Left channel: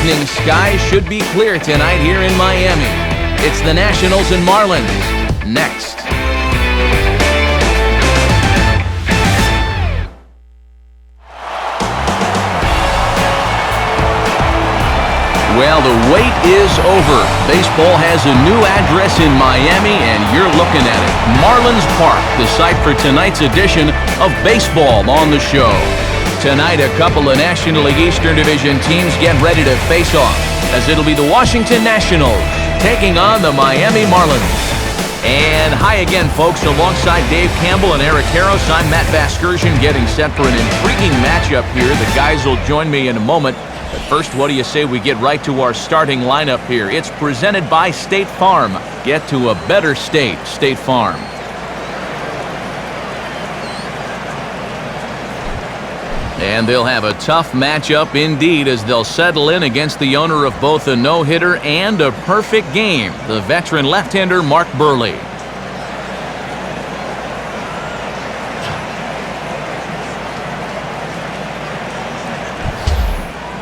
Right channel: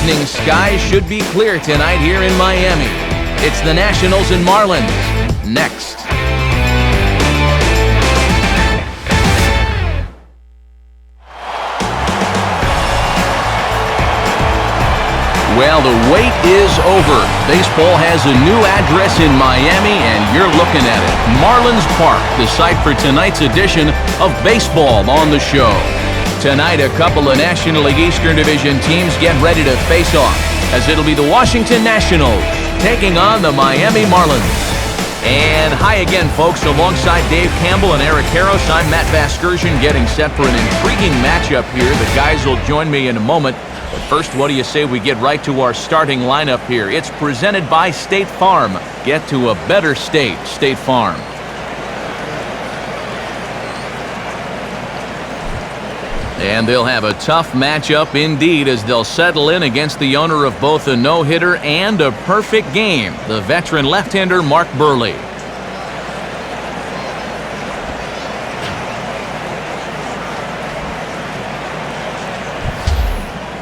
evening, skies should be clear tonight here in Miami. It's the Nationals and Marlins. Next. Well, the wait is over. Baseball has a new address in Miami, and you're looking at it. Marlins Park, the site for tonight's edition of Baseball on the Show. Tonight, a couple of National League Eastern Division teams get ready to face off, as it'll be the Washington Nationals taking on the Miami Marlins. And hi again, folks. Alongside Dave Campbell and Eric Harros, I'm Matt Vasgersian, getting set for an intriguing matchup here. The guys will join me in a moment. But first, what do you say we get right to our starting lineup here? It's presented by State Farm. Get to a better state, State Farm. And they'll have a tough matchup indeed as they'll settle in against the owner of both a no-hitter and a perfect game, the veteran left-hander Mark Buehrle.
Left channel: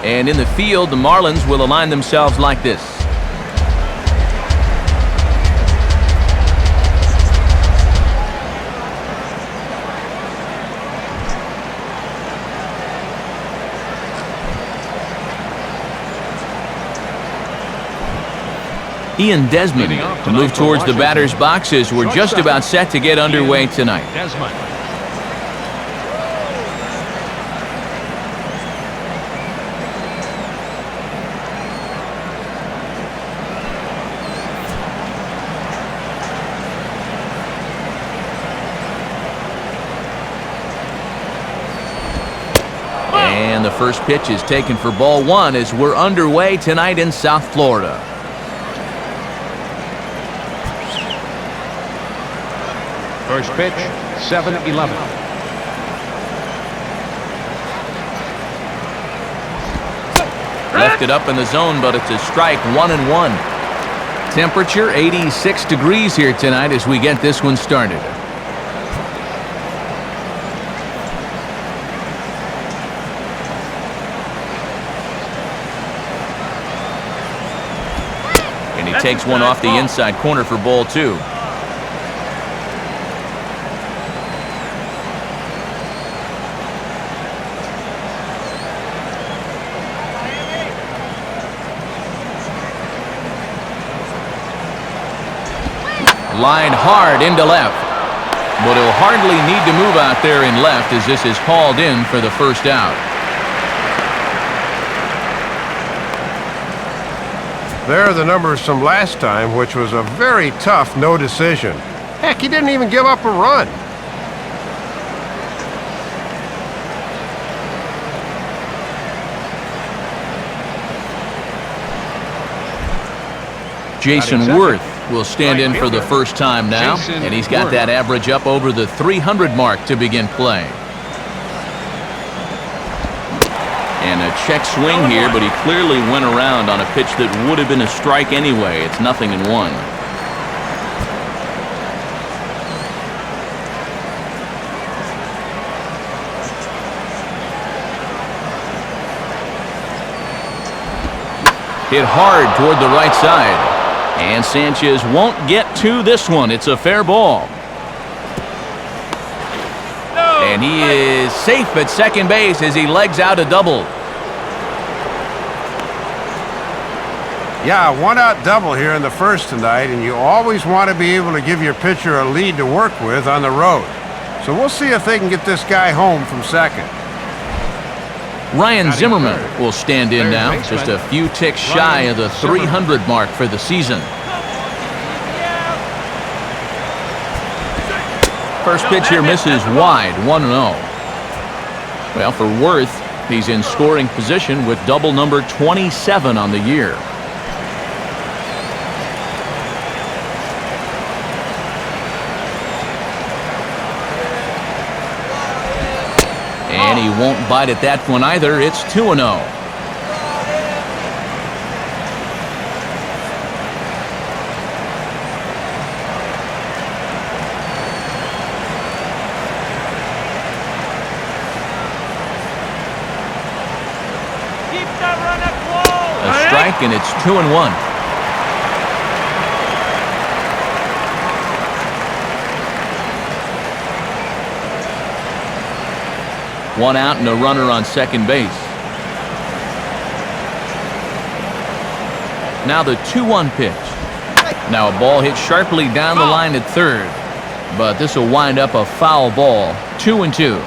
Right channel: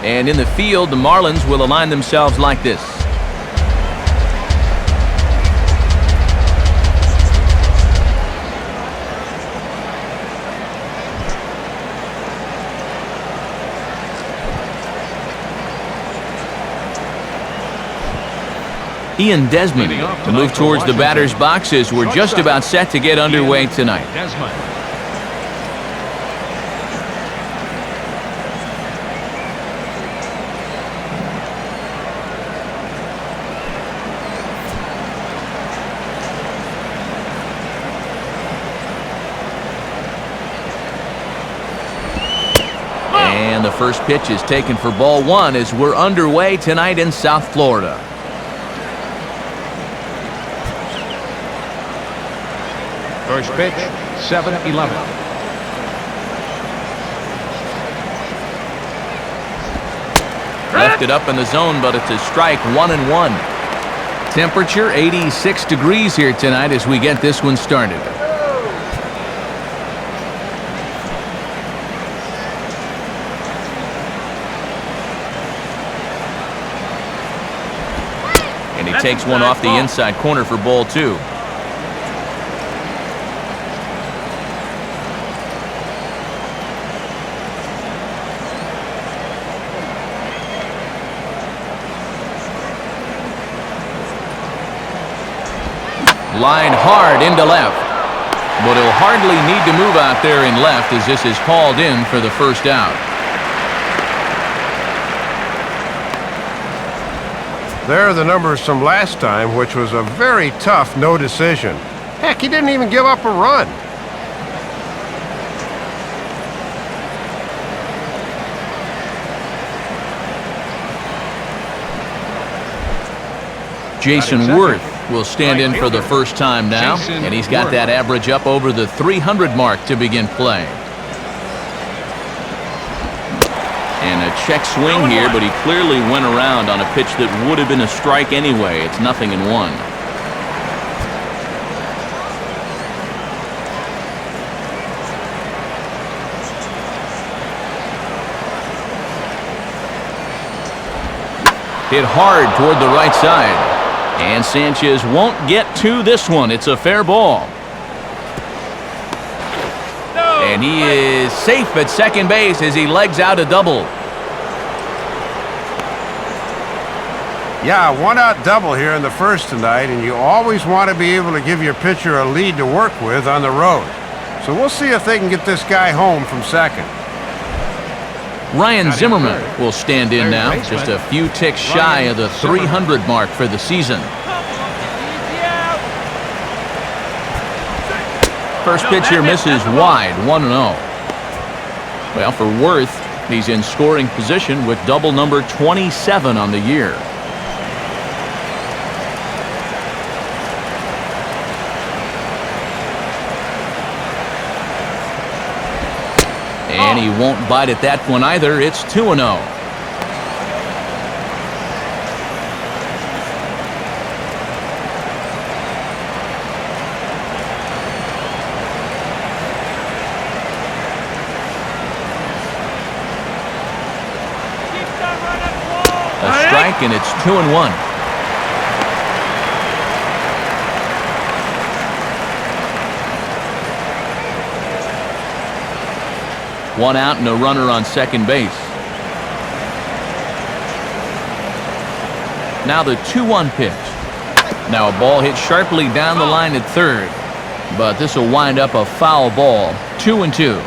And in the field, the Marlins will align themselves like this. Ian Desmond will move towards the batter's box as we're just about set to get underway tonight. And the first pitch is taken for ball one as we're underway tonight in South Florida. First pitch, 7-11. Left it up in the zone, but it's a strike, 1-1. Temperature 86 degrees here tonight as we get this one started. And he takes one off the inside corner for ball two. Line hard into left. But he'll hardly need to move out there in left as this is hauled in for the first out. There are the numbers from last time, which was a very tough no decision. Heck, he didn't even give up a run. Jason Worth will stand in for the first time now, and he's got that average up over the 300 mark to begin play. And a check swing here, but he clearly went around on a pitch that would have been a strike anyway. It's 0-1. Hit hard toward the right side. And Sanchez won't get to this one. It's a fair ball. And he is safe at second base as he legs out a double. Yeah, one-out double here in the first tonight, and you always want to be able to give your pitcher a lead to work with on the road. So we'll see if they can get this guy home from second. Ryan Zimmerman will stand in now, just a few ticks shy of the 300 mark for the season. First pitch here misses wide, 1-0. Well, for Worth, he's in scoring position with double number 27 on the year. And he won't bite at that one either. It's 2-0. Keep that runner! A strike, and it's 2-1. One out and a runner on second base. Now the 2-1 pitch. Now a ball hit sharply down the line at third, but this will wind up a foul ball. 2-2.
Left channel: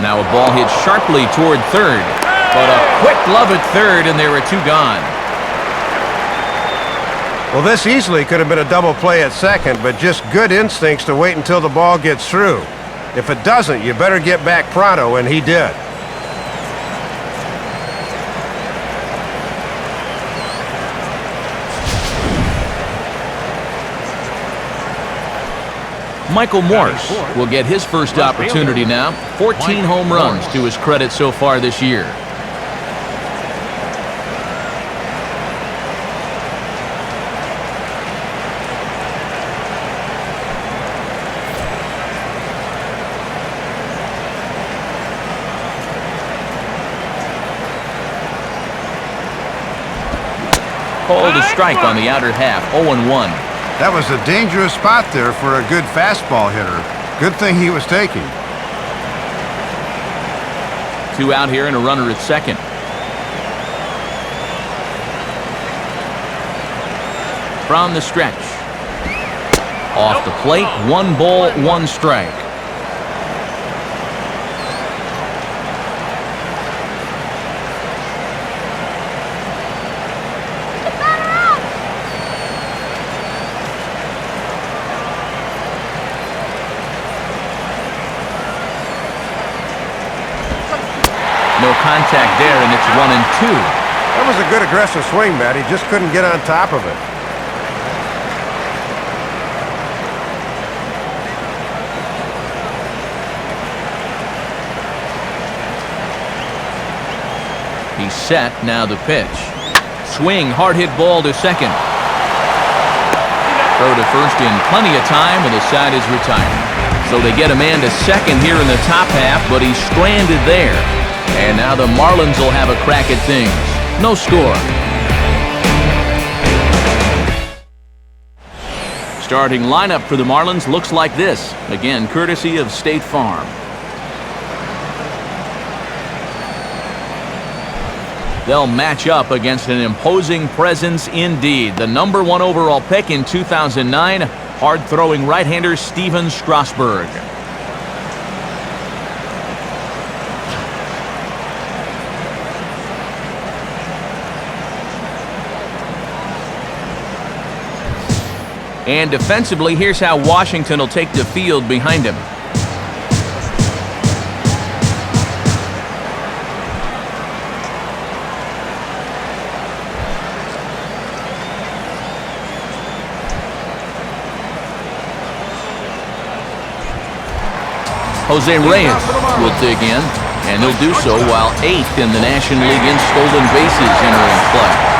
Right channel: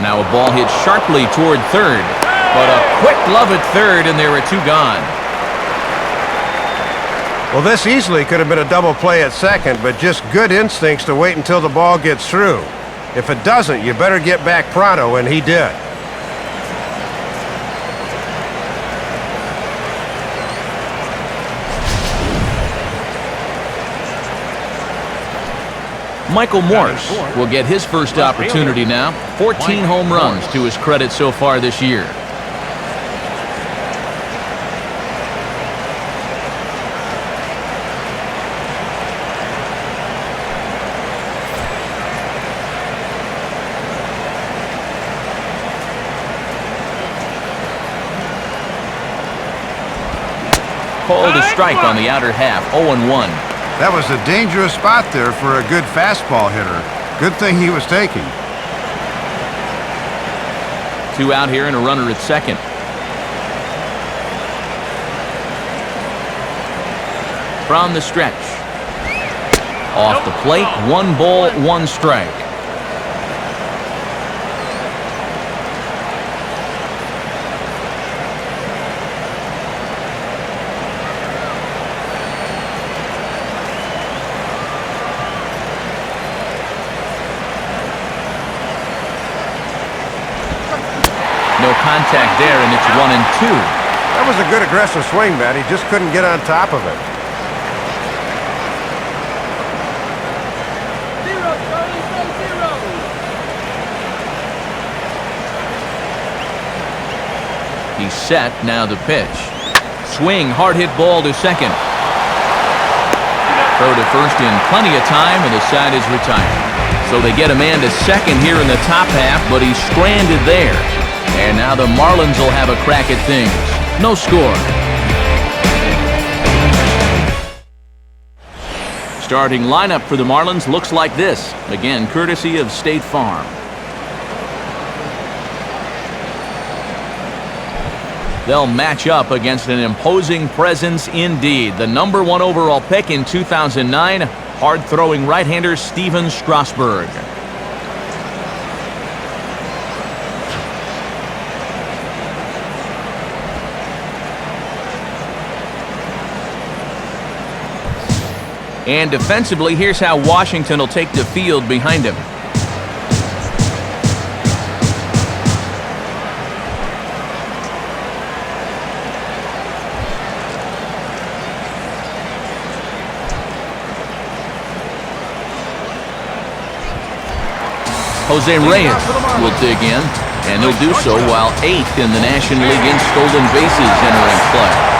Now a ball hit sharply toward third, but a quick glove at third, and there are two gone. Well, this easily could have been a double play at second, but just good instincts to wait until the ball gets through. If it doesn't, you better get back pronto, and he did. Michael Morse will get his first opportunity now. 14 home runs to his credit so far this year. Called a strike on the outer half. 0-1. That was a dangerous spot there for a good fastball hitter. Good thing he was taking. Two out here and a runner at second. From the stretch. Off the plate, 1 ball, 1 strike. No contact there, and it's 1-2. That was a good aggressive swing, Matt. He just couldn't get on top of it. He's set. Now the pitch. Swing, hard hit ball to second. Throw to first in plenty of time, and the side is retired. So they get a man to second here in the top half, but he's stranded there. And now the Marlins will have a crack at things. No score. Starting lineup for the Marlins looks like this. Again, courtesy of State Farm. They'll match up against an imposing presence indeed. The #1 overall pick in 2009, hard-throwing right-hander Steven Strasburg. And defensively, here's how Washington will take the field behind him. Jose Reyes will dig in, and he'll do so while 8th in the National League in stolen bases entering play.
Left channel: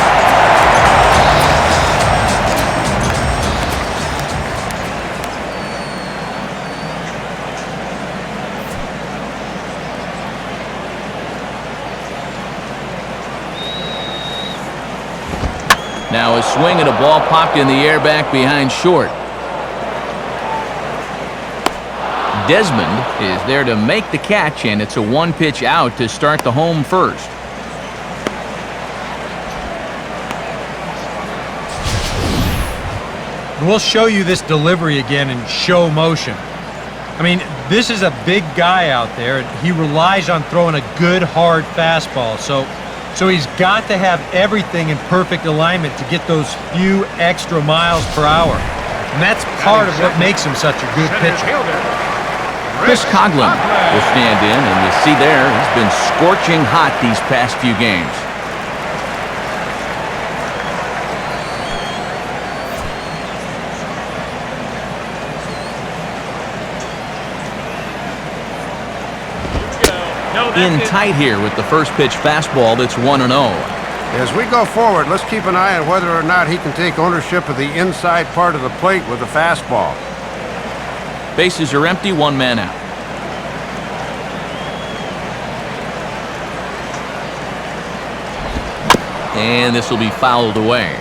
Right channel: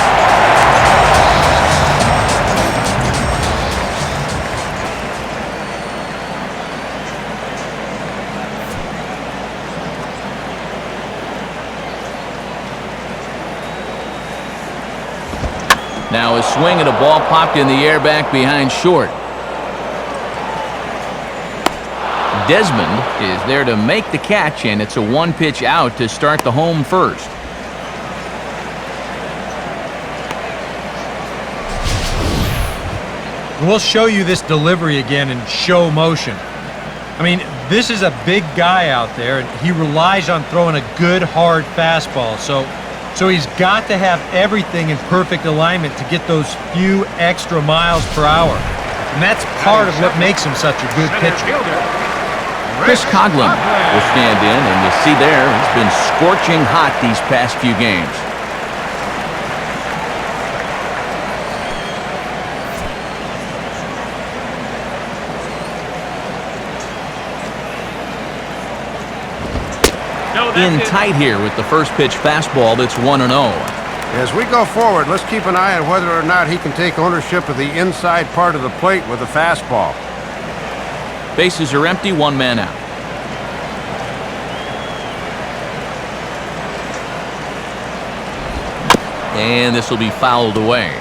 Now a swing and a ball popped in the air back behind short. Desmond is there to make the catch, and it's a 1-pitch out to start the home first. And we'll show you this delivery again in show motion. I mean, this is a big guy out there, and he relies on throwing a good, hard fastball. So he's got to have everything in perfect alignment to get those few extra miles per hour. And that's part of what makes him such a good pitcher. Chris Coghlan will stand in, and you see there, he's been scorching hot these past few games. In tight here with the first pitch fastball that's 1-0. As we go forward, let's keep an eye on whether or not he can take ownership of the inside part of the plate with a fastball. Bases are empty, one man out. And this will be fouled away.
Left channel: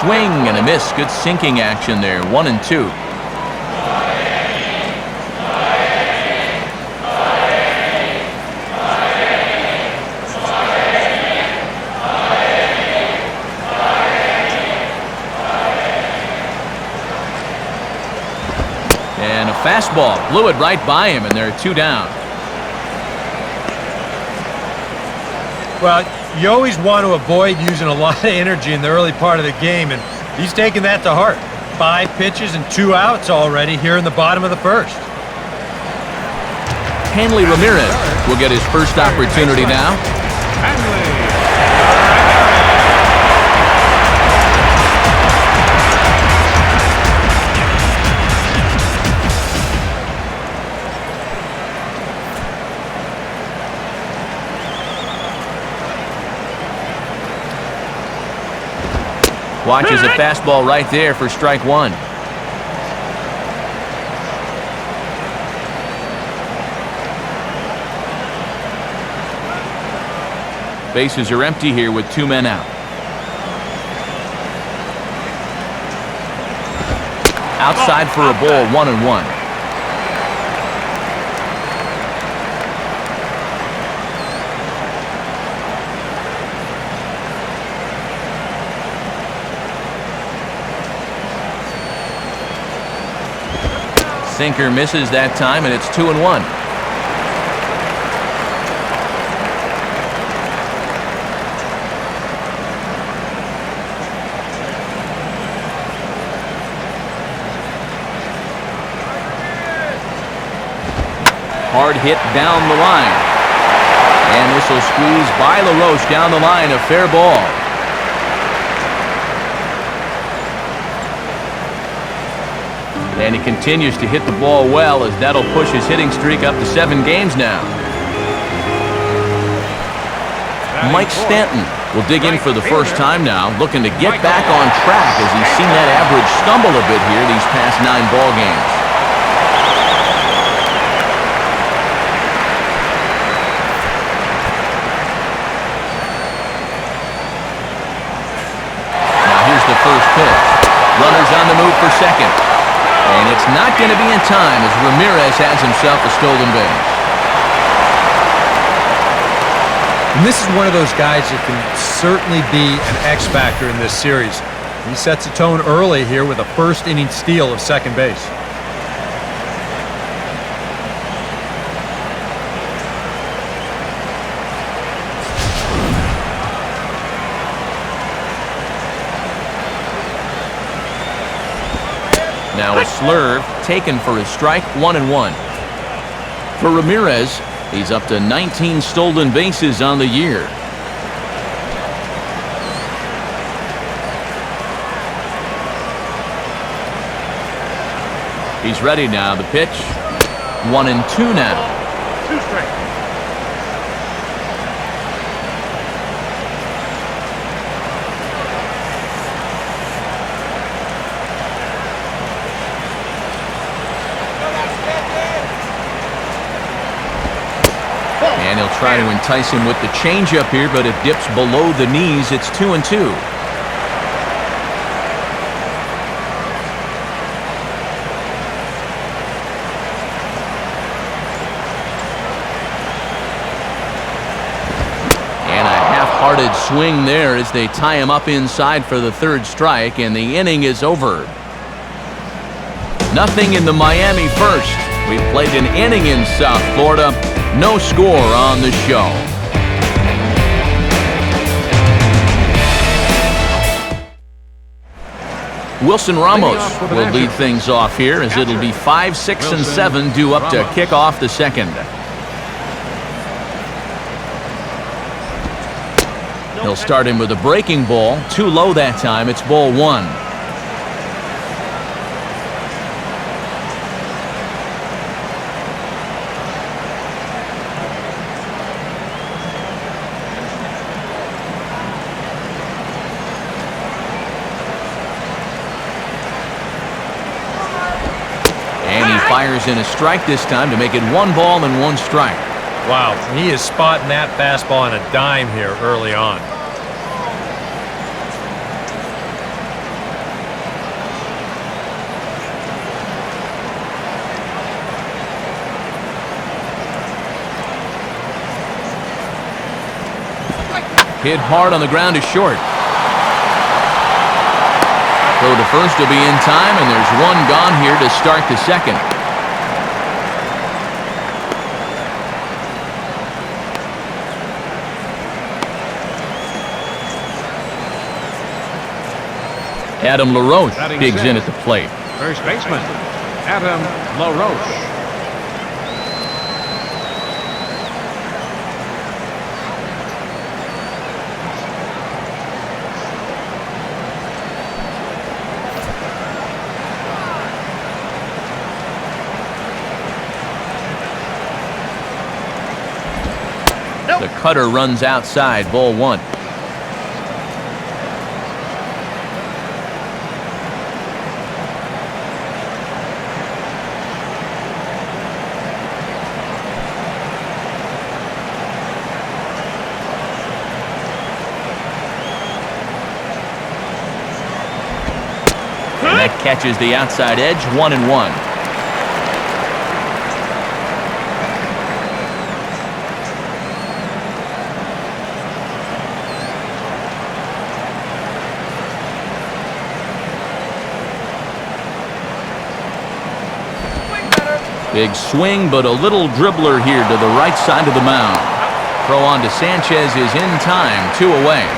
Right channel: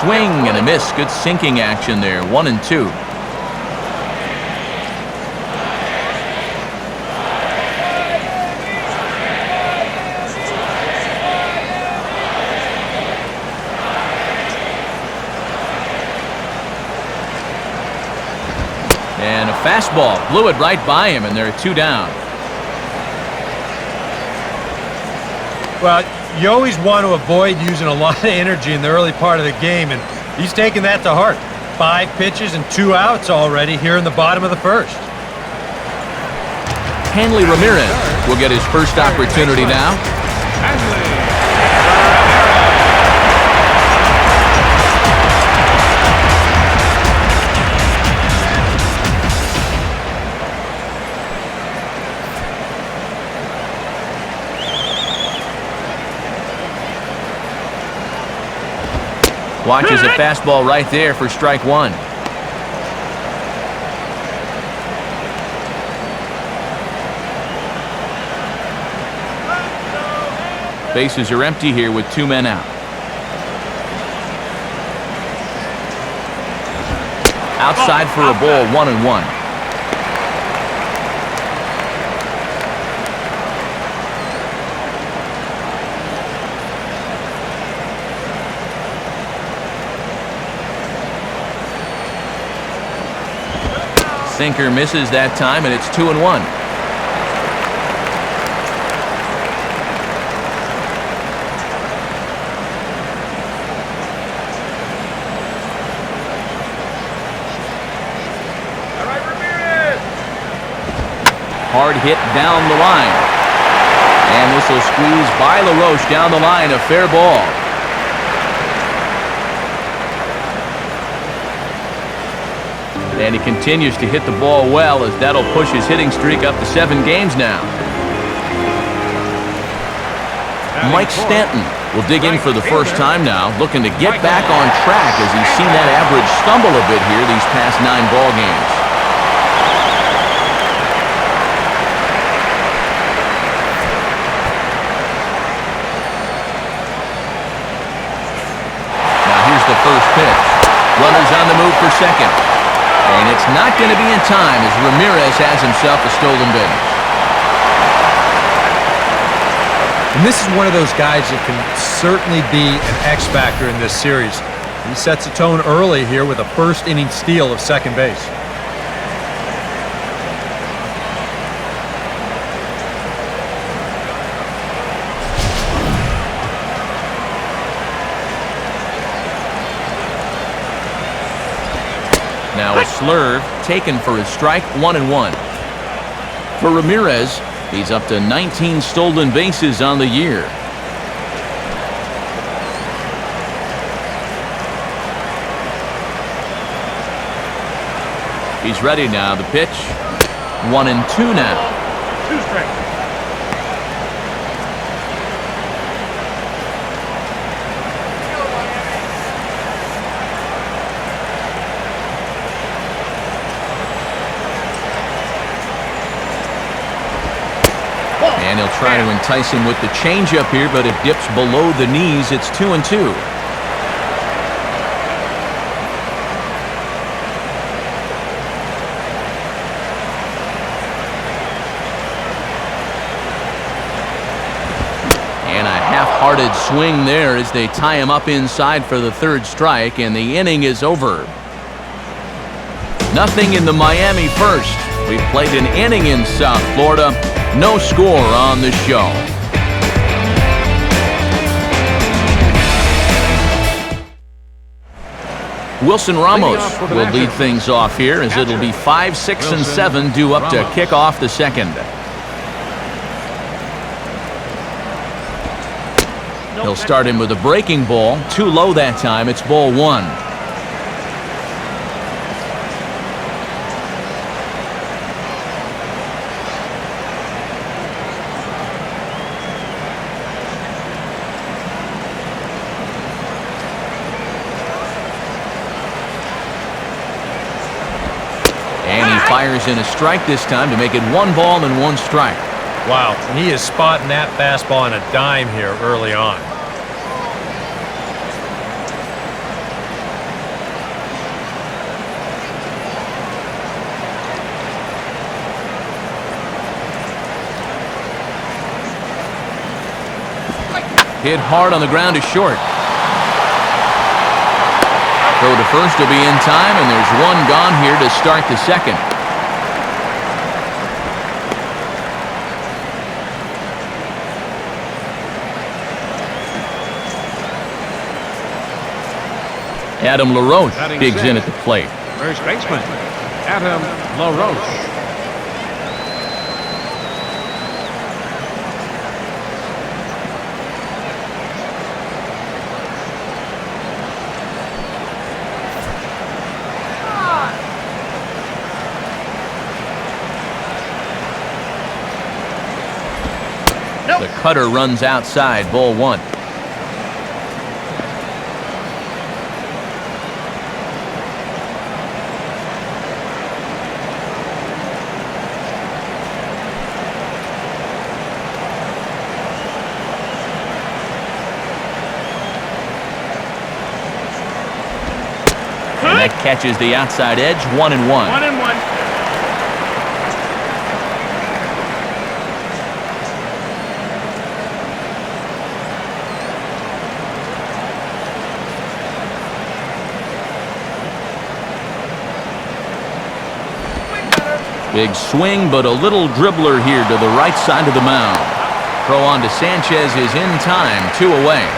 Swing and a miss. Good sinking action there. 1-2. And a fastball blew it right by him, and there are 2 down. Well, you always want to avoid using a lot of energy in the early part of the game, and he's taking that to heart. 5 pitches and 2 outs already here in the bottom of the first. Hanley Ramirez will get his first opportunity now. Watches a fastball right there for strike 1. Bases are empty here with 2 men out. Outside for a ball, 1-1. Sinker misses that time, and it's 2-1. All right, Ramirez. Hard hit down the line. And this will squeeze by LaRoche down the line, a fair ball. And he continues to hit the ball well, as that'll push his hitting streak up to 7 games now. Mike Stanton will dig in for the first time now, looking to get back on track as he's seen that average stumble a bit here these past 9 ball games. Now here's the first pitch. Runners on the move for second. And it's not going to be in time as Ramirez has himself a stolen base. And this is one of those guys that can certainly be an X factor in this series. He sets a tone early here with a first-inning steal of second base. Now a slurve taken for his strike, 1-1. For Ramirez, he's up to 19 stolen bases on the year. He's ready now. The pitch, 1-2 now. 2 strikes. And he'll try to entice him with the changeup here, but it dips below the knees. It's 2-2. And a half-hearted swing there as they tie him up inside for the 3rd strike, and the inning is over. Nothing in the Miami first. We've played an inning in South Florida. No score on the show. Wilson Ramos will lead things off here, as it'll be 5, 6, and 7 due up to kick off the second. He'll start him with a breaking ball. Too low that time. It's ball one. And he fires in a strike this time to make it 1 ball and 1 strike. Wow, he is spotting that fastball on a dime here early on. Hit hard on the ground to short. Throw to first will be in time, and there's 1 gone here to start the second. Adam LaRoche digs in at the plate. First baseman, Adam LaRoche. The cutter runs outside, ball 1. And that catches the outside edge, 1-1. 1-1. Big swing, but a little dribbler here to the right side of the mound. Throw on to Sanchez is in time, 2 away.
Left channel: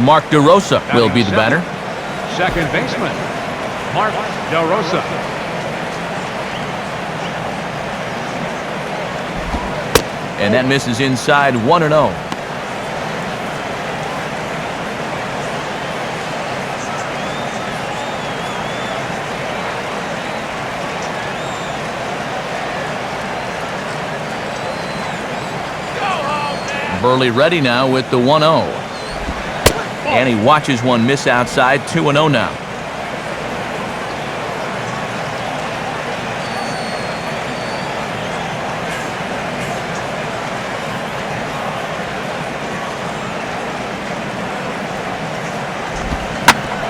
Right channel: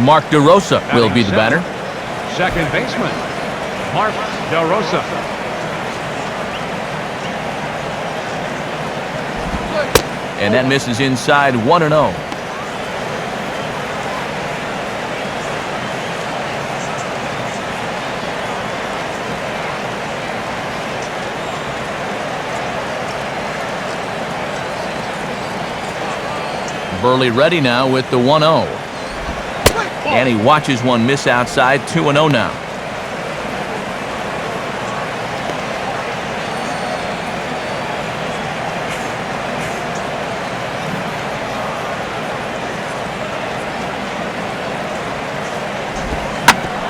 Mark DeRosa will be the batter. Second baseman, Mark DeRosa. And that misses inside, 1-0. Burley ready now with the 1-0. And he watches one miss outside, 2-0 now.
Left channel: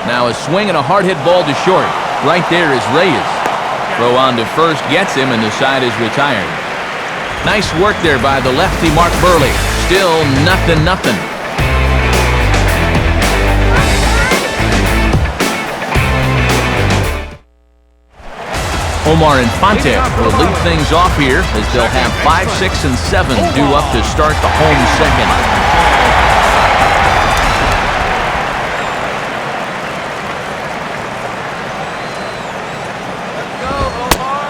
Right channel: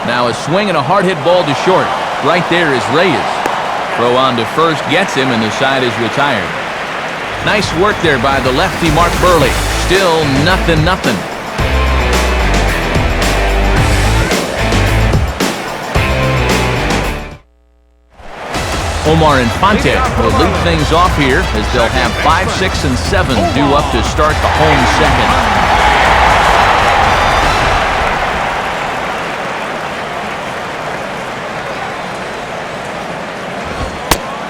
Now a swing and a hard hit ball to short. Right there is Reyes. Throw on to first gets him, and the side is retired. Nice work there by the lefty Mark Burley. Still 0-0. Omar Infante will lead things off here as they'll have 5, 6, and 7 due up to start the home second.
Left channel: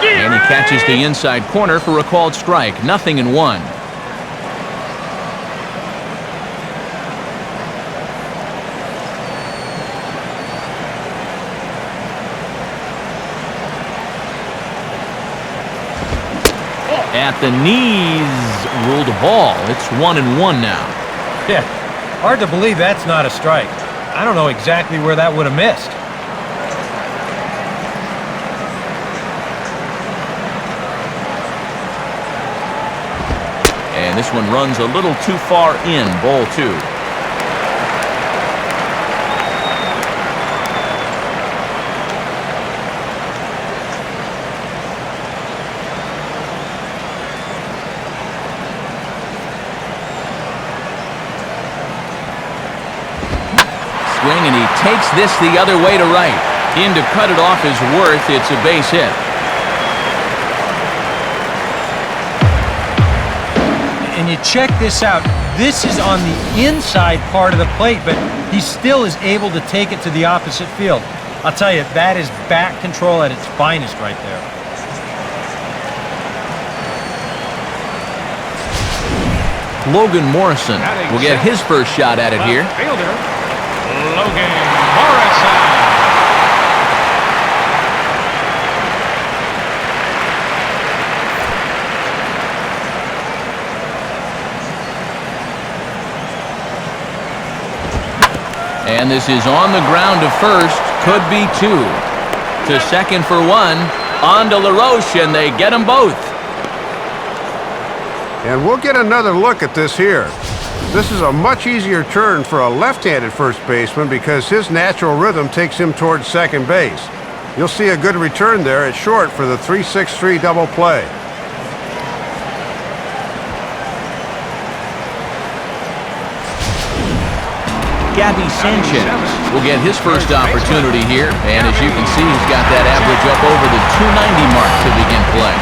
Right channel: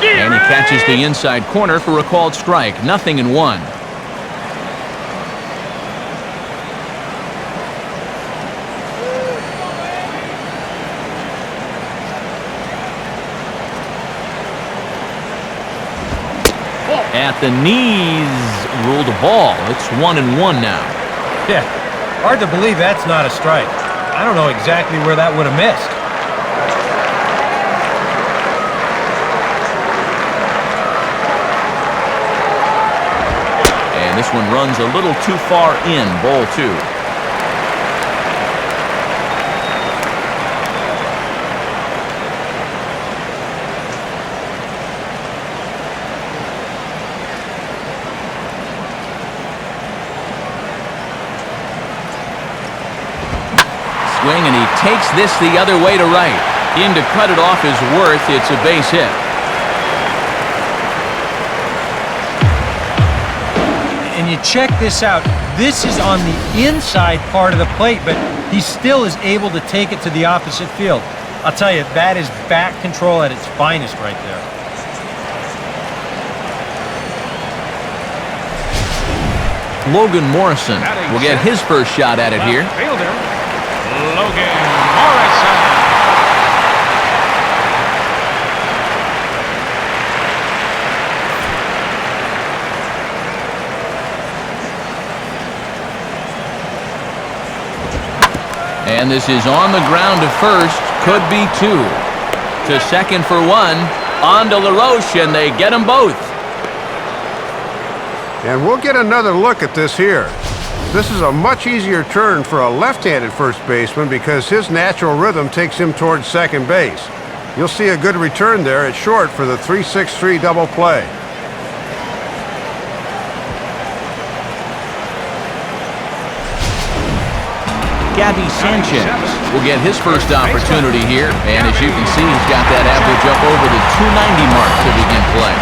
And he catches the inside corner for a called strike. 0-1. At the knees, ruled a ball. It's 1-1 now. Yeah, hard to believe that's not a strike. I don't know exactly where that would have missed. And this one runs a little too far in, ball 2. Swing, and he takes this the other way to right. In to cut it off is Worth. It's a base hit. And you check this out. This is on the inside part of the plate, but he still is able to take it to the opposite field. I'll tell you, that is bat control at its finest right there. Logan Morrison will get his first shot at it here. And this is on the ground to first. Could be two. To second for one. On to LaRoche, and they get them both. And we'll get another look at this here. This is a much easier turn for a left-handed first baseman because his natural rhythm takes him towards second base. You'll see a good return there at short for the 3-6-3 double play. Gabby Sanchez will get his first opportunity here, and as you can see, he's got that average up over the 290 mark to begin play.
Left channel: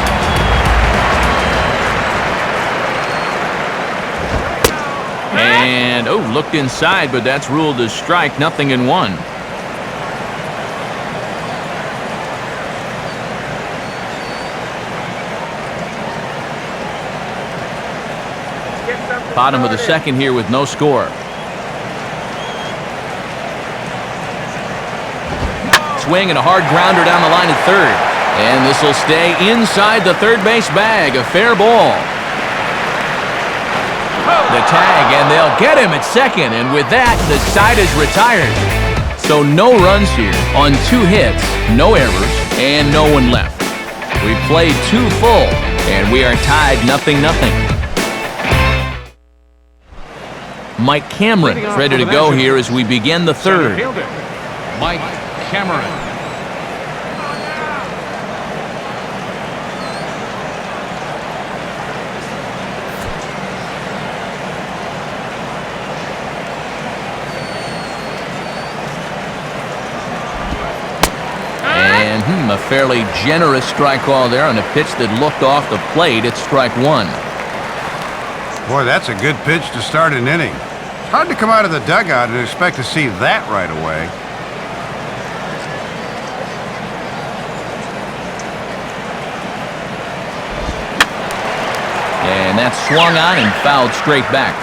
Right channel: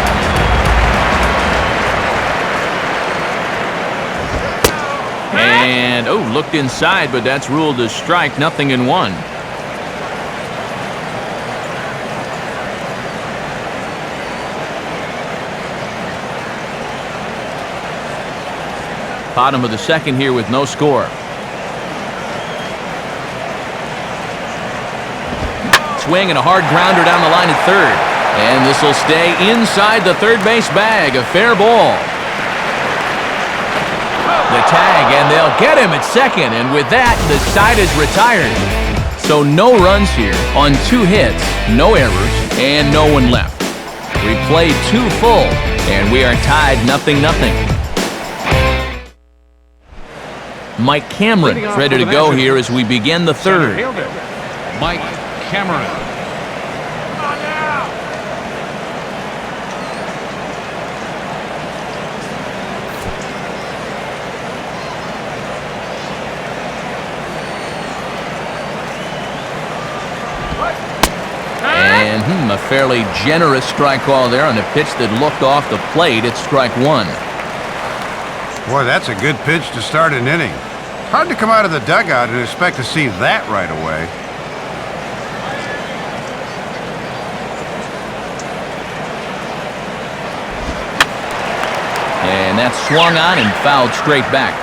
And, oh, looked inside, but that's ruled a strike, 0-1. Bottom of the second here with no score. Swing and a hard grounder down the line at third. And this will stay inside the third base bag. A fair ball. The tag, and they'll get him at second. And with that, the side is retired. So no runs here on 2 hits, no errors, and no one left. We played 2 full, and we are tied 0-0. Mike Cameron is ready to go here as we begin the third. Mike Cameron. And a fairly generous strike call there on a pitch that looked off the plate. It's strike 1. Boy, that's a good pitch to start an inning. It's hard to come out of the dugout and expect to see that right away. And that's swung on and fouled straight back.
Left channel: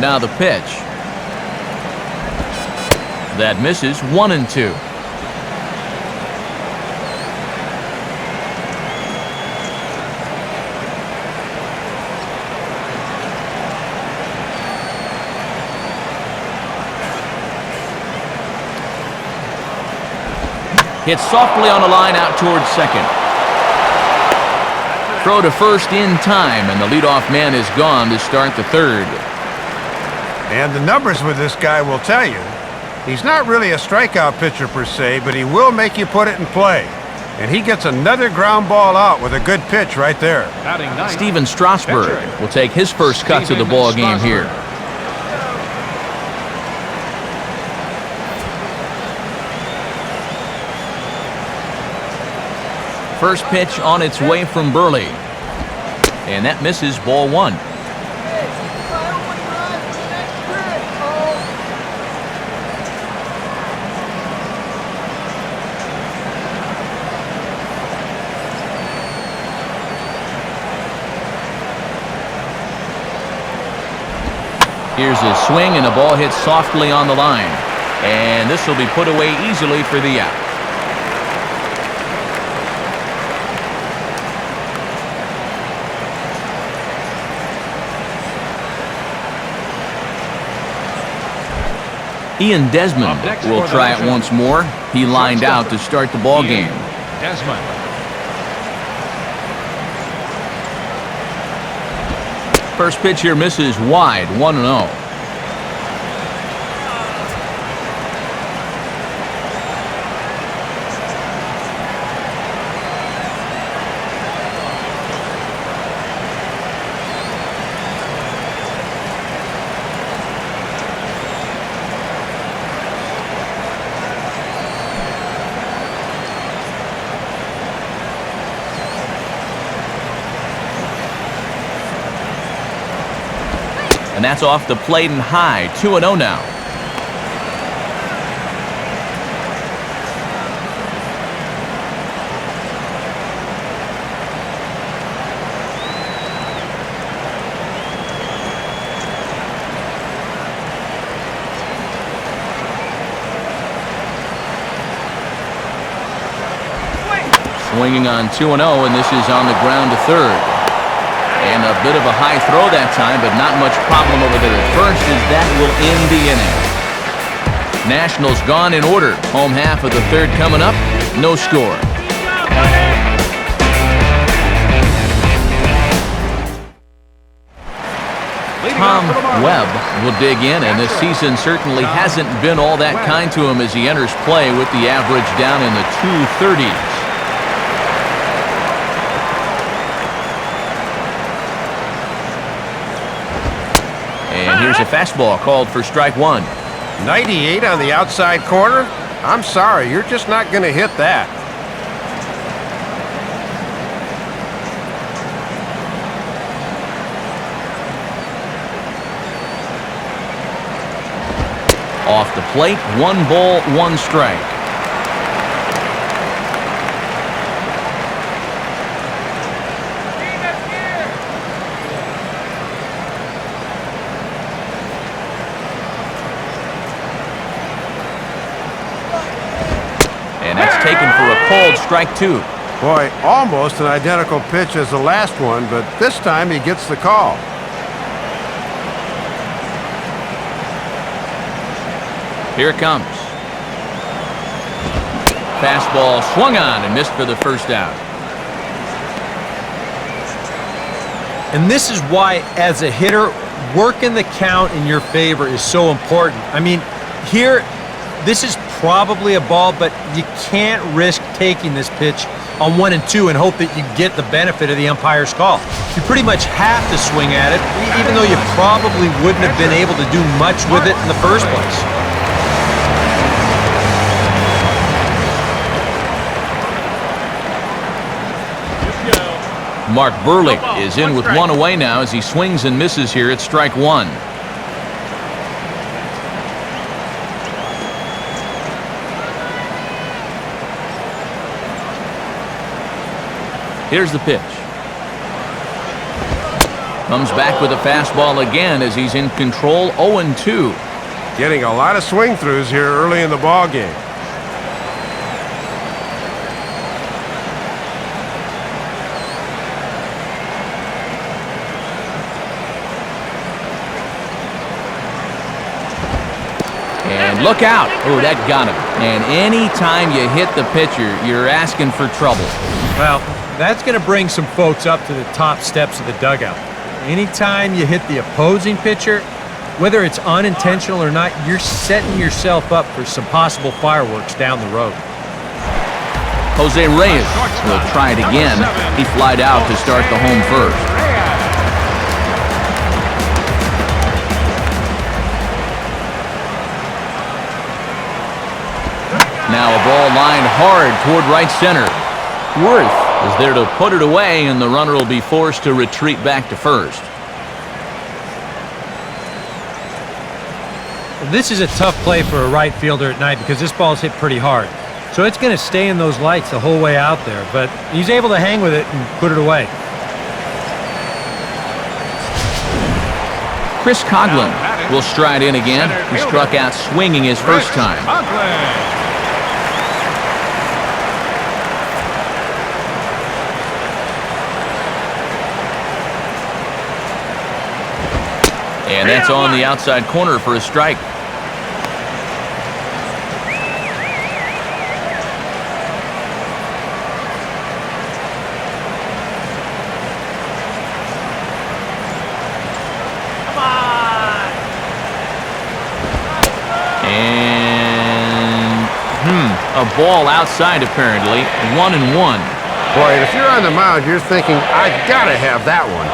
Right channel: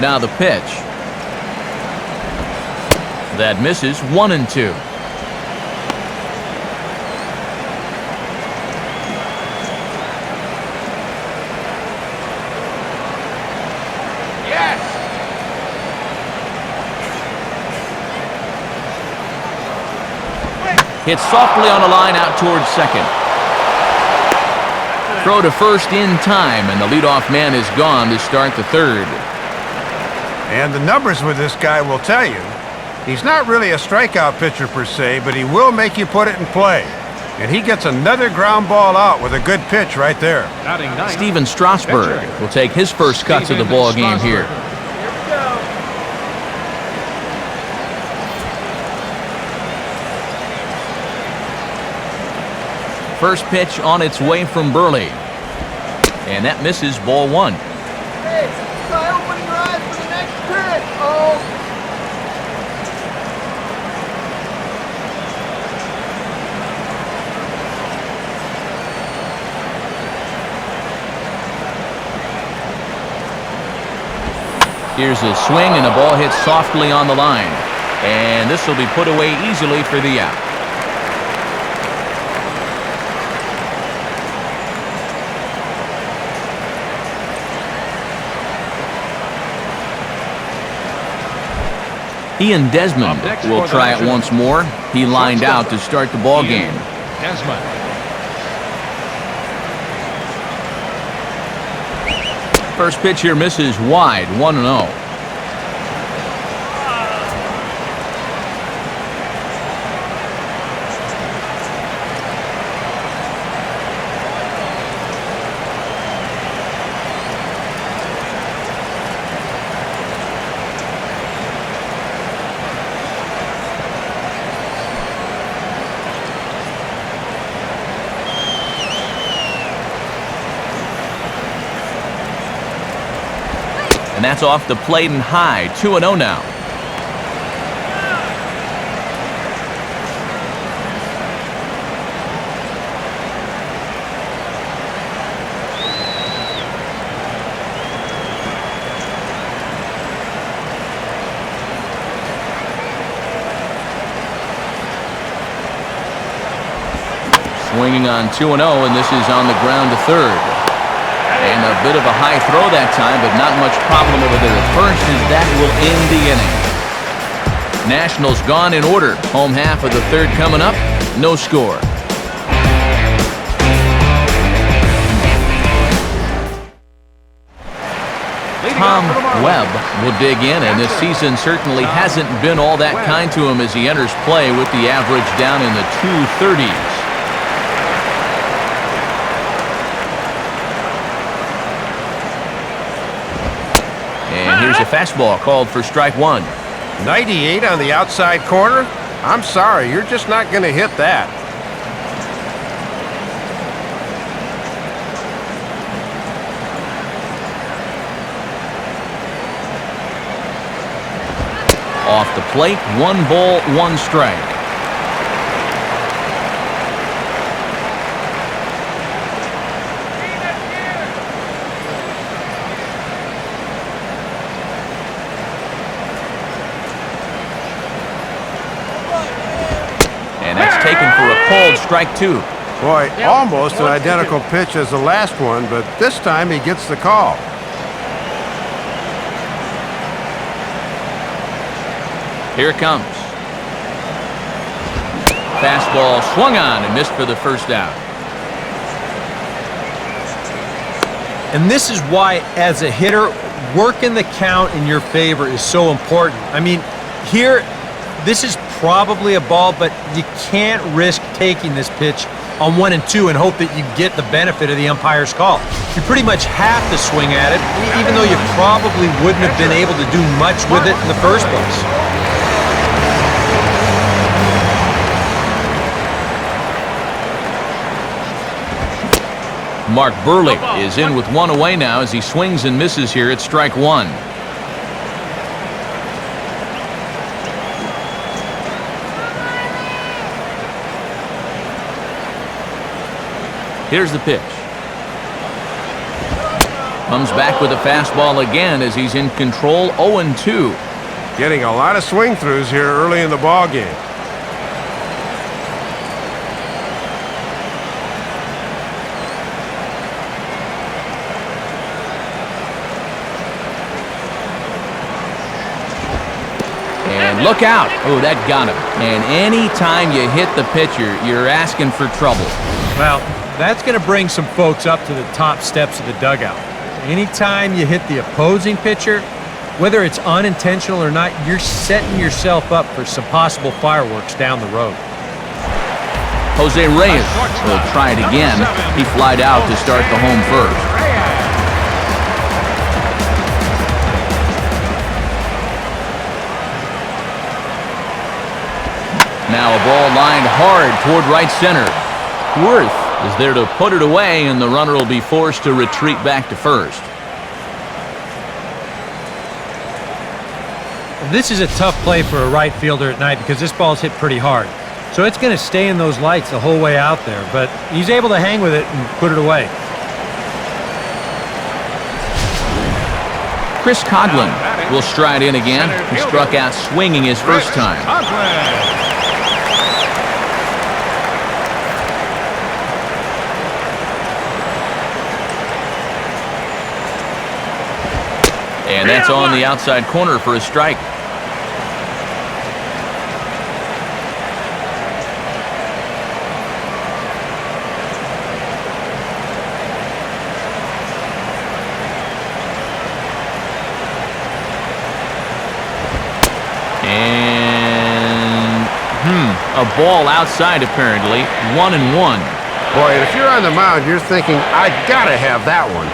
Now the pitch. That misses, 1-2. Yes. Hit softly on the line out towards second. Throw to first in time, and the leadoff man is gone to start the third. And the numbers with this guy will tell you, he's not really a strikeout pitcher per se, but he will make you put it in play. And he gets another ground ball out with a good pitch right there. Steven Strasburg will take his first cuts of the ball game here. Here we go. First pitch on its way from Burley. And that misses, ball 1. Here's a swing, and the ball hits softly on the line. And this will be put away easily for the out. Ian Desmond will try it once more. He lined out to start the ball game. First pitch here misses wide, 1-0. and that's off the plate and high. 2-0 now. Swinging on 2-0, and this is on the ground to third. And a bit of a high throw that time, but not much problem over there at first, as that will end the inning. Nationals gone in order. Home half of the third coming up. No score. Tom Webb will dig in, and this season certainly hasn't been all that kind to him as he enters play with the average down in the 230s. And here's a fastball called for strike one. 98 on the outside corner? I'm sorry, you're just not going to hit that. Off the plate, 1 ball, 1 strike. And that's taken for a called strike 2. Boy, almost an identical pitch as the last one, but this time he gets the call. Here it comes. Fastball swung on and missed for the first out. And this is why, as a hitter, working the count in your favor is so important. I mean, here, this is probably a ball, but you can't risk taking this pitch on 1 and 2 and hope that you get the benefit of the umpire's call. You pretty much have to swing at it, even though you probably wouldn't have been able to do much with it in the first place. Mark Burley is in with 1 away now as he swings and misses here at strike 1. Here's the pitch. Comes back with a fastball again as he's in control. 0-2. Getting a lot of swing throughs here early in the ball game. And look out. Oh, that got him. And any time you hit the pitcher, you're asking for trouble. Well, that's going to bring some folks up to the top steps of the dugout. Anytime you hit the opposing pitcher, whether it's unintentional or not, you're setting yourself up for some possible fireworks down the road. Jose Reyes will try it again. He flied out to start the home first. Now a ball lined hard toward right center. Worth is there to put it away, and the runner will be forced to retreat back to first. This is a tough play for a right fielder at night because this ball's hit pretty hard. So it's going to stay in those lights the whole way out there, but he's able to hang with it and put it away. Chris Coughlin will stride in again. He struck out swinging his first time. And that's on the outside corner for a strike. And a ball outside apparently. 1-1. Boy, and if you're on the mound, you're thinking, I gotta have that one.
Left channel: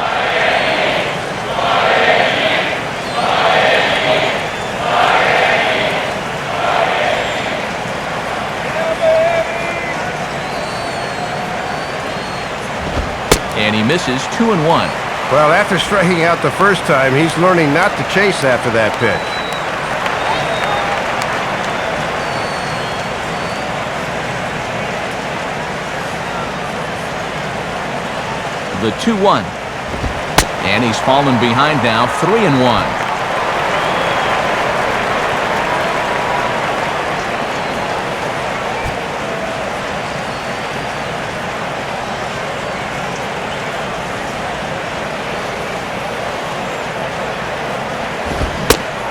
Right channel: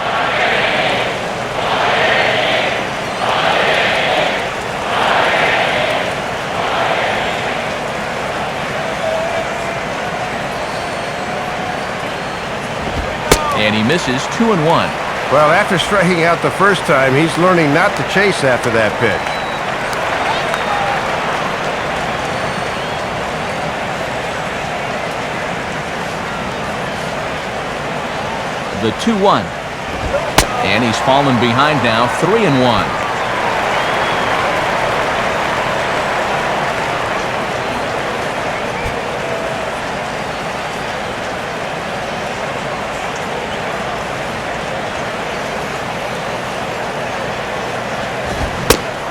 And he misses. 2-1. Well, after striking out the first time, he's learning not to chase after that pitch. The 2-1. And he's fallen behind now, 3-1.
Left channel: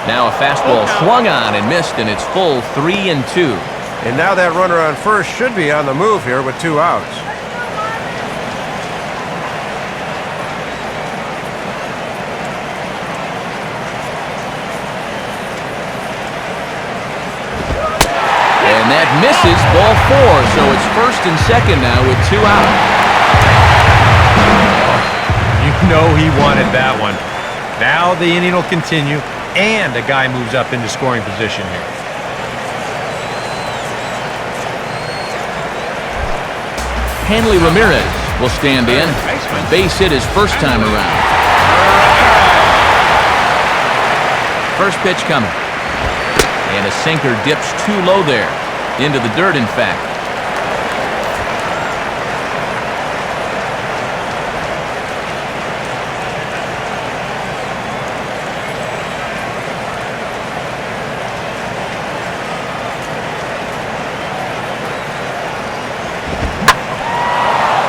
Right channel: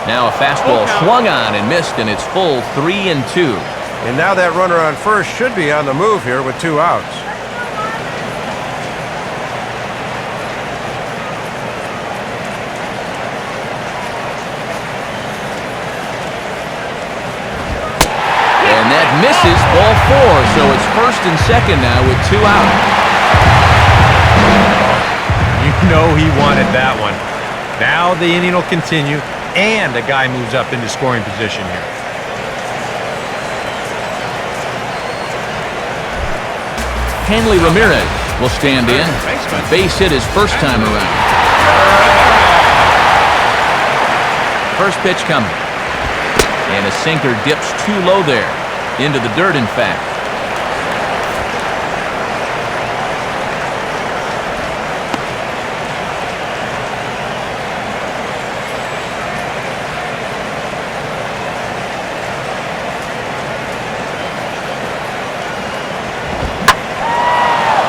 Now a fastball swung on and missed, and it's full 3-2. And now that runner on first should be on the move here with 2 outs. And that misses, ball 4, so it's first and second now with 2 out. You know he wanted that one. Now the inning will continue, and a guy moves up into scoring position here. Hanley Ramirez will stand in. A base hit his first time around. First pitch coming. And a sinker dips too low there. Into the dirt, in fact.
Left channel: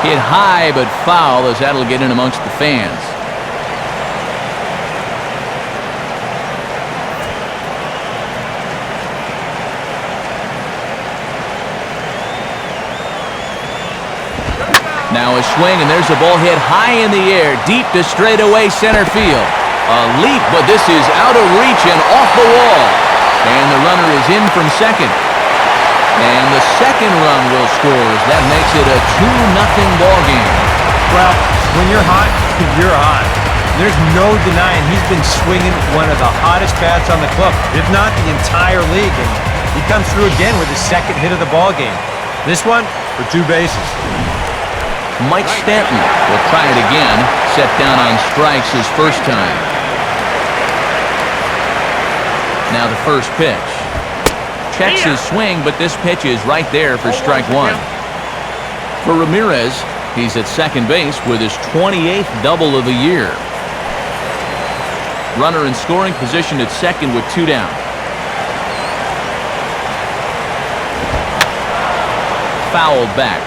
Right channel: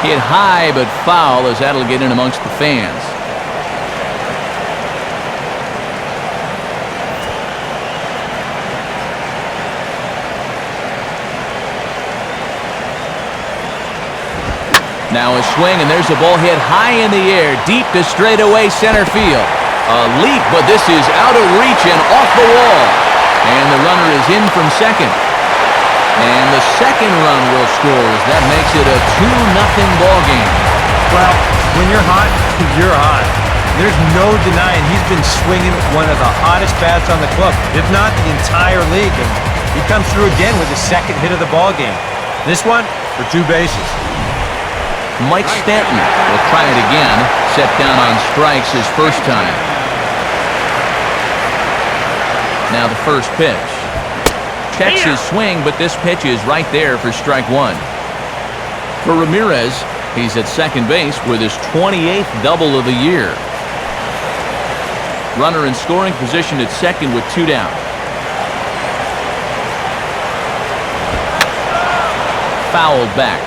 Hit high but foul, as that'll get in amongst the fans. Now a swing, and there's a ball hit high in the air, deep to straightaway center field. A leap, but this is out of reach and off the wall. And the runner is in from second. And the second run will score, as that makes it a 2-0 ball game. Well, when you're hot, you're hot. There's no denying he's been swinging one of the hottest bats on the club, if not the entire league. And he comes through again with his second hit of the ball game. This one for 2 bases. Mike Stanton will try it again, set down on strikes his first time. Now the first pitch. Checks his swing, but this pitch is right there for strike 1. For Ramirez, he's at second base with his 28th double of the year. Runner in scoring position at second with 2 down. Fouled back.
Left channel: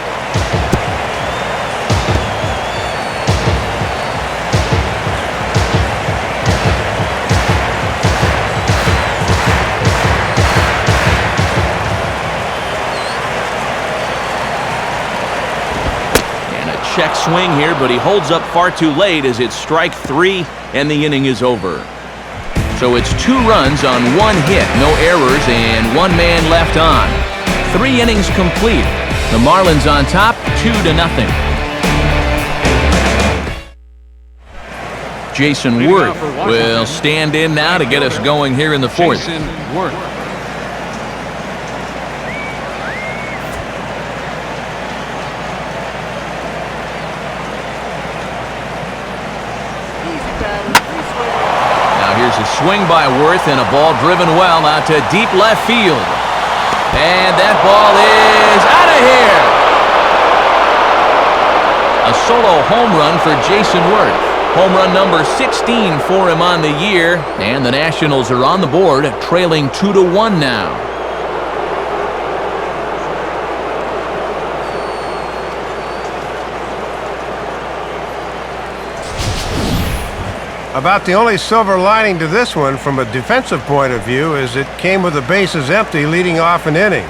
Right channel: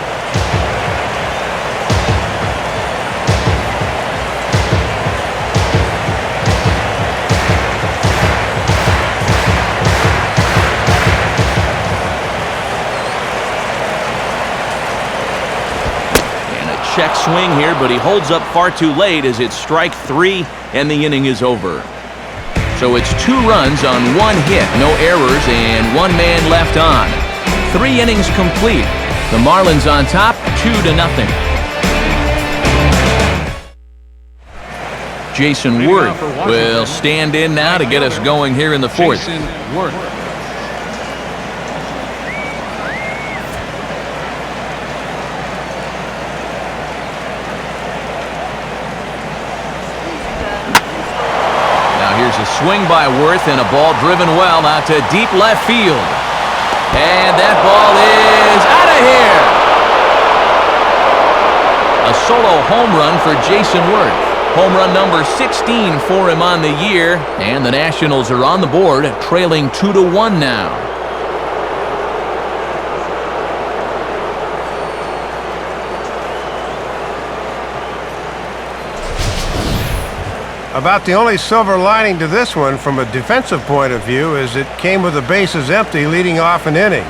Check swing here, but he holds up far too late as it's strike 3 and the inning is over. So it's 2 runs on 1 hit, no errors, and 1 man left on. 3 innings complete. The Marlins on top, 2-0. Jason Worth will stand in now to get us going here in the 4th. Now here's a swing by Worth and a ball driven well out to deep left field. And that ball is out of here. A solo home run for Jason Worth. Home run number 16 for him on the year. And the Nationals are on the board, trailing 2-1 now. About the only silver lining to this one from a defensive point of view is it came with the bases empty leading off an inning.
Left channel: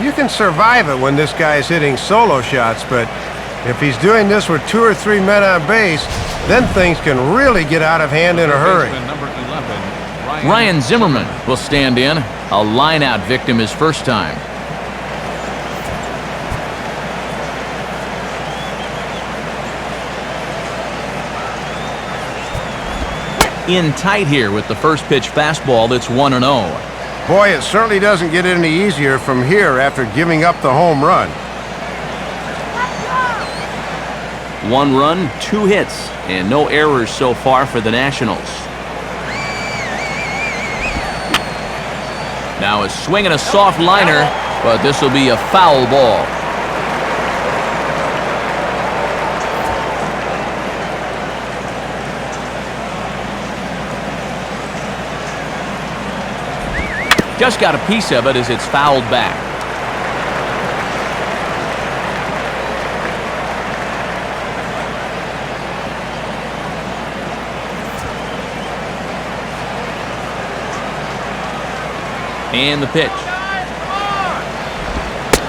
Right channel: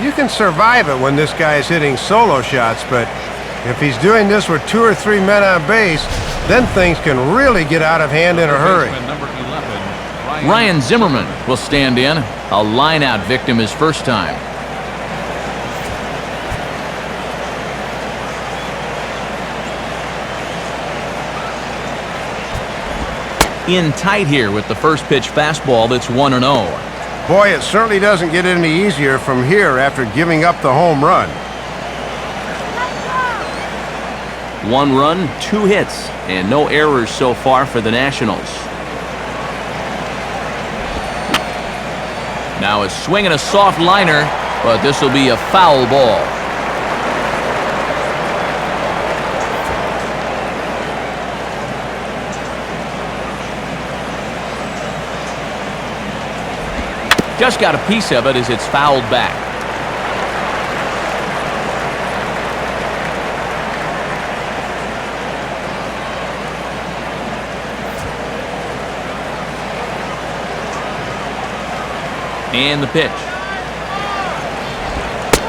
You can survive it when this guy's hitting solo shots, but if he's doing this with 2 or 3 men on base, then things can really get out of hand in a hurry. Ryan Zimmerman will stand in, a line-out victim his first time. In tight here with the first pitch fastball that's 1-0. Boy, it certainly doesn't get any easier from here after giving up the home run. 1 run, 2 hits, and no errors so far for the Nationals. Now a swing and a soft liner, but this will be a foul ball. Just got a piece of it as it's fouled back. And the pitch.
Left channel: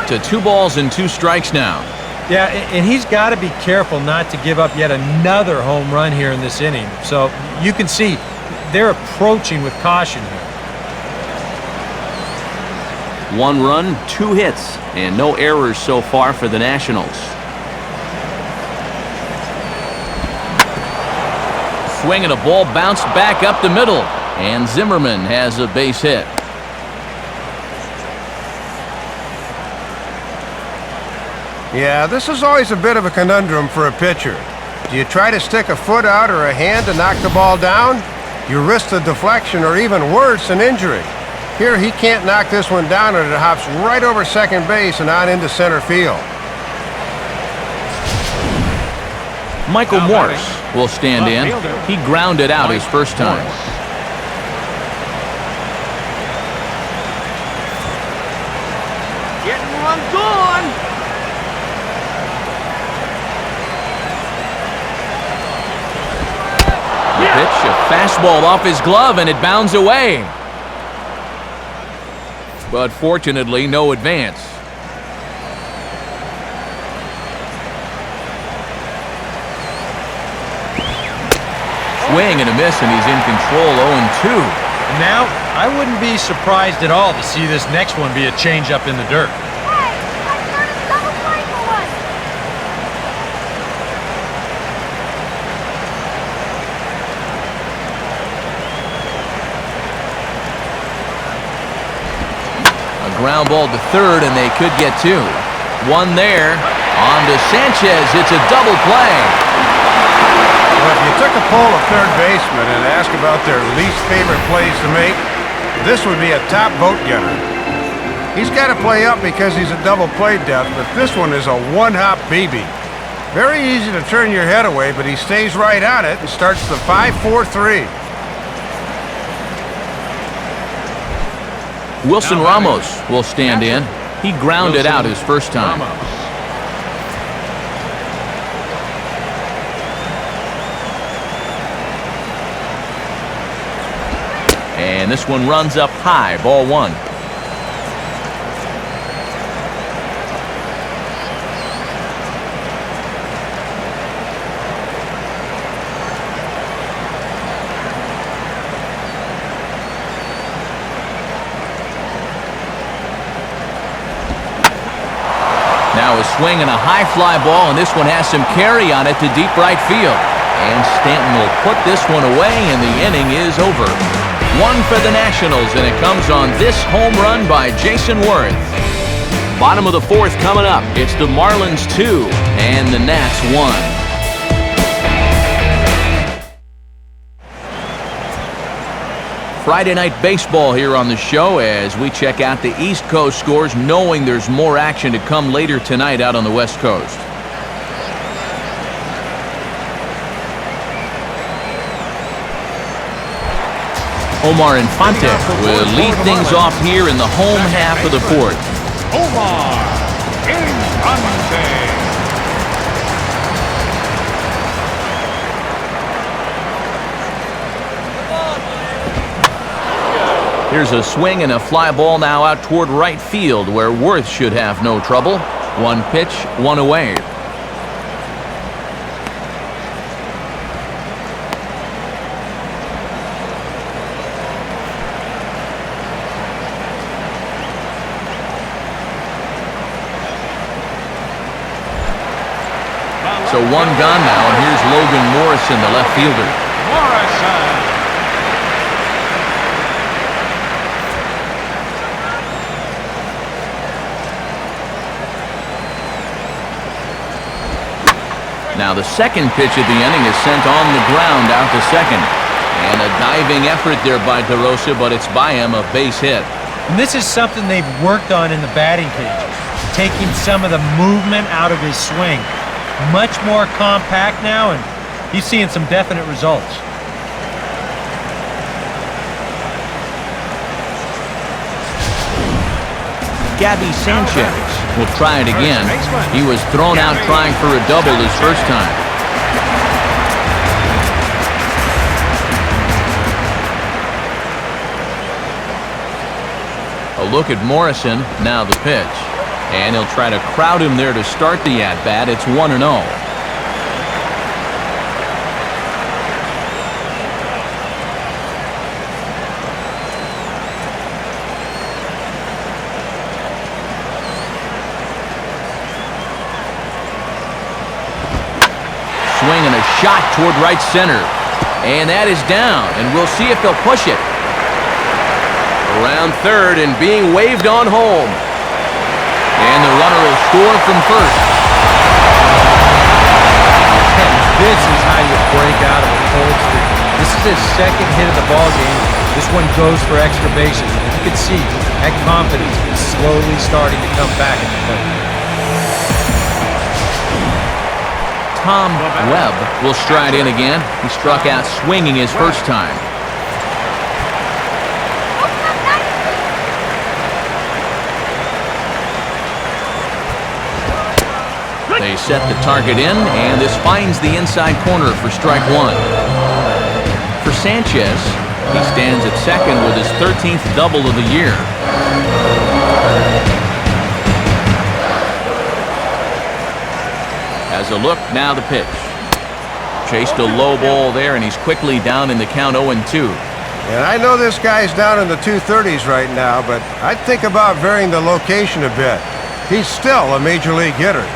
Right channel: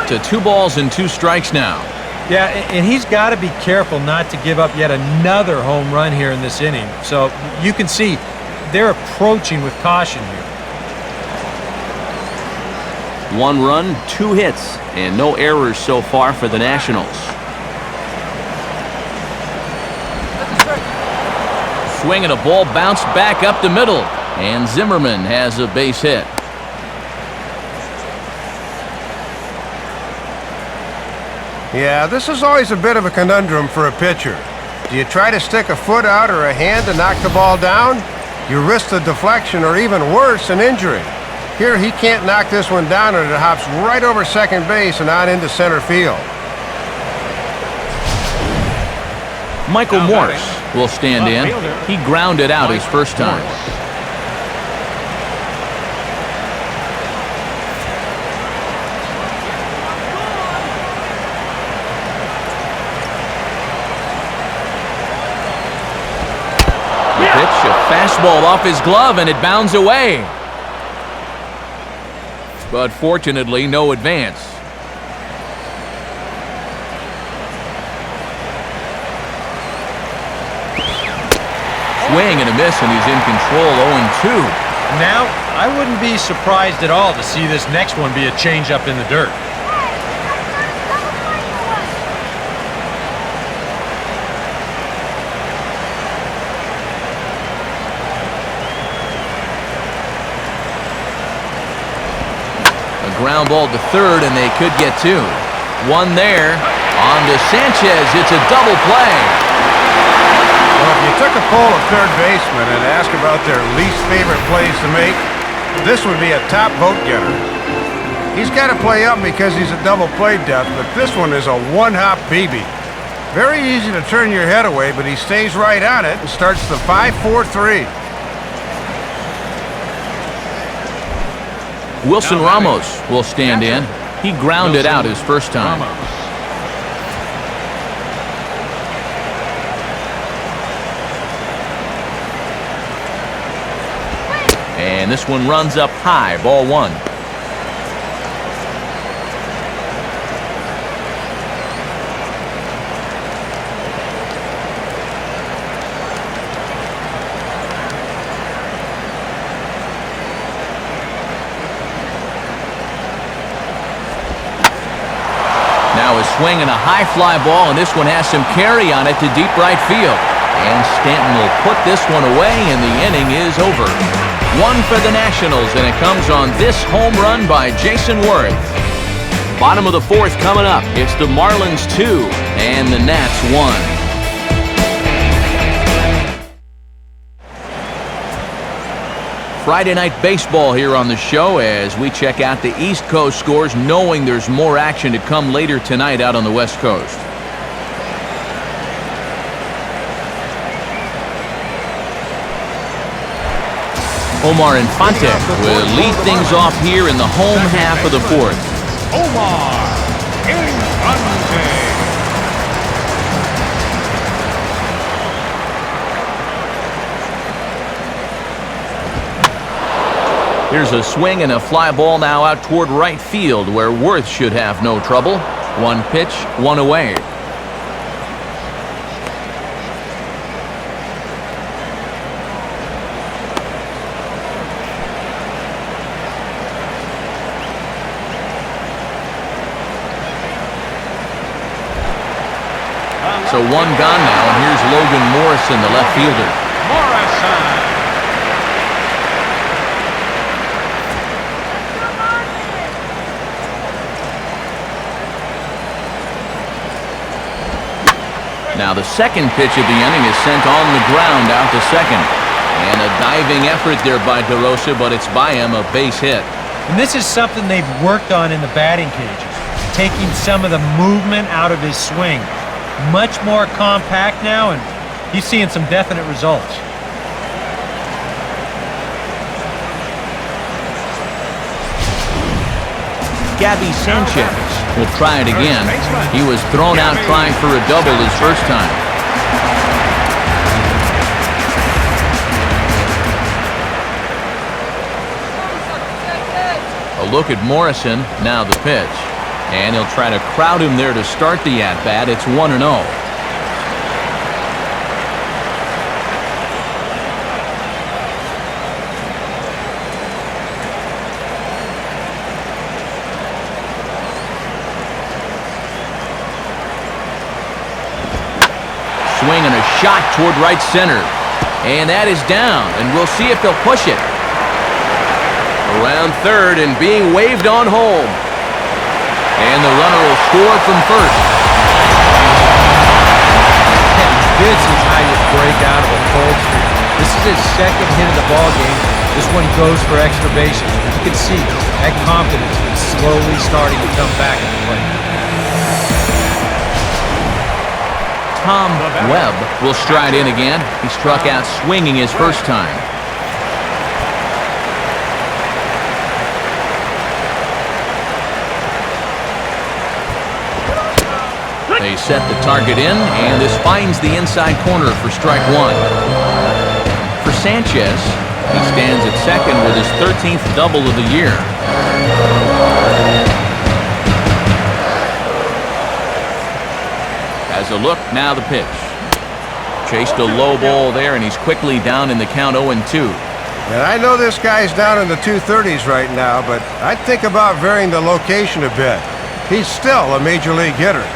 To 2 balls and 2 strikes now. Yeah, and he's got to be careful not to give up yet another home run here in this inning. So you can see they're approaching with caution here. 1 run, 2 hits, and no errors so far for the Nationals. Swing and a ball bounced back up the middle, and Zimmerman has a base hit. Yeah, this is always a bit of a conundrum for a pitcher. Do you try to stick a foot out or a hand to knock the ball down? You risk the deflection or even worse, an injury. Here he can't knock this one down and it hops right over second base and on into center field. Michael Morse will stand in. He grounded out his first time. Getting one gone. The pitch, a fastball off his glove, and it bounds away. But fortunately, no advance. Swing and a miss, and he's in control, 0-2. And now, I wouldn't be surprised at all to see this next one be a changeup in the dirt. A ground ball to third, and they could get 2. 1 there. On to Sanchez. It's a double play. Well, if you took a poll of third basemen and asked about their least favorite plays to make, this would be a top vote getter. He's got to play up because he's a double play death, but this one is a one-hop BB. Very easy to turn your head away, but he stays right on it and starts the 5-4-3. Wilson Ramos will stand in. He grounded out his first time. And this one runs up high, ball 1. Now a swing and a high fly ball, and this one has some carry on it to deep right field. And Stanton will put this one away, and the inning is over. 1 for the Nationals, and it comes on this home run by Jason Worth. Bottom of the 4th coming up. It's the Marlins 2 and the Nats 1. Friday night baseball here on the show as we check out the East Coast scores, knowing there's more action to come later tonight out on the West Coast. Omar Infante will lead things off here in the home half of the 4th. Here's a swing and a fly ball now out toward right field where Worth should have no trouble. 1 pitch, 1 away. So 1 gone now, and here's Logan Morrison, the left fielder. Now the second pitch of the inning is sent on the ground out to second. And a diving effort there by DeRosa, but it's by him, a base hit. And this is something they've worked on in the batting cages, taking some of the movement out of his swing. Much more compact now, and he's seeing some definite results. Gabby Sanchez will try it again. He was thrown out trying for a double his first time. A look at Morrison, now the pitch. And he'll try to crowd him there to start the at-bat. It's 1-0. Swing and a shot toward right center. And that is down, and we'll see if they'll push it. Around third and being waved on home. And the runner will score from first. And this is how you break out of a cold streak. This is his second hit of the ball game. This one goes for extra bases. You can see that confidence is slowly starting to come back at the plate. Tom Webb will stride in again. He struck out swinging his first time. They set the target in, and this finds the inside corner for strike one. For Sanchez, he stands at second with his 13th double of the year. Has a look, now the pitch. Chased a low ball there, and he's quickly down in the count 0-2. And I know this guy's down in the 230s right now, but I'd think about varying the location a bit. He's still a major league hitter.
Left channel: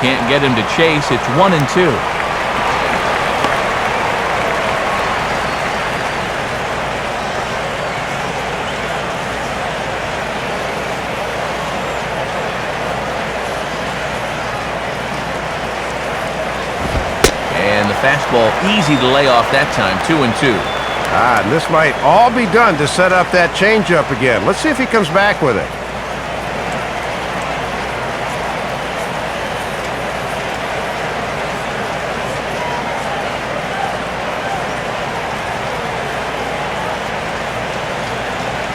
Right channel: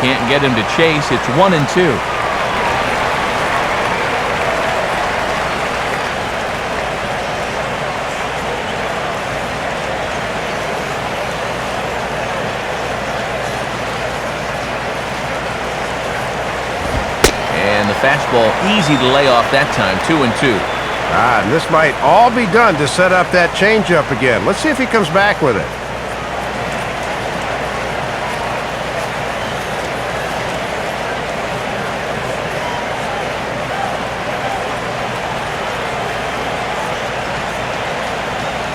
Can't get him to chase. It's 1-2. And the fastball easy to lay off that time. 2-2. And this might all be done to set up that changeup again. Let's see if he comes back with it.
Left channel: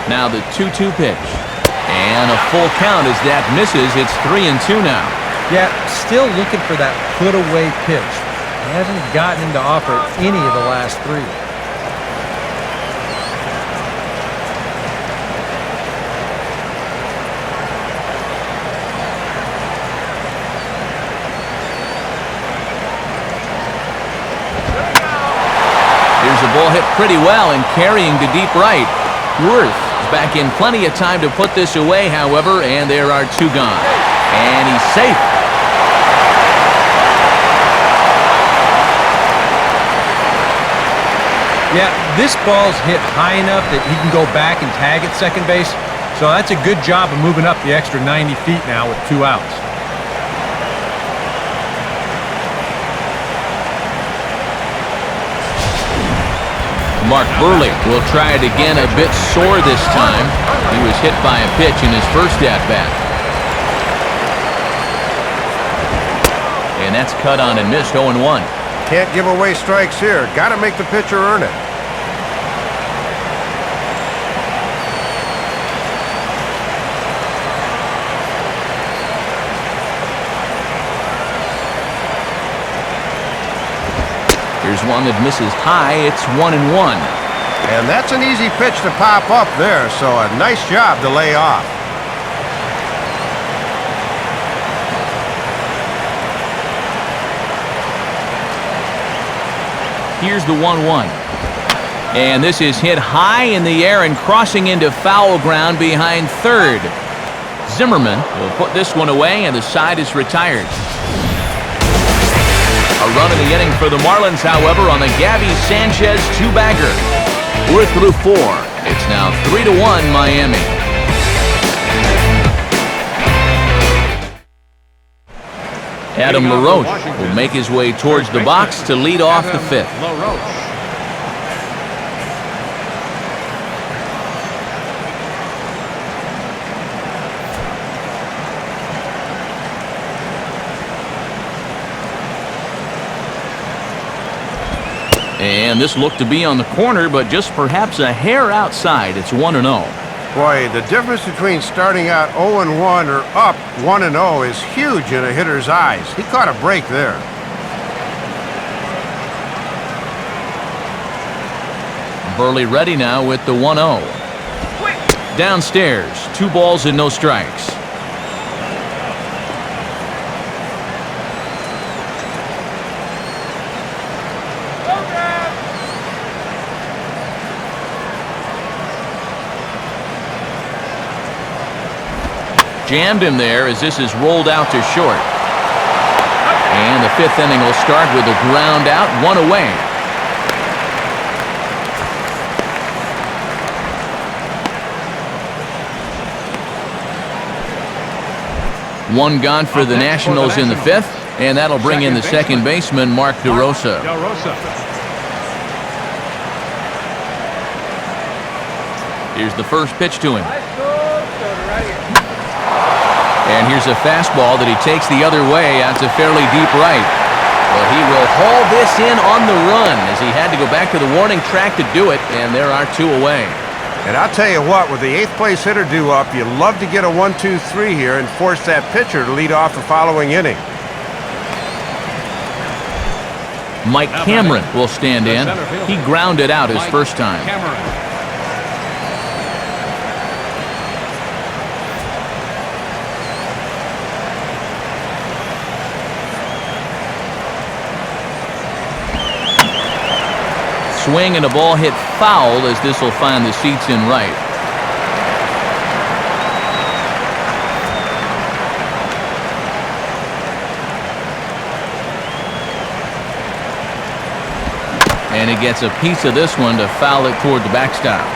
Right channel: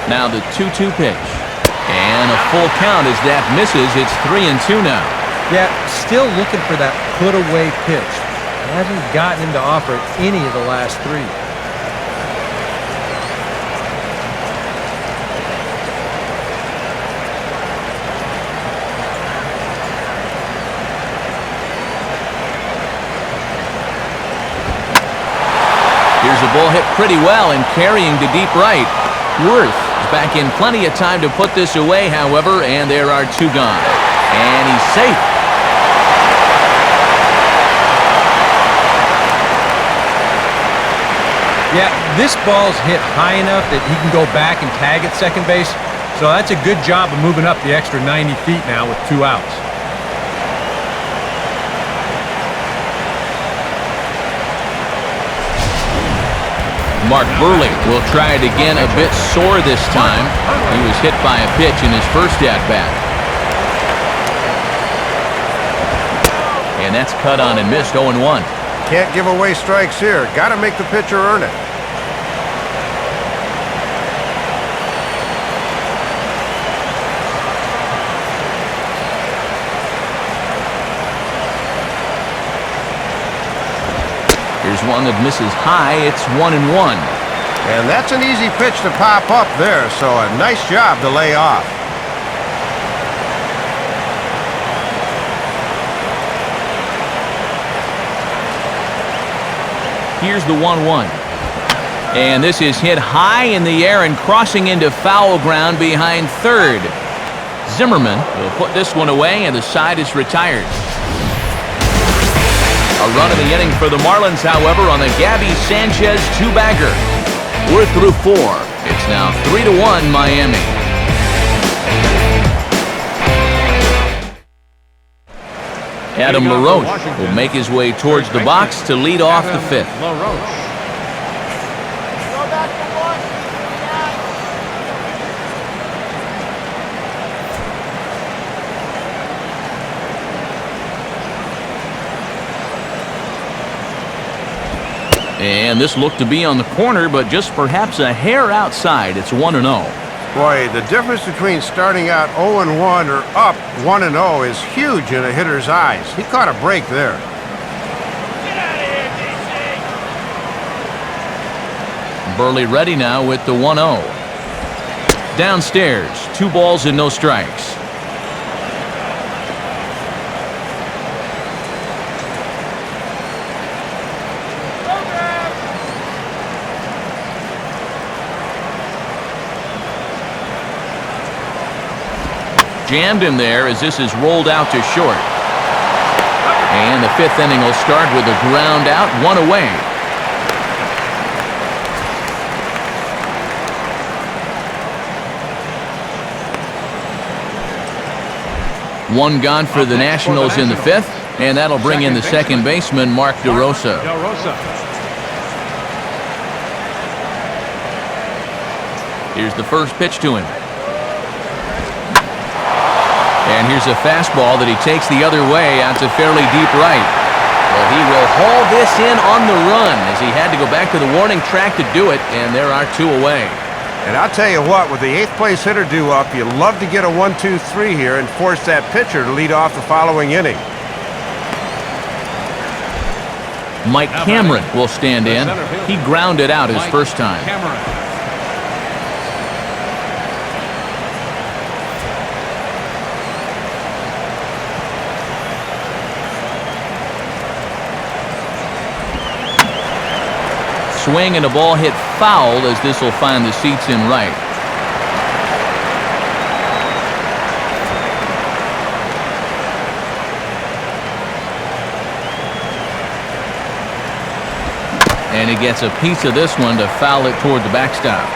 Now the 2-2 pitch. And a full count as that misses. It's 3-2 now. Yeah, still looking for that put-away pitch. Hasn't gotten him to offer it any of the last three. Here's a ball hit pretty well and carrying to deep right. Worth is back in plenty of time to put this away, however, and there are two gone. And he's safe. Yeah, this ball's hit high enough that he can go back and tag at second base. So that's a good job of moving up the extra 90 feet now with 2 outs. Mark Burley will try it again, a bit sore this time. He was hit by a pitch in his first at-bat. And that's cut on and missed. 0-1. Can't give away strikes here. Got to make the pitcher earn it. Here's one that misses high. It's 1-1. And that's an easy pitch to pop up there, so a nice job to lay off. Here's the 1-1. And this is hit high in the air and crossing into foul ground behind third. Zimmerman will put this one away, and the side is retired. A run in the inning for the Marlins, however, on the Gabby Sanchez two-bagger. We're through 4. It's now 3-1 Miami. Adam LaRoche will make his way towards the box to lead off the 5th. And this looked to be on the corner, but just perhaps a hair outside. It's 1-0. Boy, the difference between starting out 0-1 or up 1-0 is huge in a hitter's eyes. He caught a break there. Burley ready now with the 1-0. Downstairs, 2 balls and no strikes. Jammed him there as this is rolled out to short. And the 5th inning will start with a ground out, 1 away. One gone for the Nationals in the 5th, and that'll bring in the second baseman, Mark DeRosa. Here's the first pitch to him. And here's a fastball that he takes the other way out to fairly deep right. Well, he will haul this in on the run as he had to go back to the warning track to do it, and there are 2 away. And I'll tell you what, with the 8th place hitter due up, you love to get a 1-2-3 here and force that pitcher to lead off the following inning. Mike Cameron will stand in. He grounded out his first time. Swing and a ball hit foul as this will find the seats in right. And he gets a piece of this one to foul it toward the backstop.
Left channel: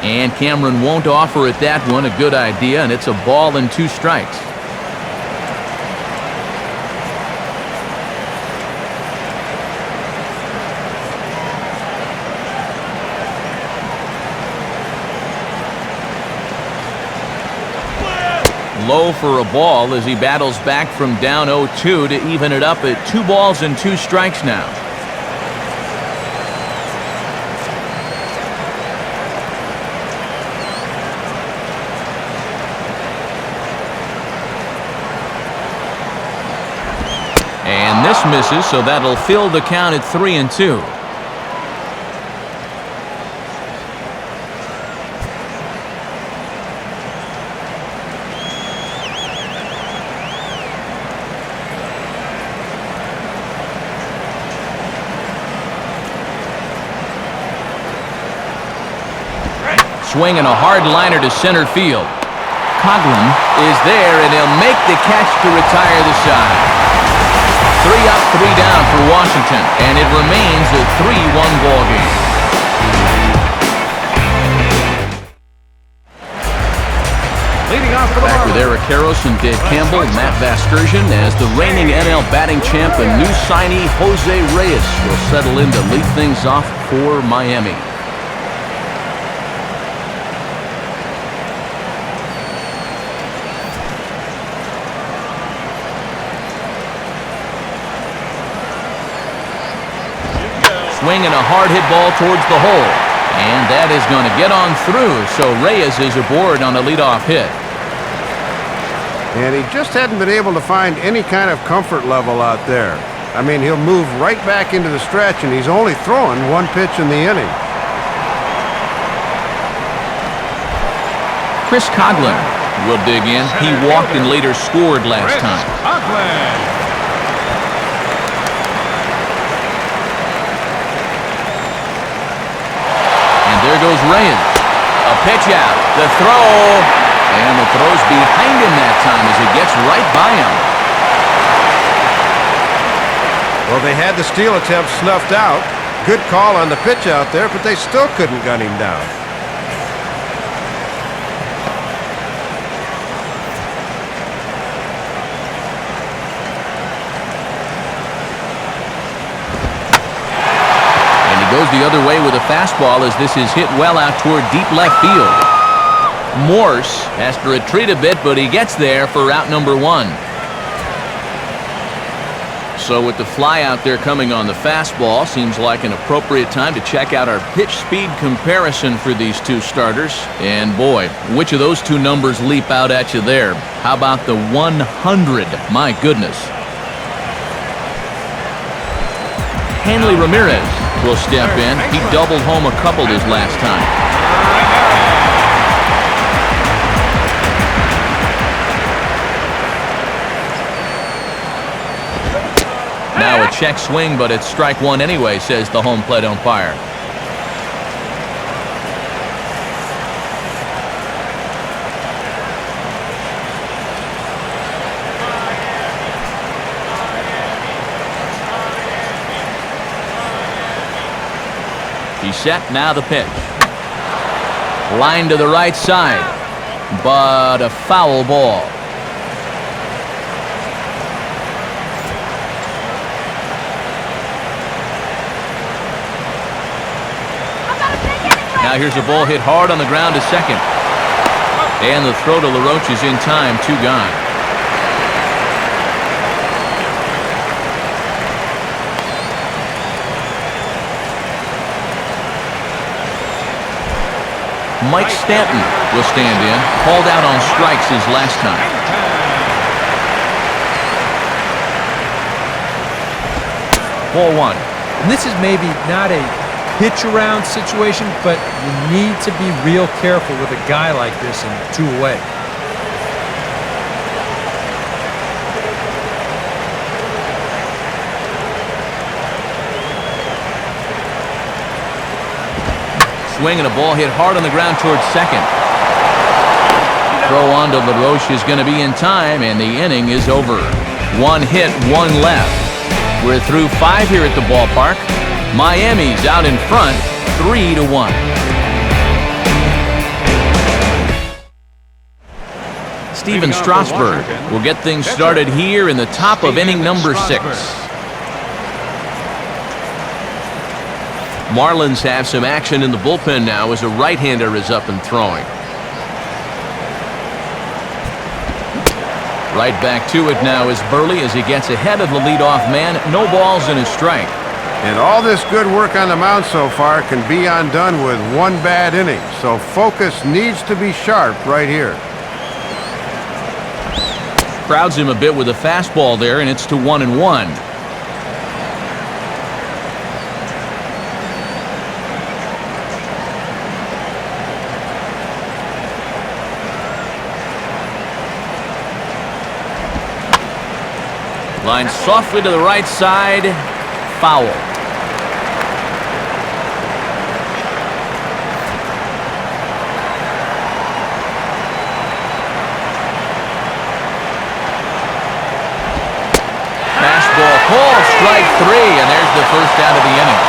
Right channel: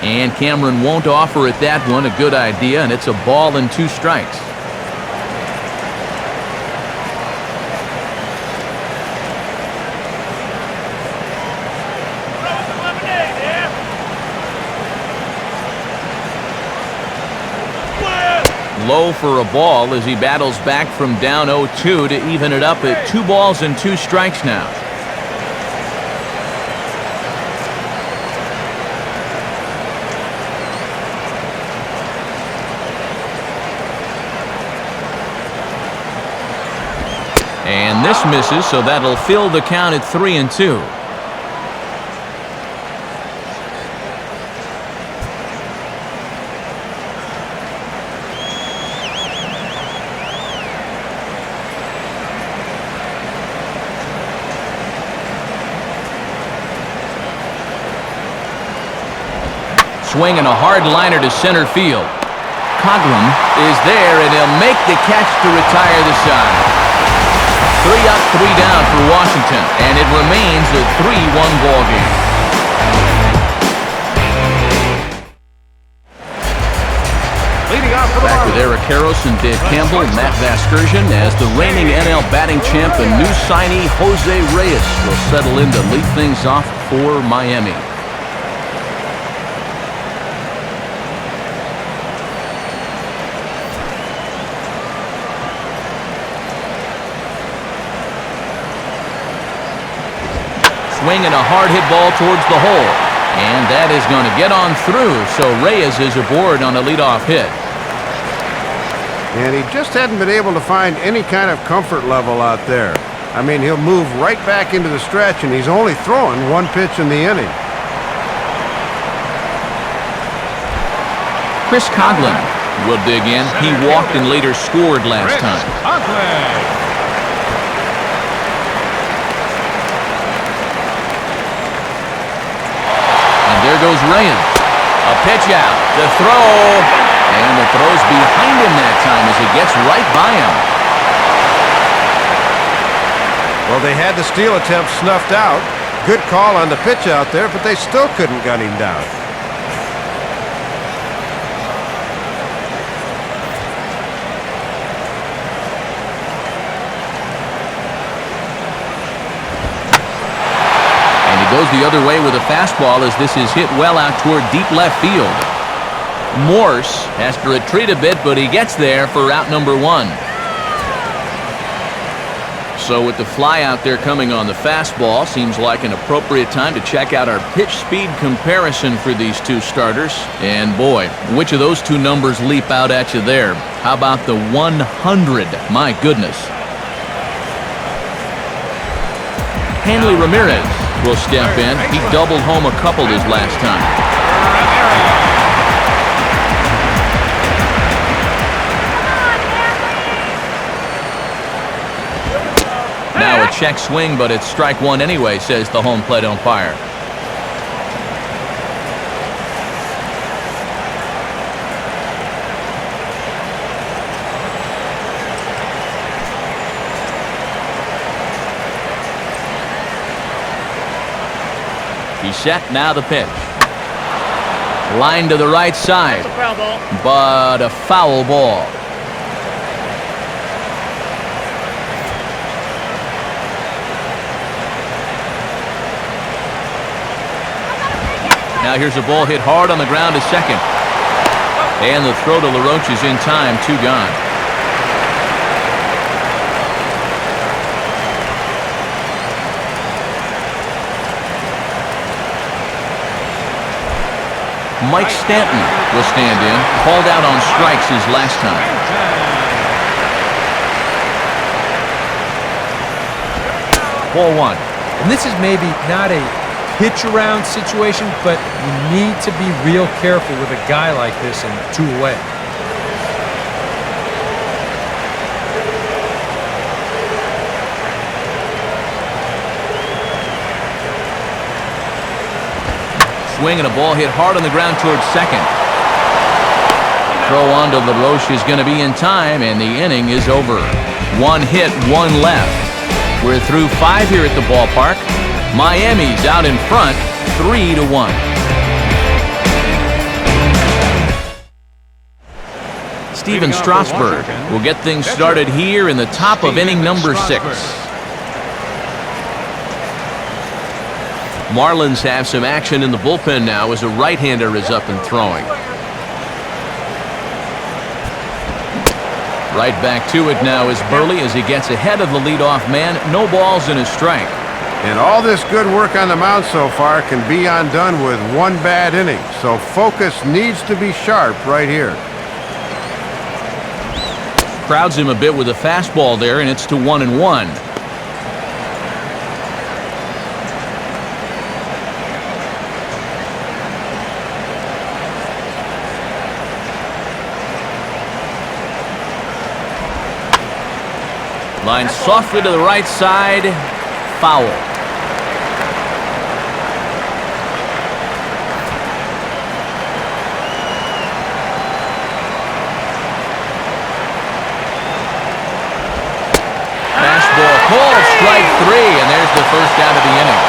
And Cameron won't offer it that one. A good idea, and it's a ball and 2 strikes. Low for a ball as he battles back from down 0-2 to even it up at 2 balls and 2 strikes now. And this misses, so that'll fill the count at 3-2. Swing and a hard liner to center field. Coughlin is there, and he'll make the catch to retire the side. 3 up, 3 down for Washington, and it remains a 3-1 ball game. Back with Eric Karros and Dave Campbell, Matt Vasgersian as the reigning NL batting champ and new signee Jose Reyes will settle in to lead things off for Miami. Swing and a hard hit ball towards the hole. And that is going to get on through, so Reyes is aboard on a leadoff hit. And he just hadn't been able to find any kind of comfort level out there. I mean, he'll move right back into the stretch, and he's only throwing 1 pitch in the inning. Chris Coughlin will dig in. He walked and later scored last time. There goes Reyes. A pitch out. The throw. And the throw's behind him that time as it gets right by him. Well, they had the steal attempt snuffed out. Good call on the pitch out there, but they still couldn't gun him down. And he goes the other way with a fastball as this is hit well out toward deep left field. Morse has to retreat a bit, but he gets there for out number 1. So with the fly out there coming on the fastball, seems like an appropriate time to check out our pitch speed comparison for these two starters. And boy, which of those two numbers leap out at you there? How about the 100? My goodness. Hanley Ramirez will step in. He doubled home a couple his last time. Now a check swing, but it's strike 1 anyway, says the home plate umpire. He's set, now the pitch. Line to the right side, but a foul ball. Now here's a ball hit hard on the ground to second. And the throw to LaRoche is in time, 2 gone. Mike Stanton will stand in, called out on strikes his last time. Ball 1. And this is maybe not a pitch around situation, but you need to be real careful with a guy like this in 2 away. Swing and a ball hit hard on the ground towards second. Throw on to LaRoche is going to be in time, and the inning is over. 1 hit, 1 left. We're through 5 here at the ballpark. Miami's out in front, 3-1. Steven Strasburg will get things started here in the top of inning number 6. Marlins have some action in the bullpen now as a right-hander is up and throwing. Right back to it now is Burley as he gets ahead of the leadoff man. No balls and a strike. And all this good work on the mound so far can be undone with 1 bad inning. So focus needs to be sharp right here. Crowds him a bit with a fastball there, and it's to 1-1. Line softly to the right side. Foul. Fastball called, strike 3, and there's the first out of the inning.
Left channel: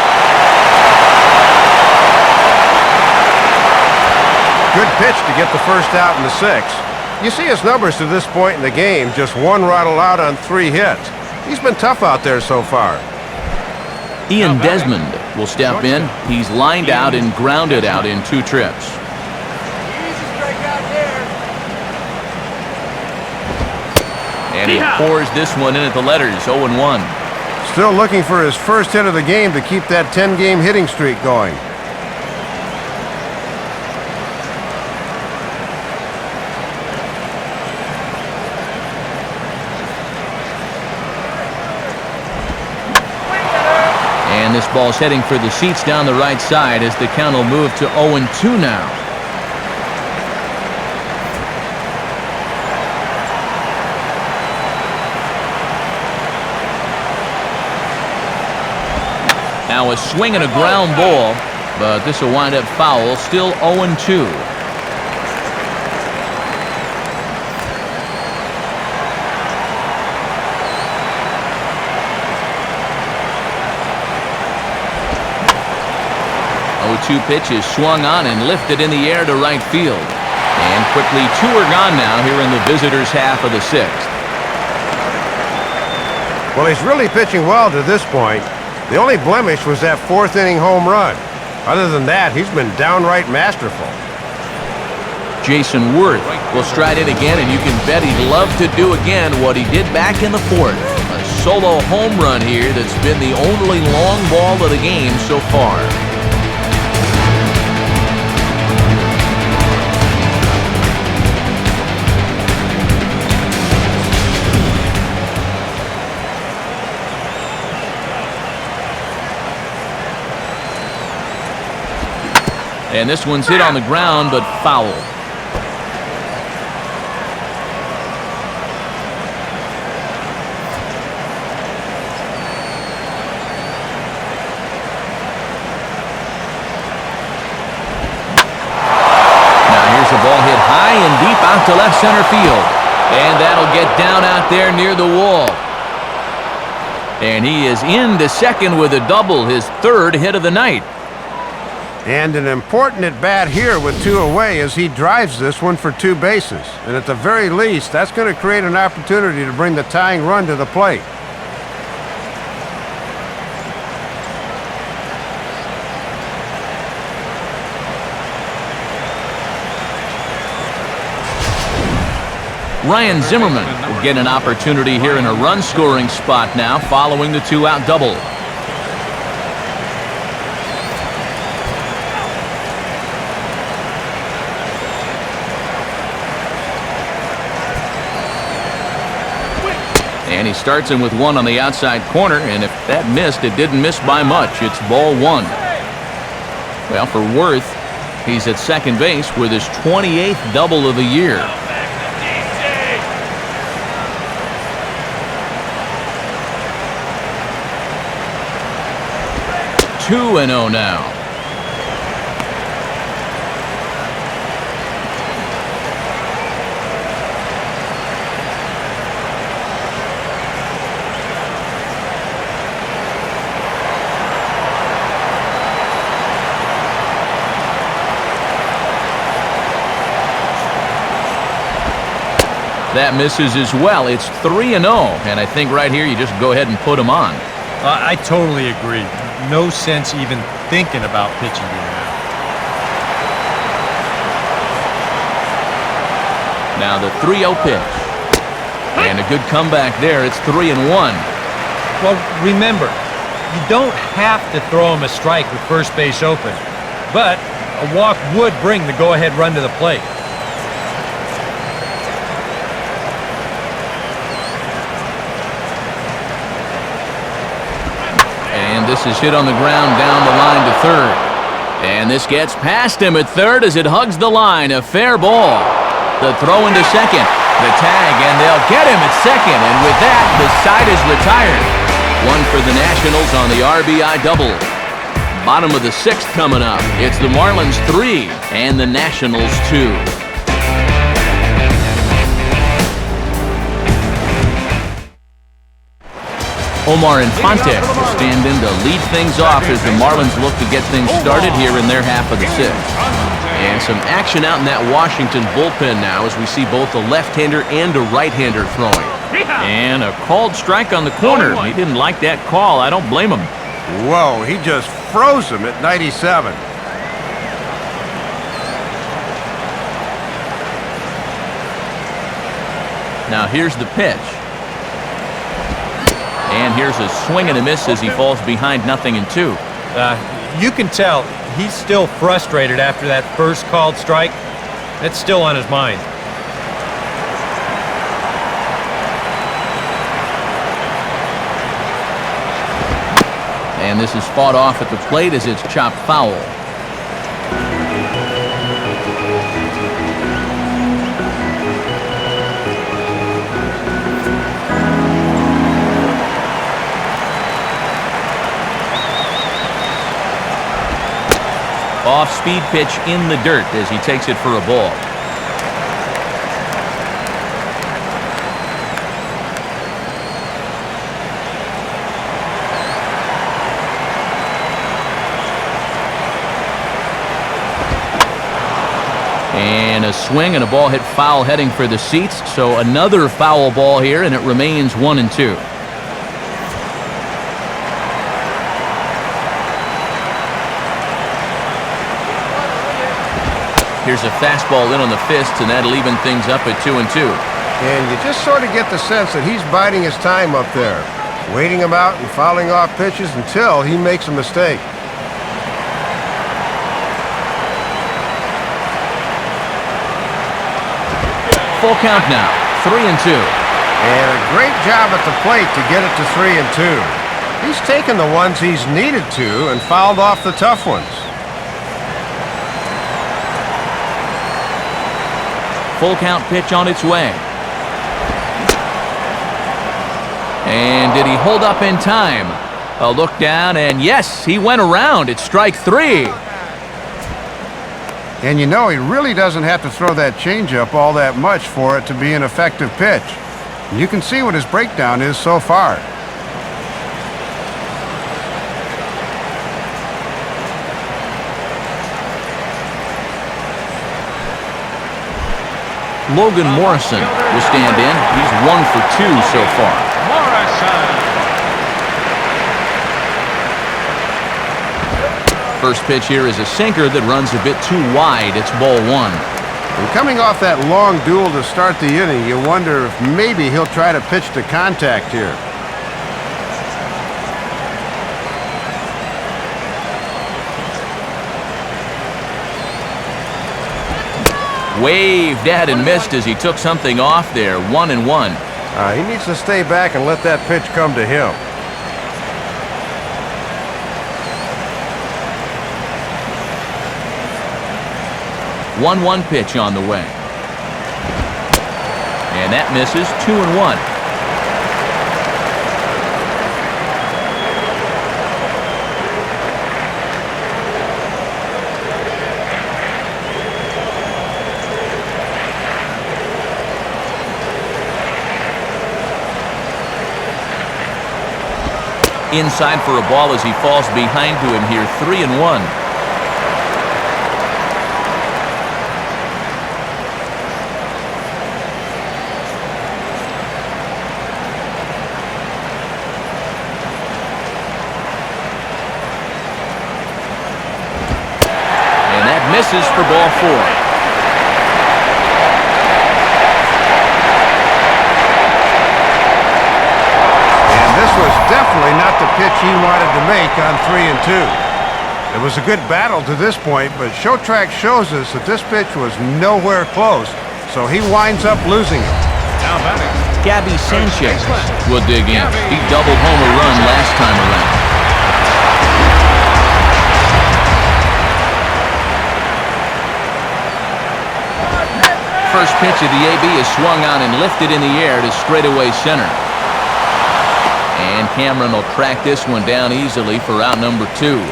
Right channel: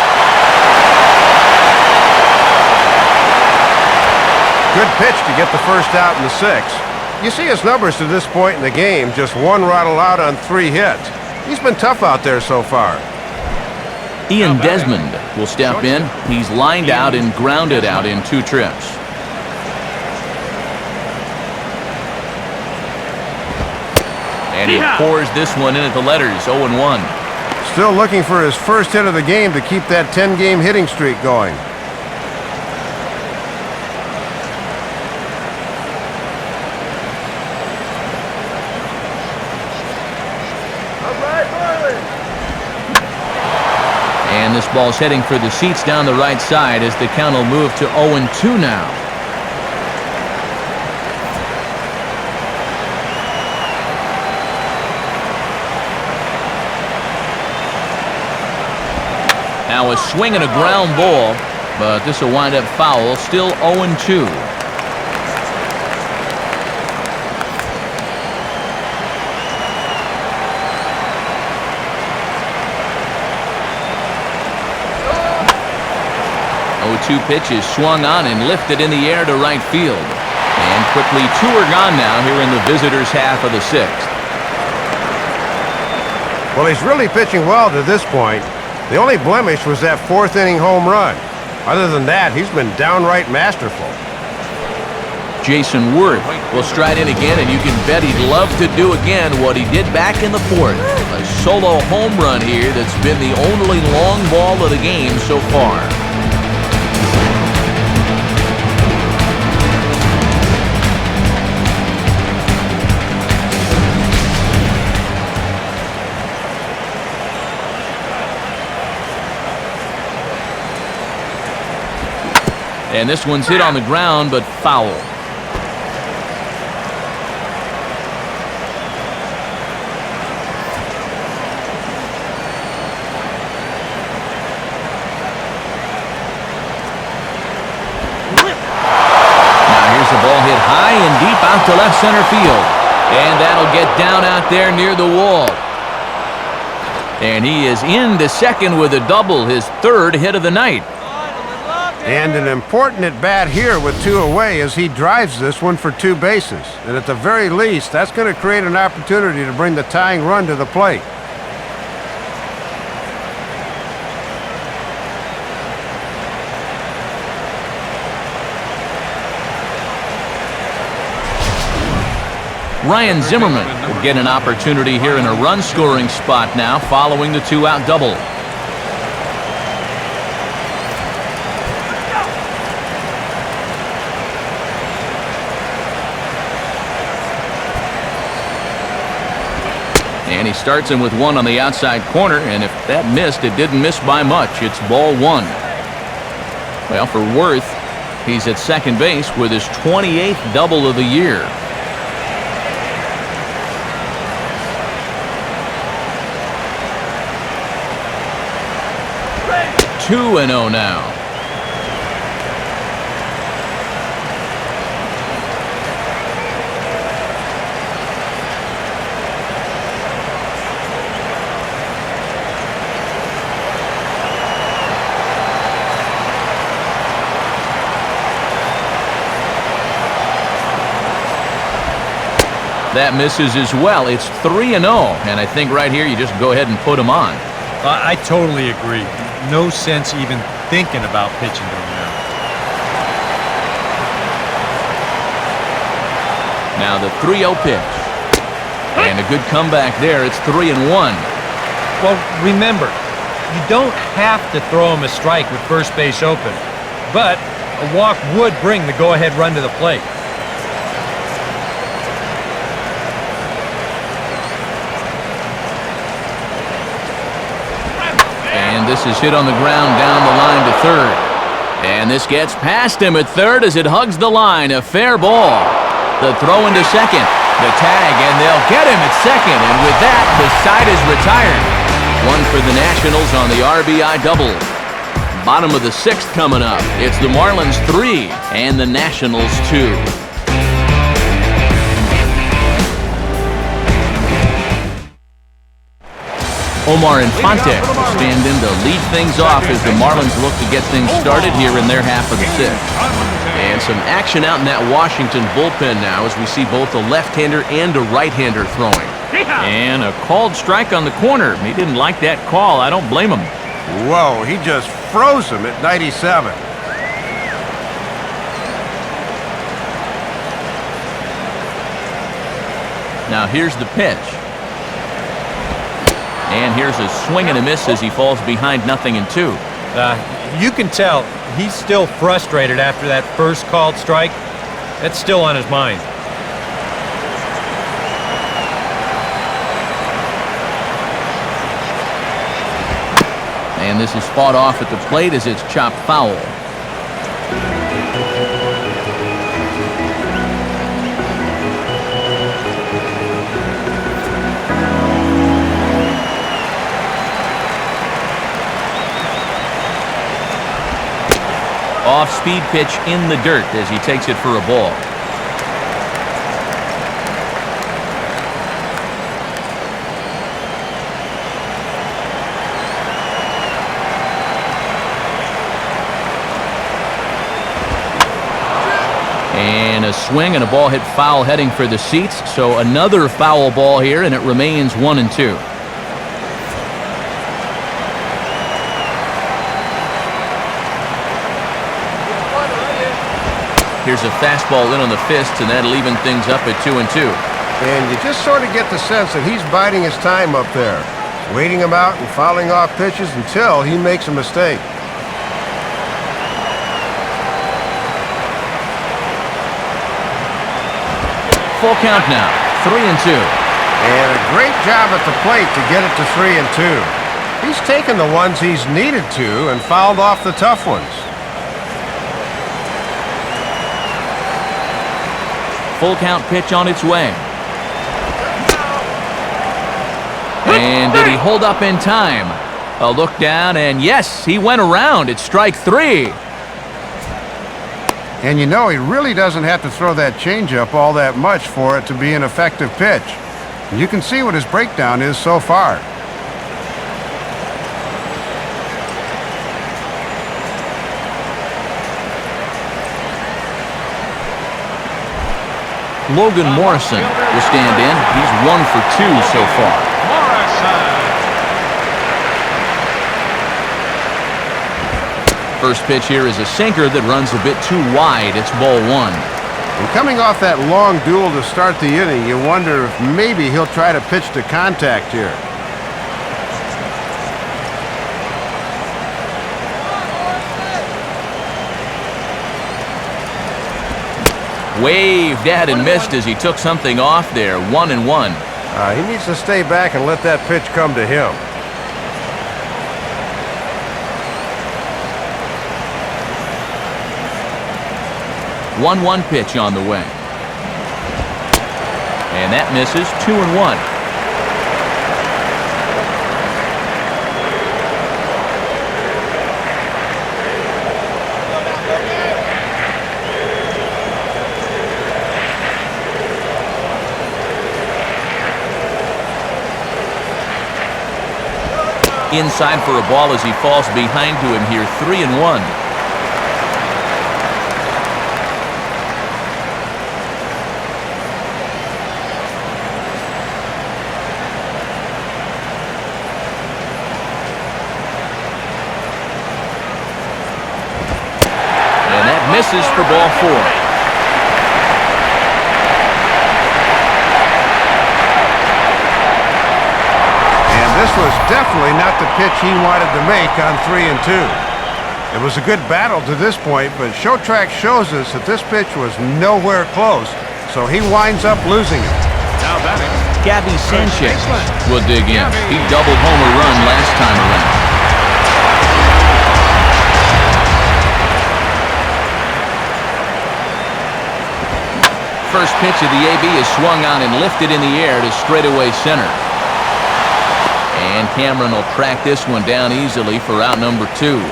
Good pitch to get the first out in the 6th. You see his numbers to this point in the game, just 1 rattle out on 3 hits. He's been tough out there so far. Ian Desmond will step in. He's lined out and grounded out in 2 trips. And he pours this one in at the letters, 0-1. Still looking for his first hit of the game to keep that 10-game hitting streak going. And this ball's heading for the seats down the right side as the count will move to 0-2 now. Now a swing and a ground ball. but this will wind up foul, still 0-2. The 0-2 pitch is swung on and lifted in the air to right field. And quickly 2 are gone now here in the visitors' half of the 6th. Well, he's really pitching well to this point. The only blemish was that 4th inning home run. Other than that, he's been downright masterful. Jason Worth will stride in again, and you can bet he'd love to do again what he did back in the 4th. A solo home run here that's been the only long ball of the game so far. And this one's hit on the ground, but foul. Now here's the ball hit high and deep out to left center field. And that'll get down out there near the wall. And he is into second with a double, his 3rd hit of the night. And an important at-bat here with 2 away as he drives this one for 2 bases. And at the very least, that's going to create an opportunity to bring the tying run to the plate. Ryan Zimmerman will get an opportunity here in a run-scoring spot now following the 2-out double. And he starts him with 1 on the outside corner, and if that missed, it didn't miss by much. It's ball 1. Well, for Worth, he's at second base with his 28th double of the year. 2-0 now. That misses as well. It's 3-0, and I think right here you just go ahead and put him on. I totally agree. No sense even thinking about pitching to him now. Now the 3-0 pitch. And a good comeback there. It's 3-1. Well, remember, you don't have to throw him a strike with first base open, but a walk would bring the go-ahead run to the plate. And this is hit on the ground down the line to third. And this gets past him at third as it hugs the line. A fair ball. The throw into second. The tag, and they'll get him at second. And with that, the side is retired. 1 for the Nationals on the RBI double. Bottom of the 6th coming up. It's the Marlins 3 and the Nationals 2. Omar Infante will stand in to lead things off as the Marlins look to get things started here in their half of the 6th. And some action out in that Washington bullpen now as we see both a left-hander and a right-hander throwing. And a called strike on the corner. He didn't like that call. I don't blame him. Whoa, he just froze him at 97. Now here's the pitch. And here's a swing and a miss as he falls behind 0-2. You can tell he's still frustrated after that first called strike. That's still on his mind. And this is fought off at the plate as it's chopped foul. Off-speed pitch in the dirt as he takes it for a ball. And a swing and a ball hit foul heading for the seats. So another foul ball here, and it remains 1-2. Here's a fastball in on the fist, and that'll even things up at 2-2. And you just sort of get the sense that he's biding his time up there, waiting him out and fouling off pitches until he makes a mistake. Full count now, 3-2. And a great job at the plate to get it to 3-2. He's taken the ones he's needed to and fouled off the tough ones. Full count pitch on its way. And did he hold up in time? A look down, and yes, he went around. It's strike 3. And you know, he really doesn't have to throw that changeup all that much for it to be an effective pitch. You can see what his breakdown is so far. Logan Morrison will stand in. He's 1 for 2 so far. First pitch here is a sinker that runs a bit too wide. It's ball 1. And coming off that long duel to start the inning, you wonder if maybe he'll try to pitch to contact here. Waved at and missed as he took something off there. 1-1. He needs to stay back and let that pitch come to him. One pitch on the way. And that misses. 2-1. Inside for a ball as he falls behind to him here. 3-1. And that misses for ball 4. This was definitely not the pitch he wanted to make on 3-2. It was a good battle to this point, but Showtrack shows us that this pitch was nowhere close, so he winds up losing it. Gabby Sanchez will dig in. He doubled home a run last time around. First pitch of the AB is swung on and lifted in the air to straightaway center. And Cameron will track this one down easily for out number 2.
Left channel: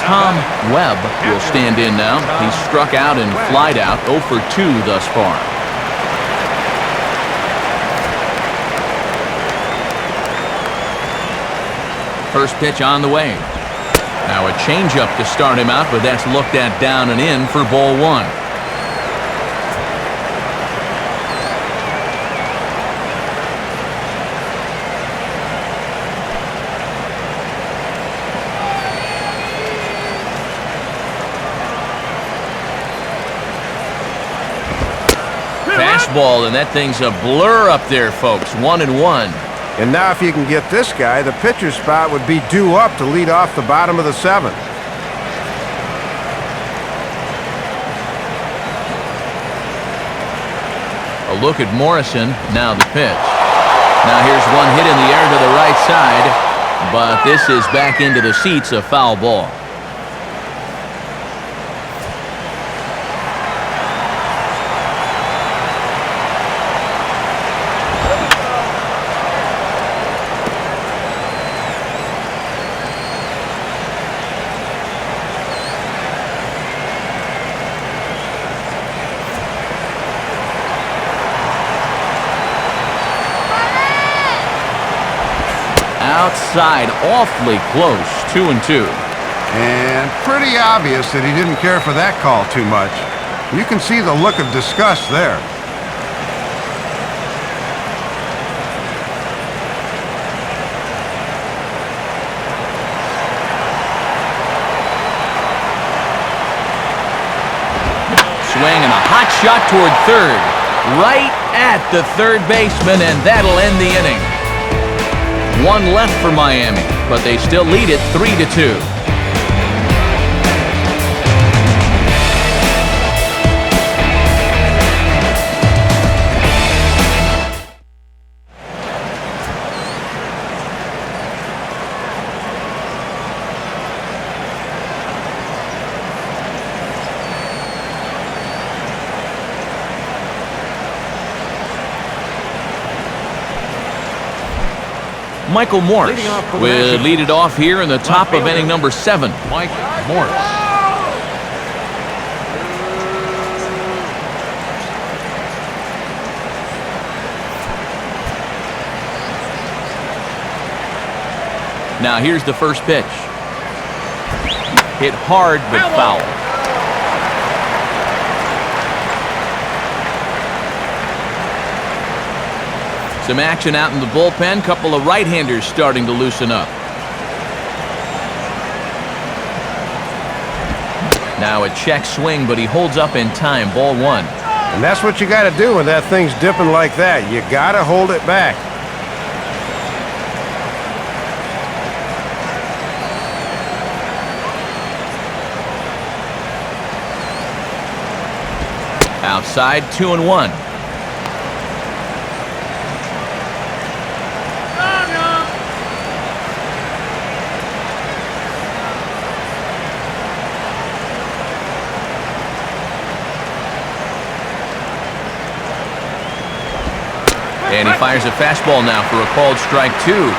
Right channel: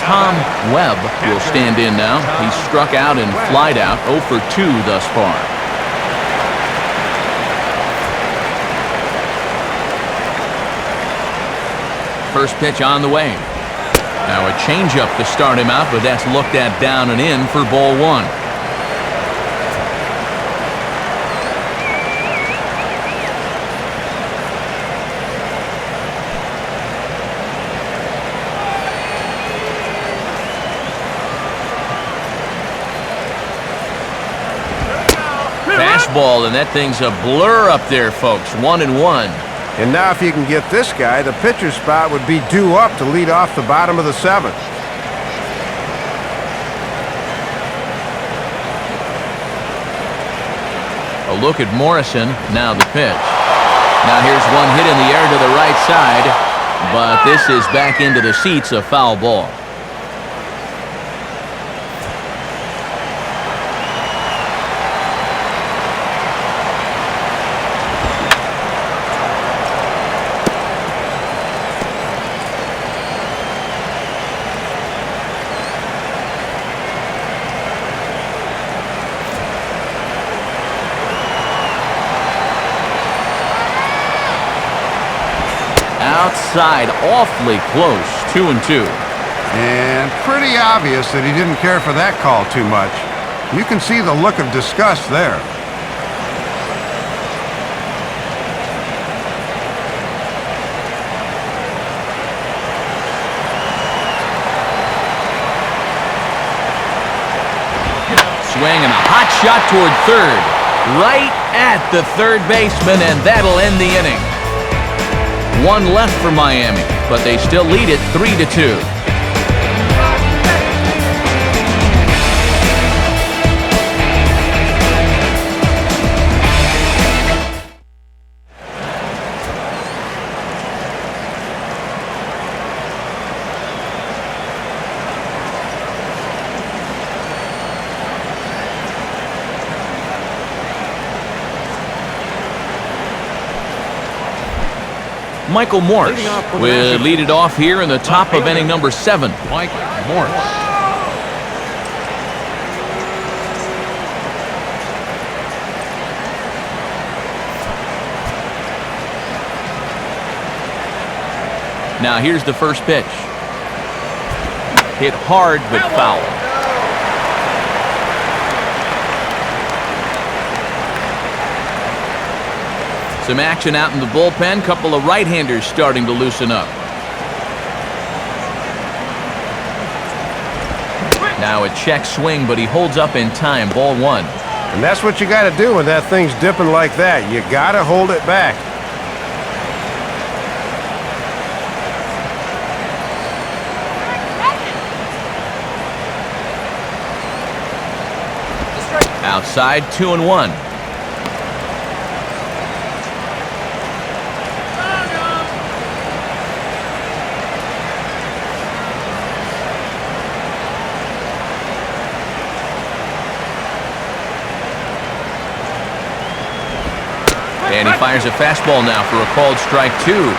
Tom Webb will stand in now. He's struck out and flied out, 0 for 2 thus far. First pitch on the way. Now a changeup to start him out, but that's looked at down and in for ball 1. Fastball, and that thing's a blur up there, folks. 1-1. And now if you can get this guy, the pitcher spot would be due up to lead off the bottom of the 7th. A look at Morrison, now the pitch. Now here's one hit in the air to the right side, but this is back into the seats, a foul ball. Outside, awfully close, 2-2. And pretty obvious that he didn't care for that call too much. You can see the look of disgust there. Swing and a hot shot toward third. Right at the third baseman, and that'll end the inning. One left for Miami, but they still lead it 3-2. Michael Morse will lead it off here in the top of inning number 7. Mike Morse. Now here's the first pitch. Hit hard but foul. Some action out in the bullpen. Couple of right-handers starting to loosen up. Now a check swing, but he holds up in time. Ball 1. And that's what you got to do when that thing's dipping like that. You got to hold it back. Outside, 2-1. And he fires a fastball now for a called strike 2.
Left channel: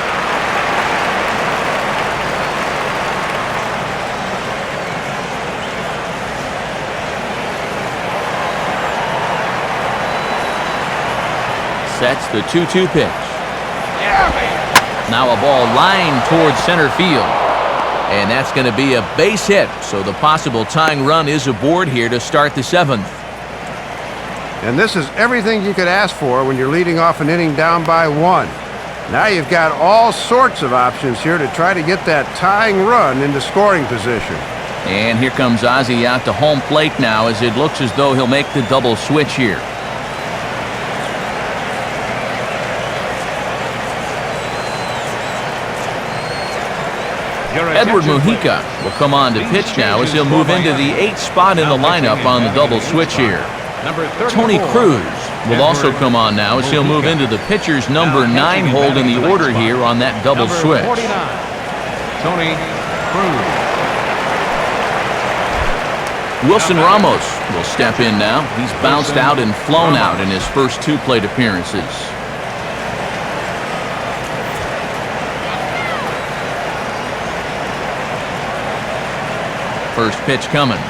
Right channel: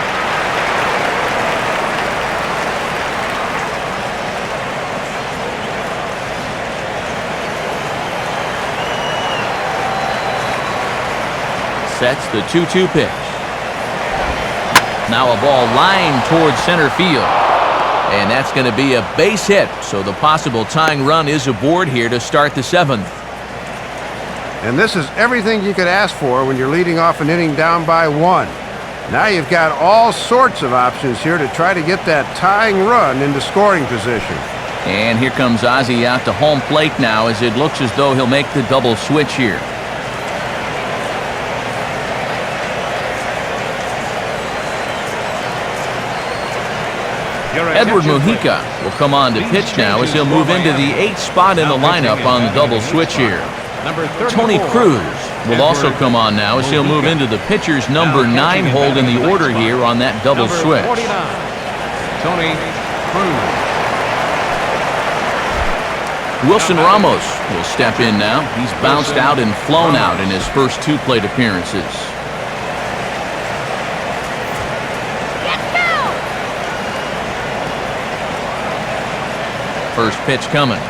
Sets the 2-2 pitch. Now a ball lined towards center field. And that's going to be a base hit. So the possible tying run is aboard here to start the 7th. And this is everything you could ask for when you're leading off an inning down by 1. Now you've got all sorts of options here to try to get that tying run into scoring position. And here comes Ozzie out to home plate now as it looks as though he'll make the double switch here. Edward Mujica will come on to pitch now as he'll move into the 8th spot in the lineup on the double switch here. Tony Cruz will also come on now as he'll move into the pitcher's number 9 hold in the order here on that double switch. Wilson Ramos will step in now. He's bounced out and flown out in his first 2 plate appearances. First pitch coming.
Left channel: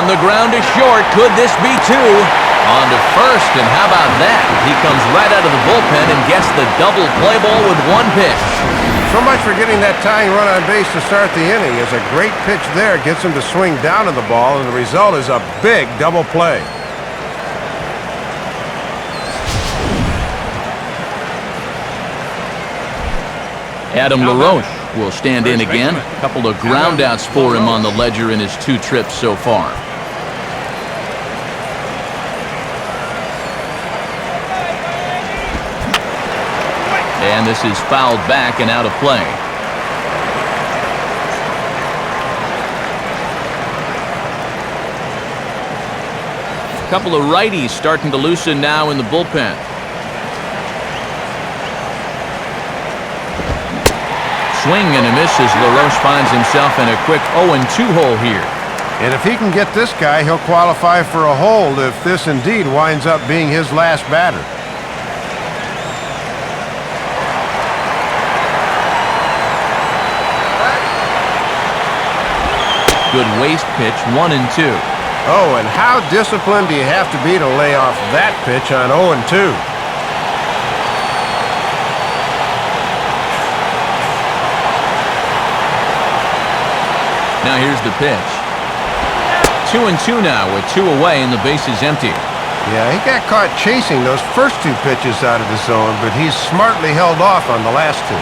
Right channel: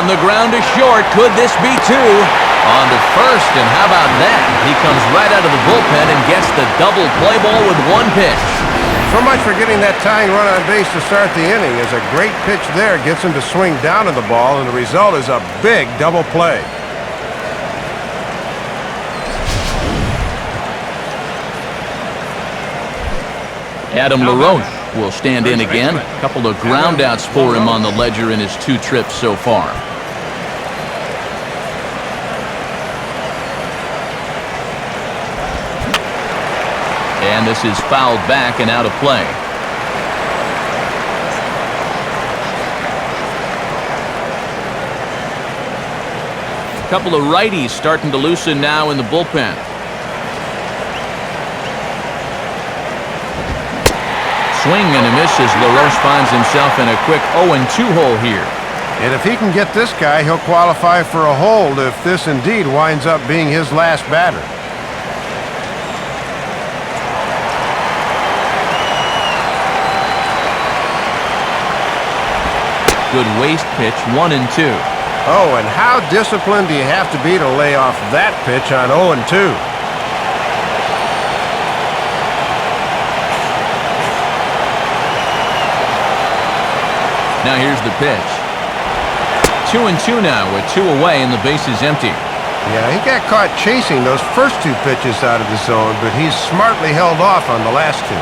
On the ground to short. Could this be 2? On to first, and how about that? He comes right out of the bullpen and gets the double play ball with 1 pitch. So much for getting that tying run on base to start the inning. As a great pitch there gets him to swing down on the ball, and the result is a big double play. Adam LaRoche will stand in again. A couple of groundouts for him on the ledger in his 2 trips so far. And this is fouled back and out of play. A couple of righties starting to loosen now in the bullpen. Swing and a miss as LaRoche finds himself in a quick 0-2 hole here. And if he can get this guy, he'll qualify for a hold if this indeed winds up being his last batter. Good waste pitch, 1-2. Oh, and how disciplined do you have to be to lay off that pitch on 0-2? Now here's the pitch. 2-2 now with 2 away and the base is empty. Yeah, he got caught chasing those first 2 pitches out of the zone, but he's smartly held off on the last 2.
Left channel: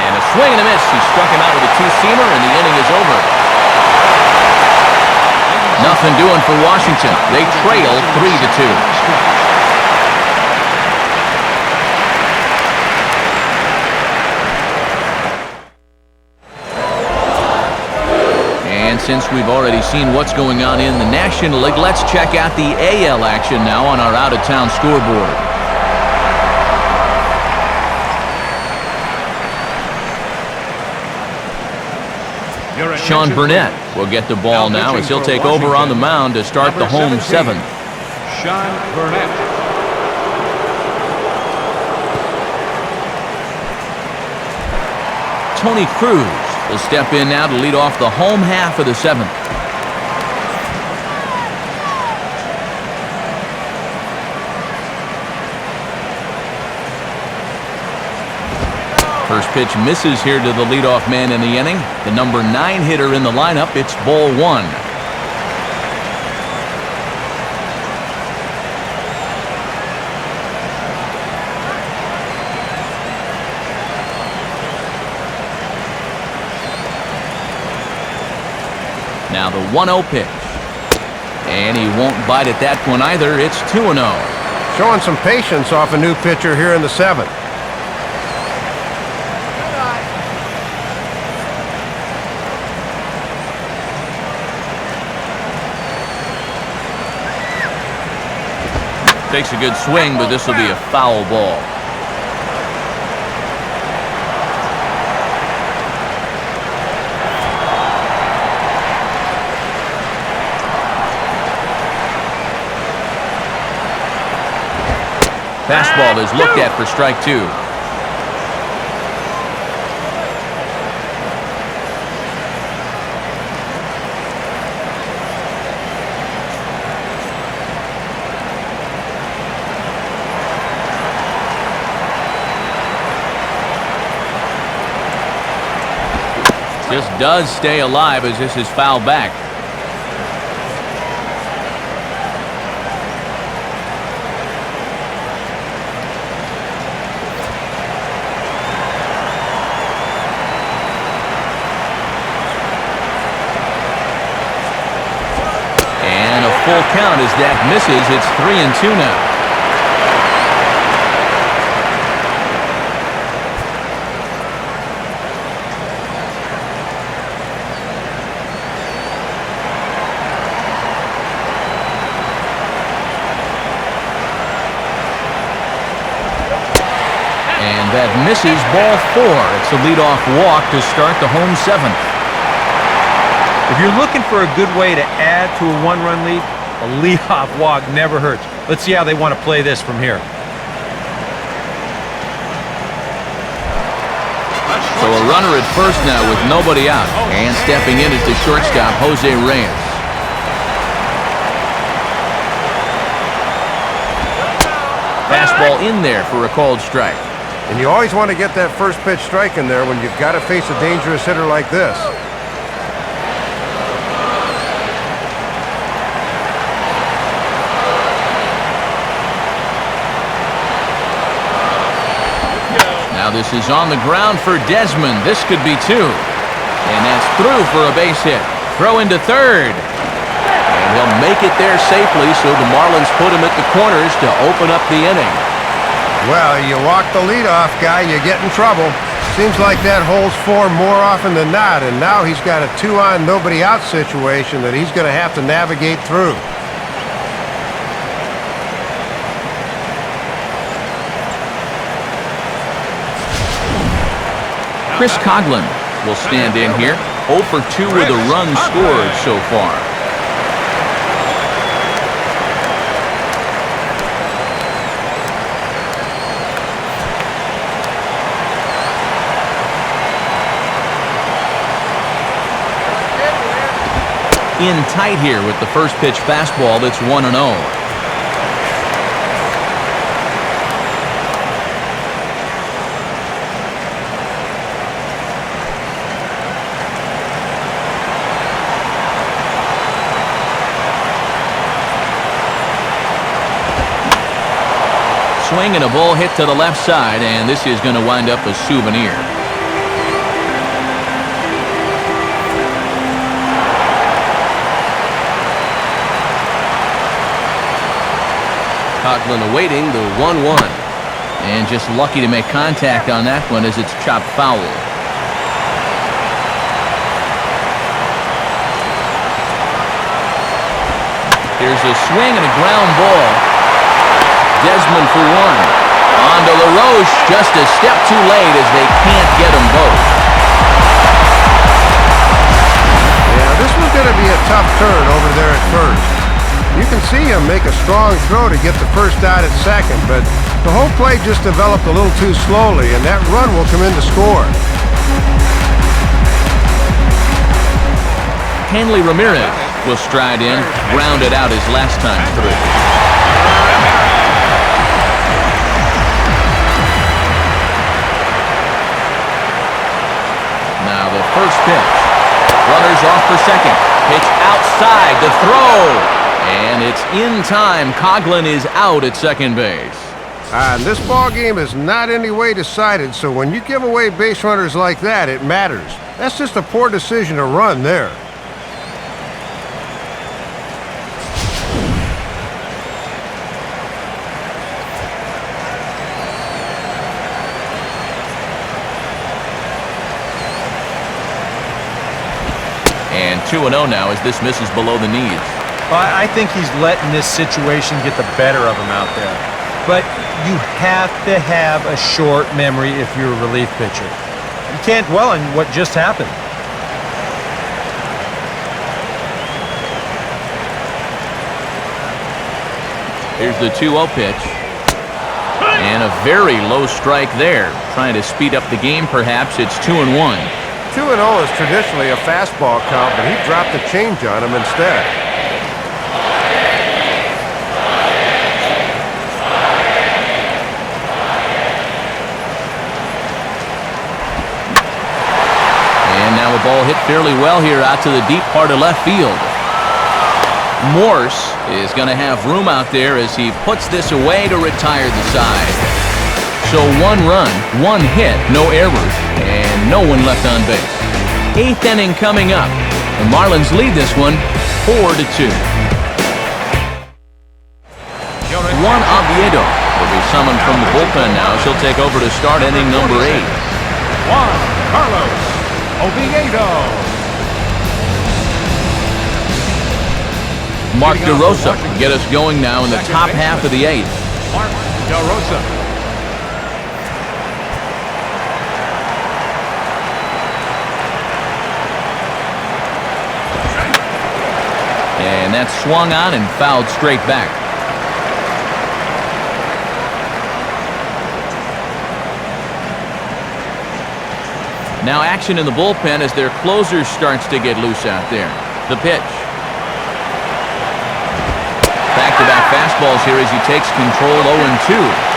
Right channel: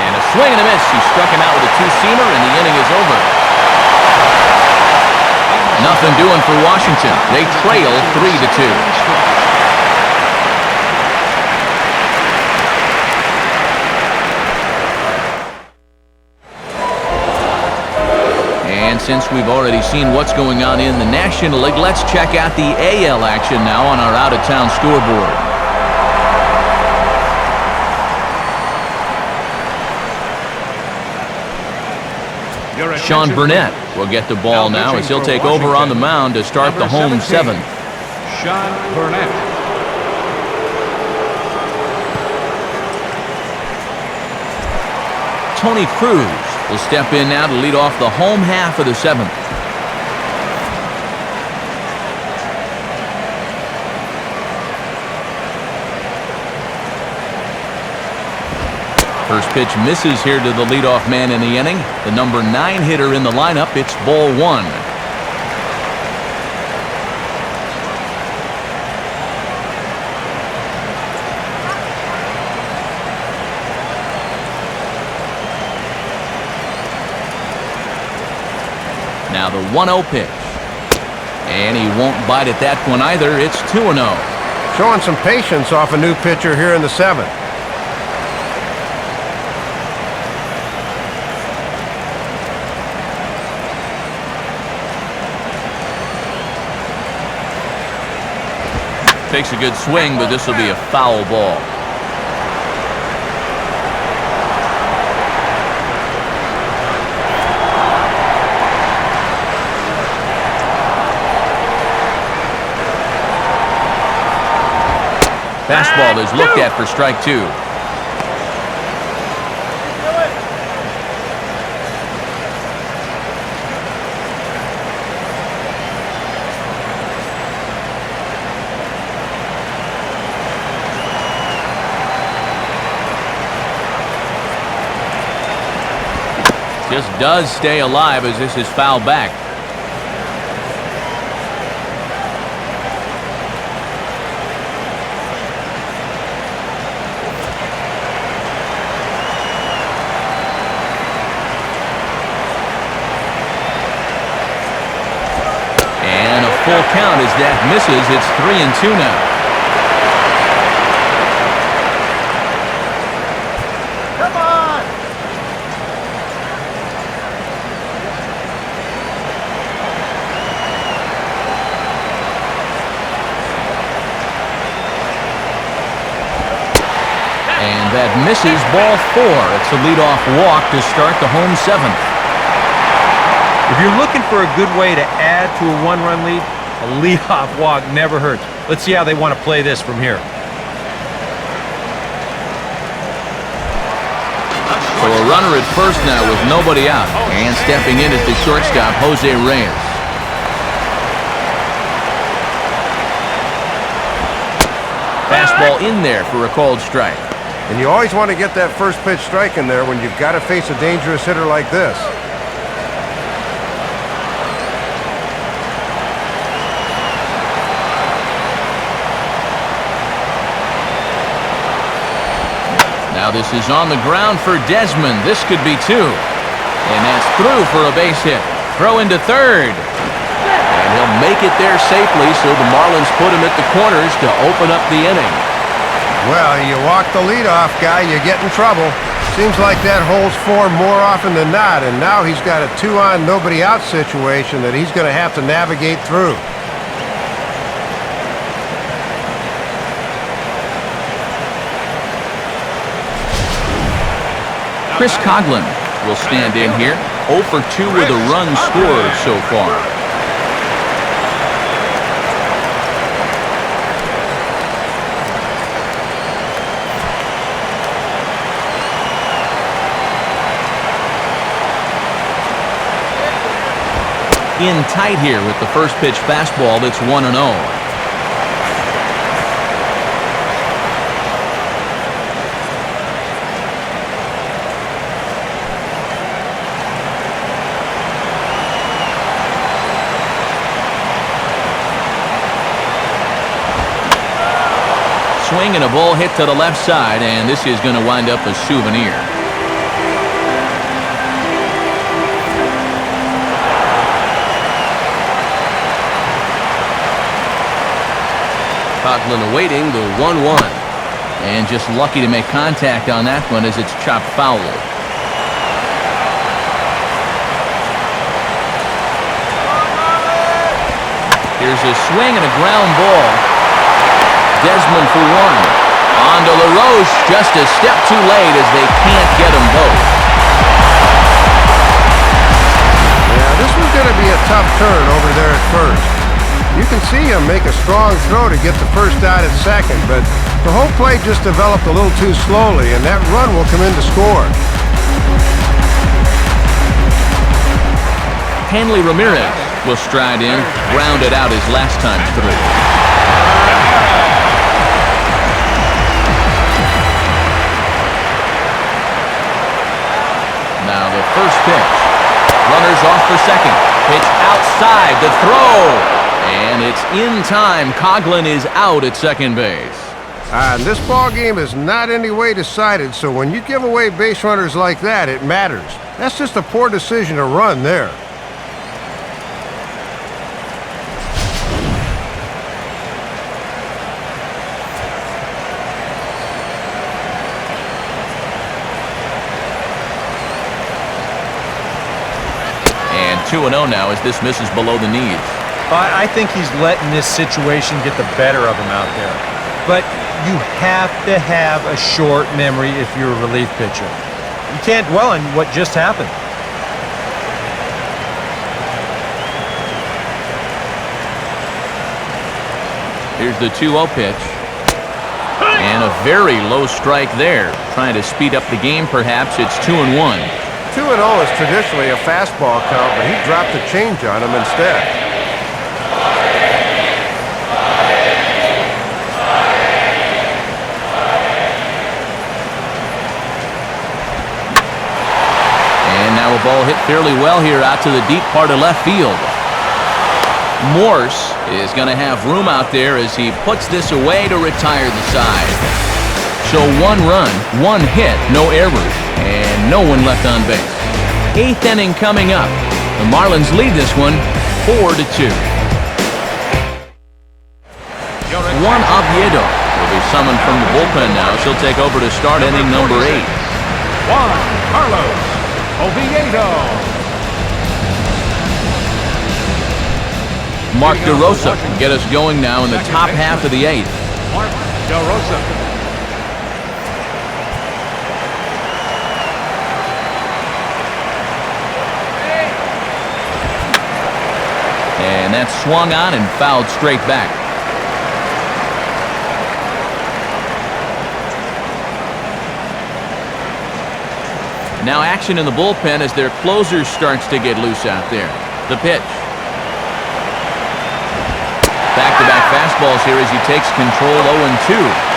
And a swing and a miss. He struck him out with a 2-seamer and the inning is over. Nothing doing for Washington. They trail 3-2. And since we've already seen what's going on in the National League, let's check out the AL action now on our out-of-town scoreboard. Sean Burnett will get the ball now as he'll take over on the mound to start the home 7th. Tony Cruz will step in now to lead off the home half of the 7th. First pitch misses here to the leadoff man in the inning. The number 9 hitter in the lineup. It's ball 1. Now the 1-0 pitch. And he won't bite at that one either. It's 2-0. Showing some patience off a new pitcher here in the 7th. Takes a good swing, but this will be a foul ball. Fastball is looked at for strike 2. Just does stay alive as this is fouled back. And a full count as that misses. It's 3-2 now. And that misses, ball 4. It's a leadoff walk to start the home 7th. If you're looking for a good way to add to a 1-run lead, a leadoff walk never hurts. Let's see how they want to play this from here. So a runner at first now with nobody out. And stepping in is the shortstop, Jose Reyes. Fastball in there for a called strike. And you always want to get that first pitch strike in there when you've got to face a dangerous hitter like this. Now this is on the ground for Desmond. This could be 2. And that's through for a base hit. Throw into third. And he'll make it there safely, so the Marlins put him at the corners to open up the inning. Well, you walk the leadoff guy, you get in trouble. Seems like that holds form more often than not, and now he's got a 2-on, nobody-out situation that he's going to have to navigate through. Chris Coghlan will stand in here. 0 for 2 with a run scored so far. In tight here with the first pitch fastball that's 1-0. Swing and a ball hit to the left side, and this is going to wind up a souvenir. Coughlin awaiting the 1-1. And just lucky to make contact on that one as it's chopped foul. Here's a swing and a ground ball. Desmond for one. On to LaRoche, just a step too late as they can't get them both. Yeah, this was going to be a tough turn over there at first. You can see him make a strong throw to get the first out at second, but the whole play just developed a little too slowly, and that run will come in to score. Hanley Ramirez will stride in, grounded out his last time through. Now the first pitch. Runners off for second. Pitch outside, the throw. And it's in time. Coughlin is out at second base. And this ball game is not any way decided, so when you give away base runners like that, it matters. That's just a poor decision to run there. And 2-0 now as this misses below the knees. I think he's letting this situation get the better of him out there. But you have to have a short memory if you're a relief pitcher. You can't dwell on what just happened. Here's the 2-0 pitch. And a very low strike there. Trying to speed up the game, perhaps. It's 2-1. 2-0 is traditionally a fastball count, but he dropped the change on him instead. And now a ball hit fairly well here out to the deep part of left field. Morse is going to have room out there as he puts this away to retire the side. So 1 run, 1 hit, no errors, and no one left on base. 8th inning coming up. The Marlins lead this one 4-2. Juan Oviedo will be summoned from the bullpen now as he'll take over to start inning number 8. Mark DeRosa will get us going now in the top half of the 8th. And that's swung on and fouled straight back. And now action in the bullpen as their closer starts to get loose out there. The pitch. Back-to-back fastballs here as he takes control 0-2.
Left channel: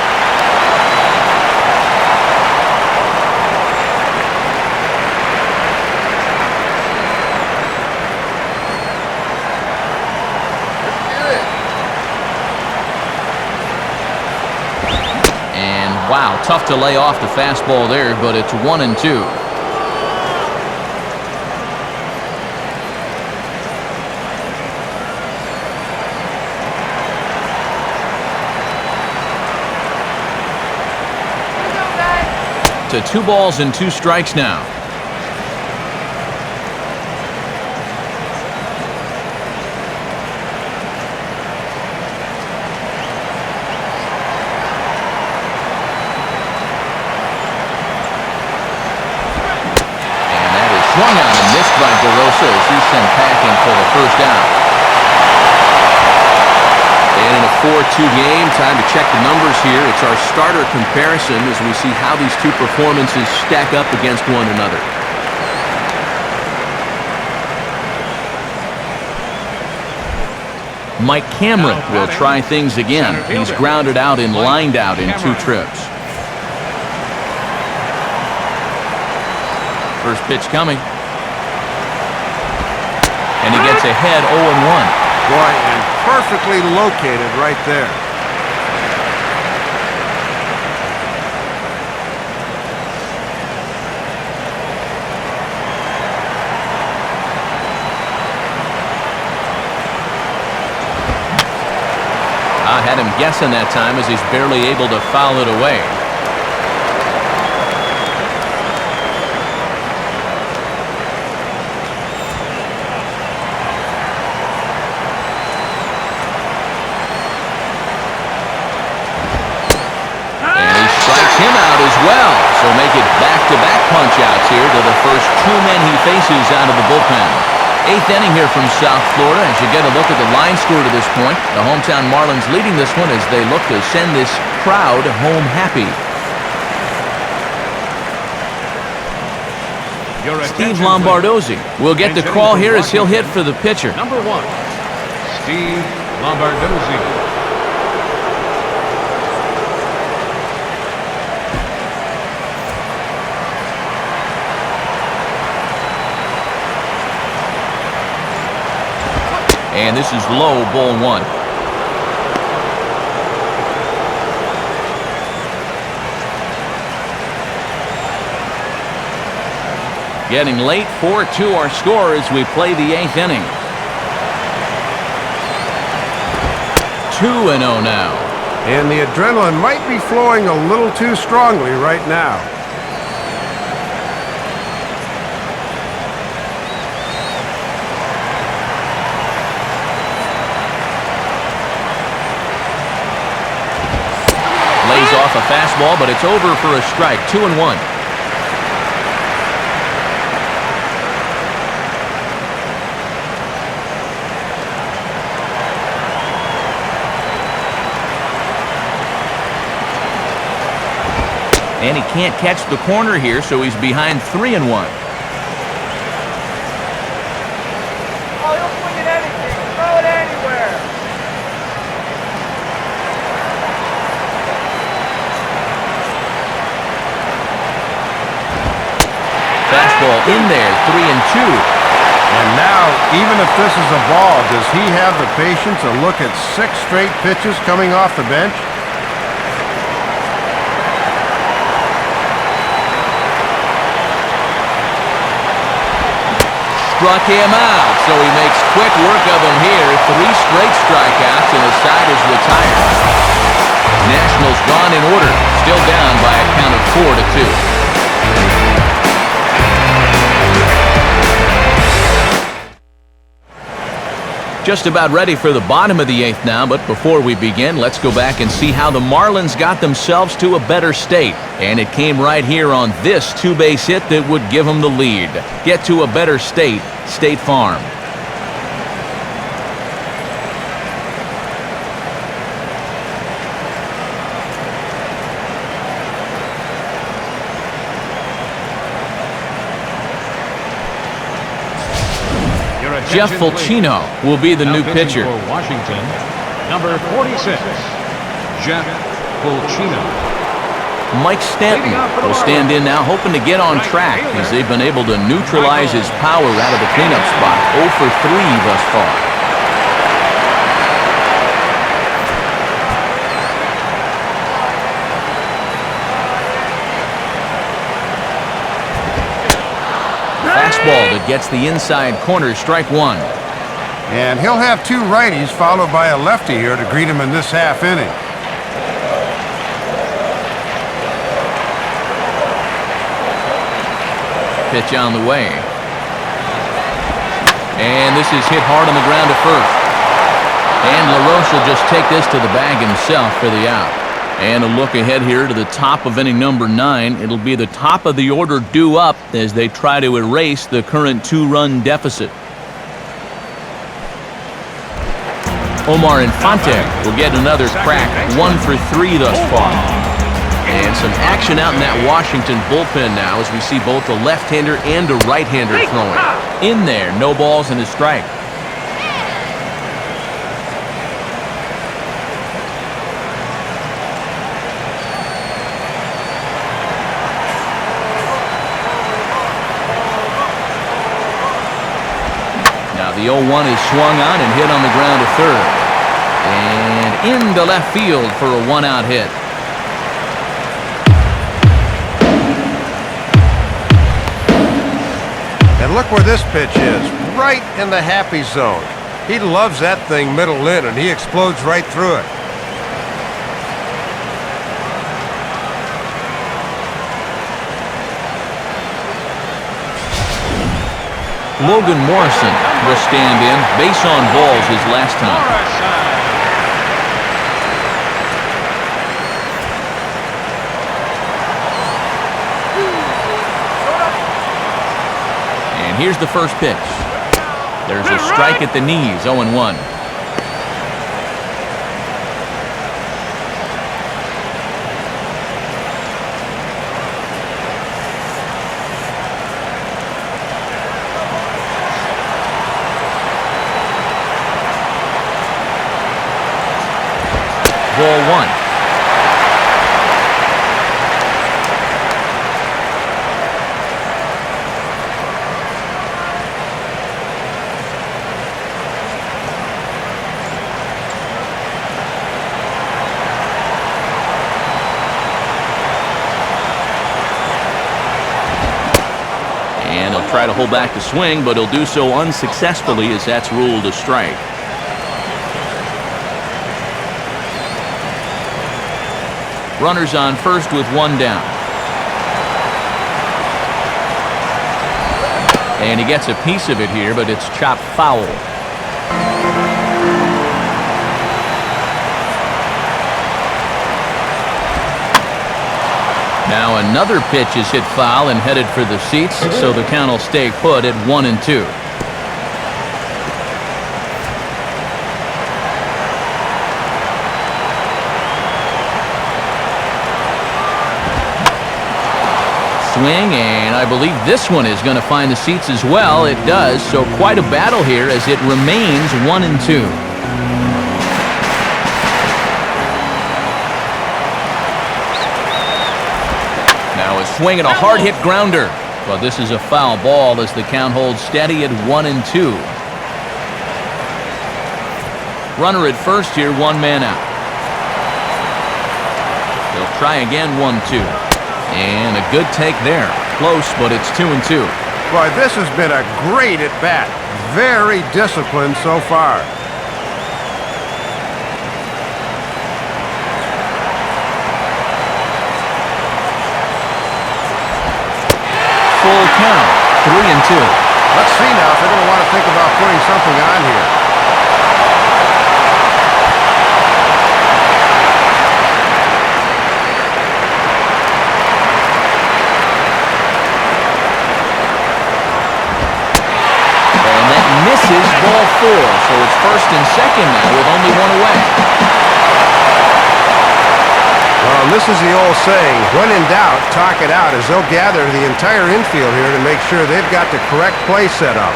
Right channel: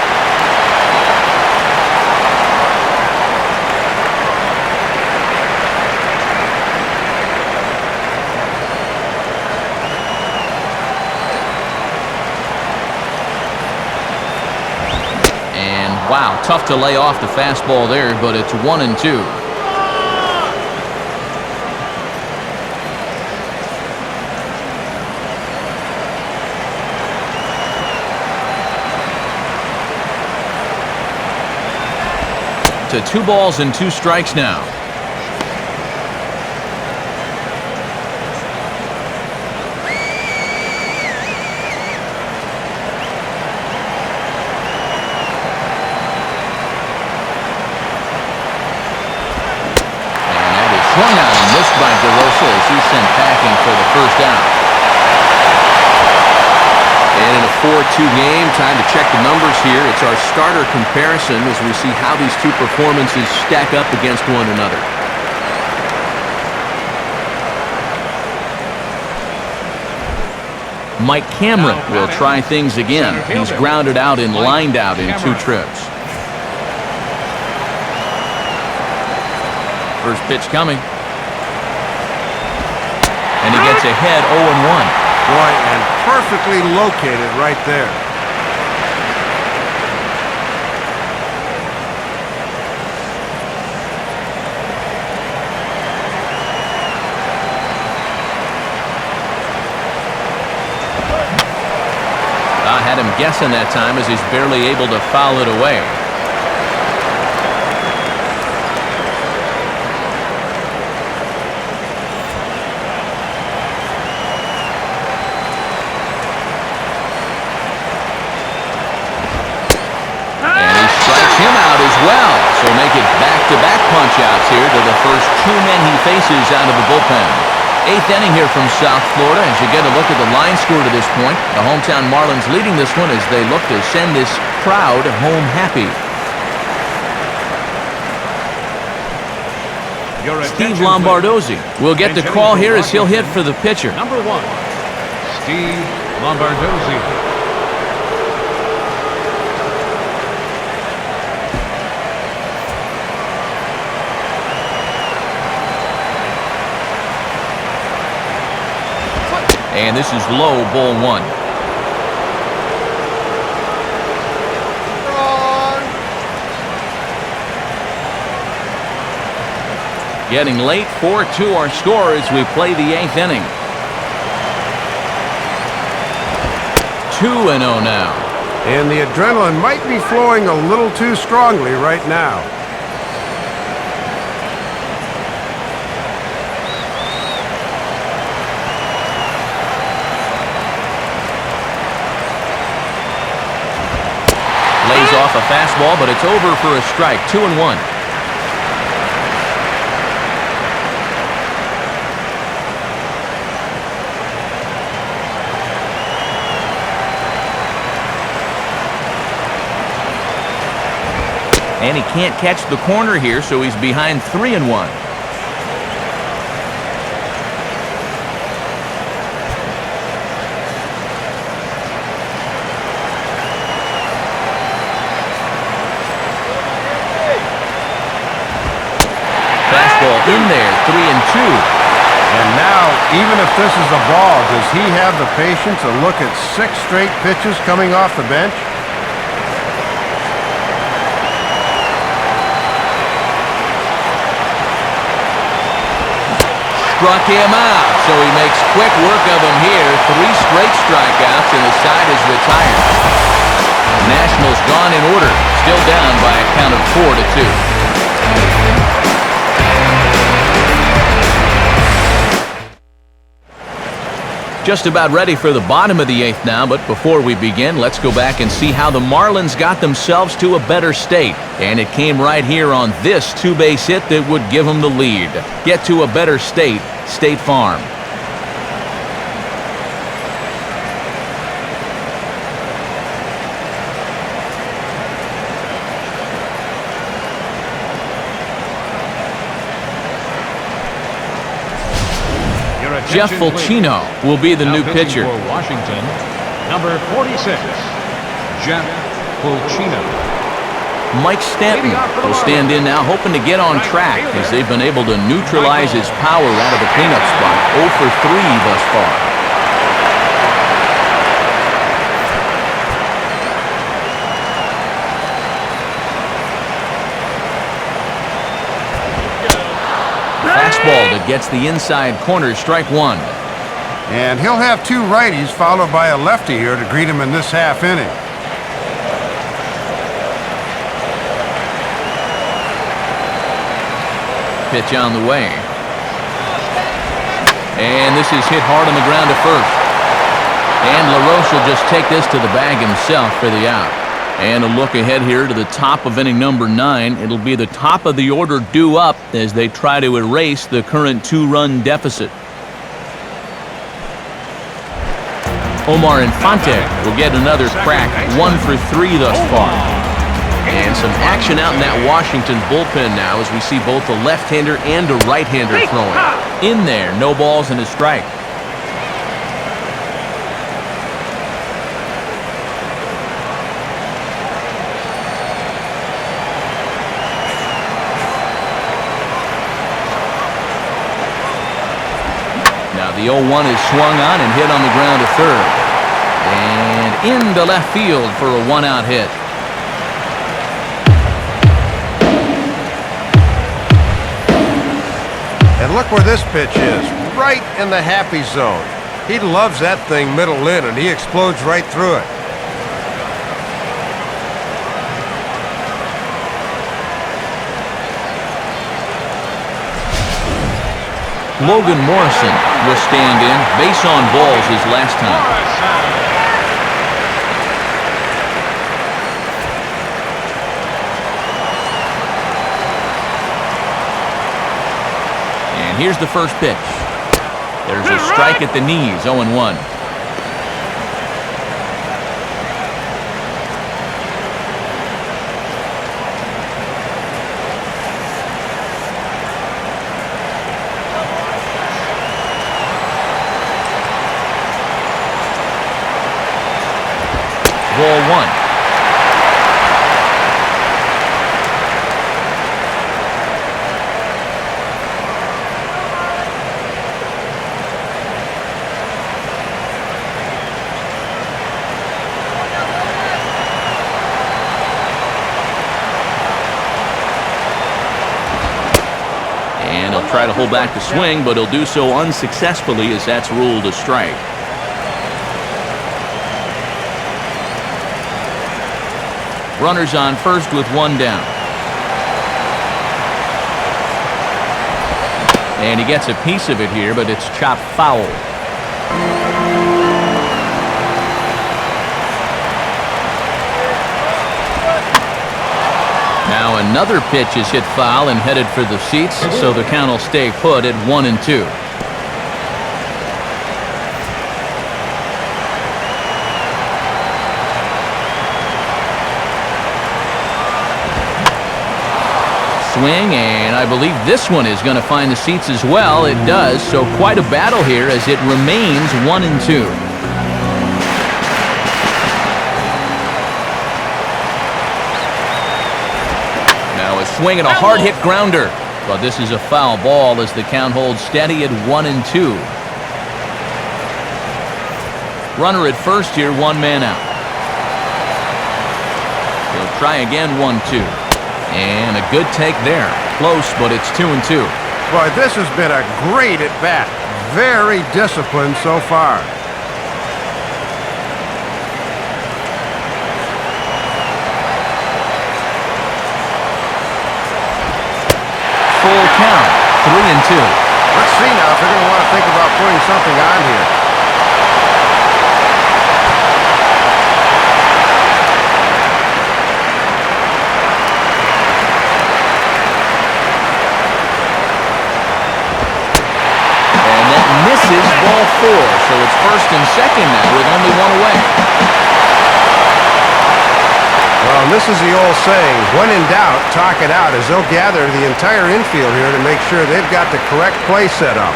And wow, tough to lay off the fastball there, but it's 1-2. To 2 balls and 2 strikes now. And that is swung on and missed by DeRosa as he's sent packing for the first out. And in a 4-2 game, time to check the numbers here. It's our starter comparison as we see how these two performances stack up against one another. Mike Cameron will try things again. He's grounded out and lined out in 2 trips. First pitch coming. And he gets ahead 0-1. Boy, and perfectly located right there. I had him guessing that time as he's barely able to foul it away. Him out as well, so make it back-to-back punch-outs here to the first two men he faces out of the bullpen. Eighth inning here from South Florida as you get a look at the line score to this point. The hometown Marlins leading this one as they look to send this crowd home happy. Steve Lombardozzi will get the call here as he'll hit for the pitcher. Number 1, Steve Lombardozzi. And this is low, ball 1. Getting late, 4-2 our score as we play the 8th inning. 2-0 now. And the adrenaline might be flowing a little too strongly right now. Lays off a fastball, but it's over for a strike. 2-1. And he can't catch the corner here, so he's behind 3-1. Fastball in there, 3-2. And now, even if this is a ball, does he have the patience to look at 6 straight pitches coming off the bench? Struck him out, so he makes quick work of him here. 3 straight strikeouts, and the side is retired. Nationals gone in order, still down by a count of 4-2. Just about ready for the bottom of the 8th now, but before we begin, let's go back and see how the Marlins got themselves to a better state. And it came right here on this 2-base hit that would give them the lead. Get to a better state, State Farm. Jeff Fulcino will be the new pitcher. For Washington, number 46, Jeff Fulcino. Mike Stanton will stand in now, hoping to get on track as they've been able to neutralize his power out of the cleanup spot. 0 for 3 thus far. Fastball that gets the inside corner, strike 1. And he'll have 2 righties followed by a lefty here to greet him in this half inning. Pitch on the way. And this is hit hard on the ground to first. And LaRoche will just take this to the bag himself for the out. And a look ahead here to the top of inning number 9. It'll be the top of the order due up as they try to erase the current 2-run deficit. Omar Infante will get another crack, 1 for 3 thus far. And some action out in that Washington bullpen now as we see both a left-hander and a right-hander throwing. In there, no balls and a strike. Now the 0-1 is swung on and hit on the ground to third. And into left field for a 1-out hit. And look where this pitch is, right in the happy zone. He loves that thing middle in, and he explodes right through it. Logan Morrison will stand in. Base on balls his last time. And here's the first pitch. There's a strike at the knees, 0-1. Ball one. And he'll try to hold back the swing, but he'll do so unsuccessfully as that's ruled a strike. Runners on first with one down. And he gets a piece of it here, but it's chopped foul. Now another pitch is hit foul and headed for the seats, so the count will stay put at 1-2. Swing, and I believe this one is going to find the seats as well. It does, so quite a battle here as it remains 1-2. Now a swing and a hard hit grounder, but this is a foul ball as the count holds steady at 1-2. Runner at first here, one man out. He'll try again, 1-2. And a good take there. Close, but it's 2-2. Boy, this has been a great at-bat. Very disciplined so far. Full count, 3-2. Let's see now if they're going to want to think about putting something on here. Misses, ball 4, so it's first and second now with only one away. Well, and this is the old saying, when in doubt, talk it out, as they'll gather the entire infield here to make sure they've got the correct play set up.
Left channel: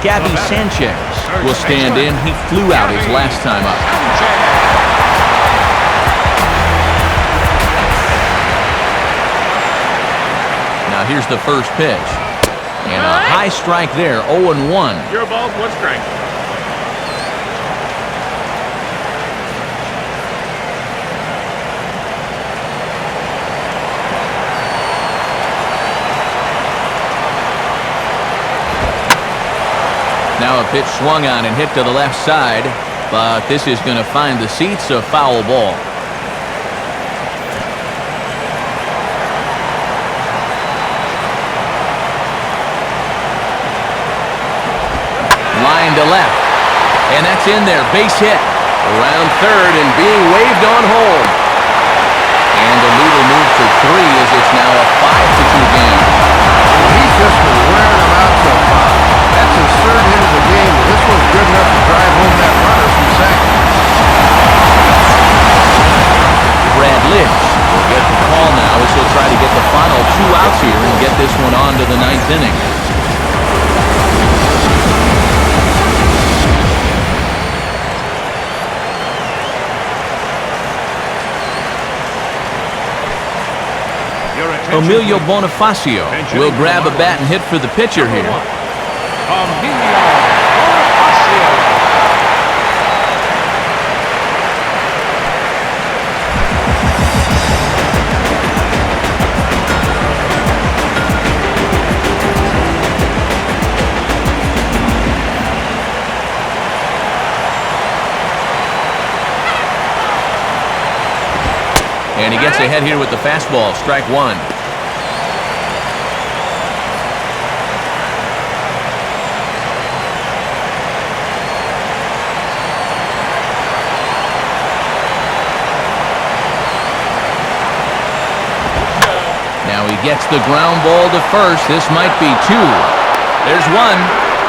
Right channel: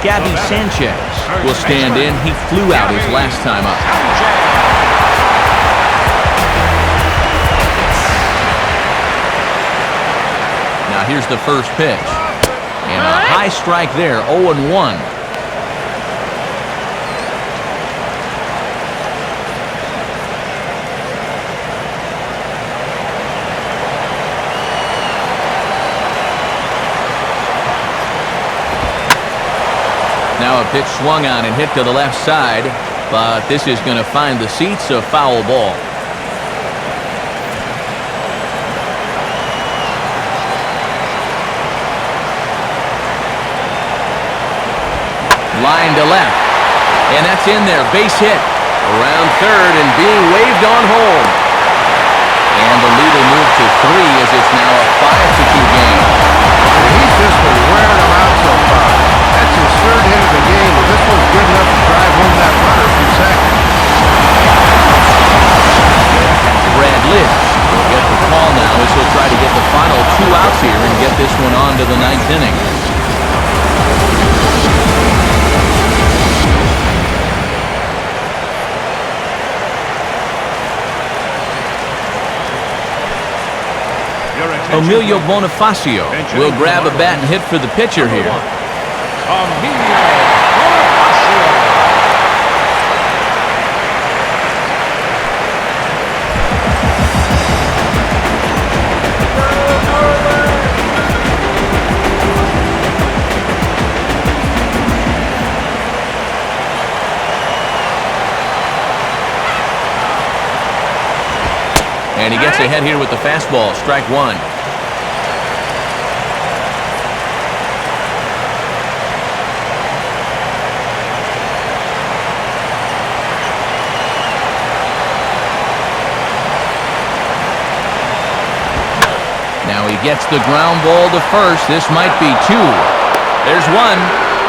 Gabby Sanchez will stand in. He flew out his last time up. Now here's the first pitch. And a high strike there, 0-1. Your ball's one strike. Now a pitch swung on and hit to the left side, but this is going to find the seats, a foul ball. Line to left, and that's in there. Base hit around third and being waved on home. And the lead will move to 3 as it's now a 5-2 game. He's just been wearing them out so far. That's his third hit of the game, and this one's good enough to drive home that runner from second. Brad Lidge will get the call now as he'll try to get the final 2 outs here and get this one on to the 9th inning. Emilio Bonifacio will grab a bat and hit for the pitcher here. And he gets ahead here with the fastball, strike one. Now he gets the ground ball to first. This might be two. There's one.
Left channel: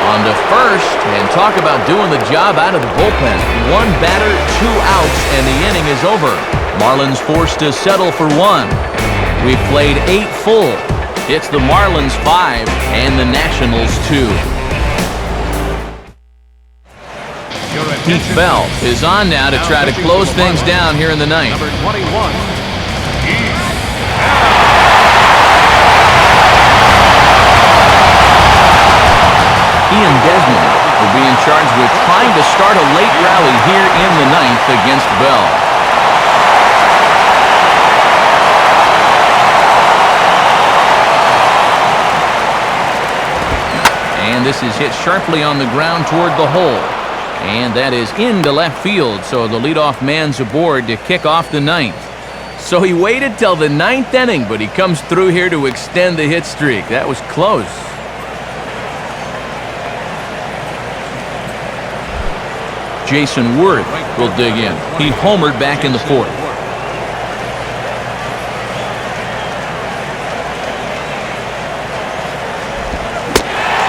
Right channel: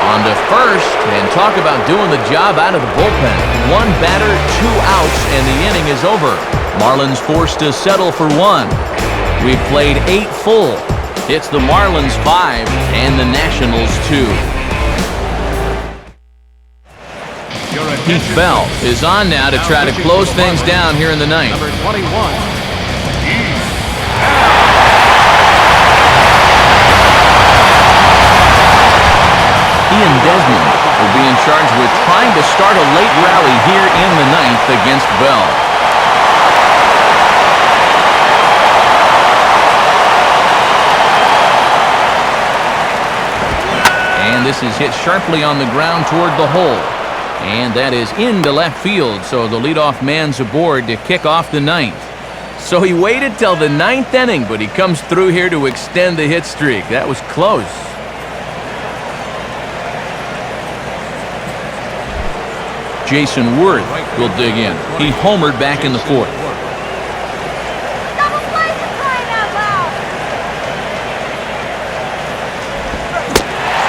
On to first, and talk about doing the job out of the bullpen. One batter, 2 outs, and the inning is over. Marlins forced to settle for 1. We've played 8 full. It's the Marlins 5 and the Nationals 2. Heath Bell is on now to try to close things down here in the ninth. Ian Desmond will be in charge with trying to start a late rally here in the ninth against Bell. And this is hit sharply on the ground toward the hole. And that is into left field, so the leadoff man's aboard to kick off the ninth. So he waited till the ninth inning, but he comes through here to extend the hit streak. That was close. Jason Worth will dig in. He homered back in the 4th.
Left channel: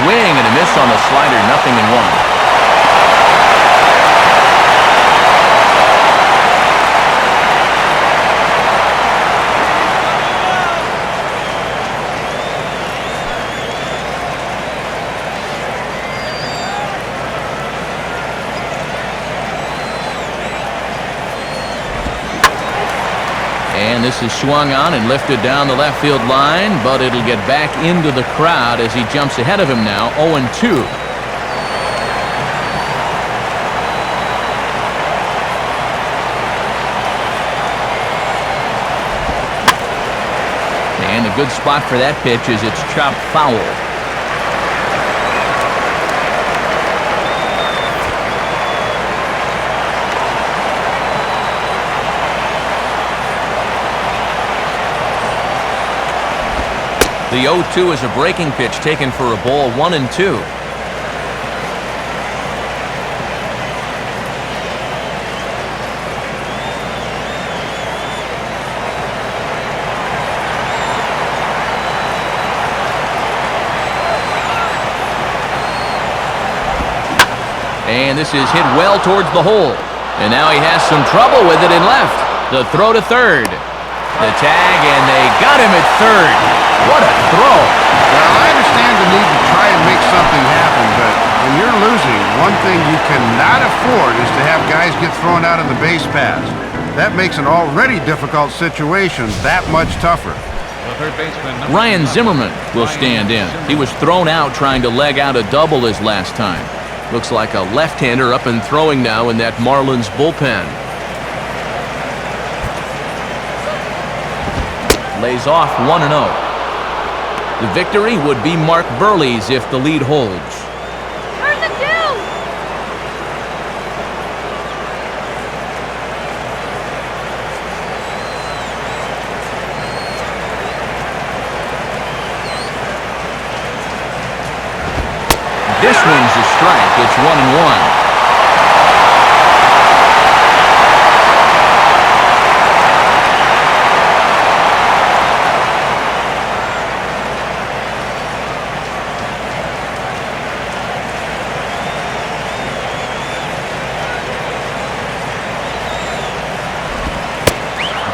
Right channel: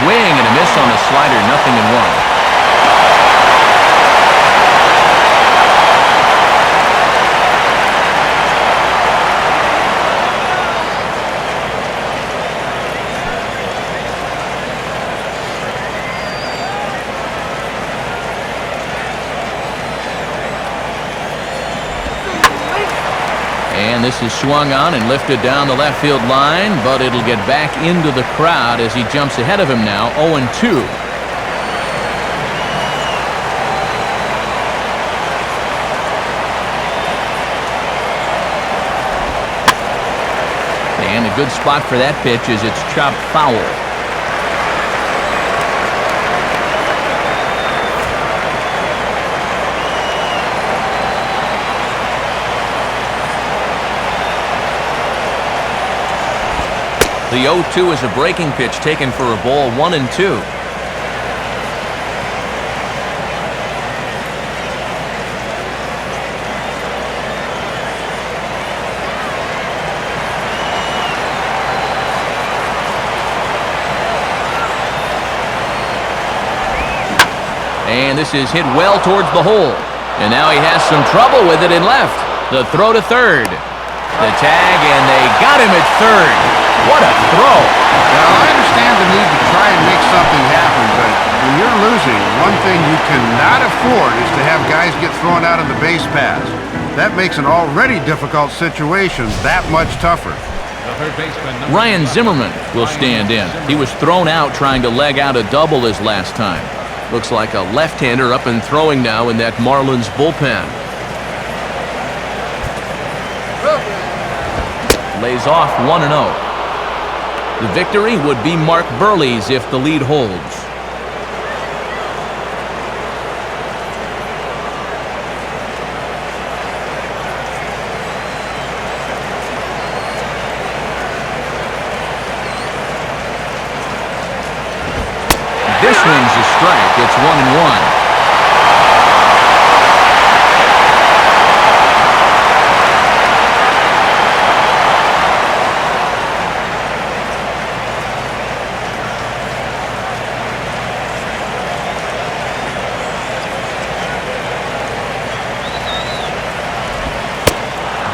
Swing and a miss on the slider, 0-1. And this is swung on and lifted down the left field line, but it'll get back into the crowd as he jumps ahead of him now, 0-2. And a good spot for that pitch as it's chopped foul. The 0-2 is a breaking pitch taken for a ball, 1-2. And this is hit well towards the hole. And now he has some trouble with it in left. The throw to third. The tag, and they got him at third. What a throw. Well, I understand the need to try and make something happen, but when you're losing, one thing you cannot afford is to have guys get thrown out on the base paths. That makes an already difficult situation that much tougher. Ryan Zimmerman will stand in. He was thrown out trying to leg out a double his last time. Looks like a left-hander up and throwing now in that Marlins bullpen. Lays off 1-0. The victory would be Mark Burley's if the lead holds. This one's a strike. It's 1-1.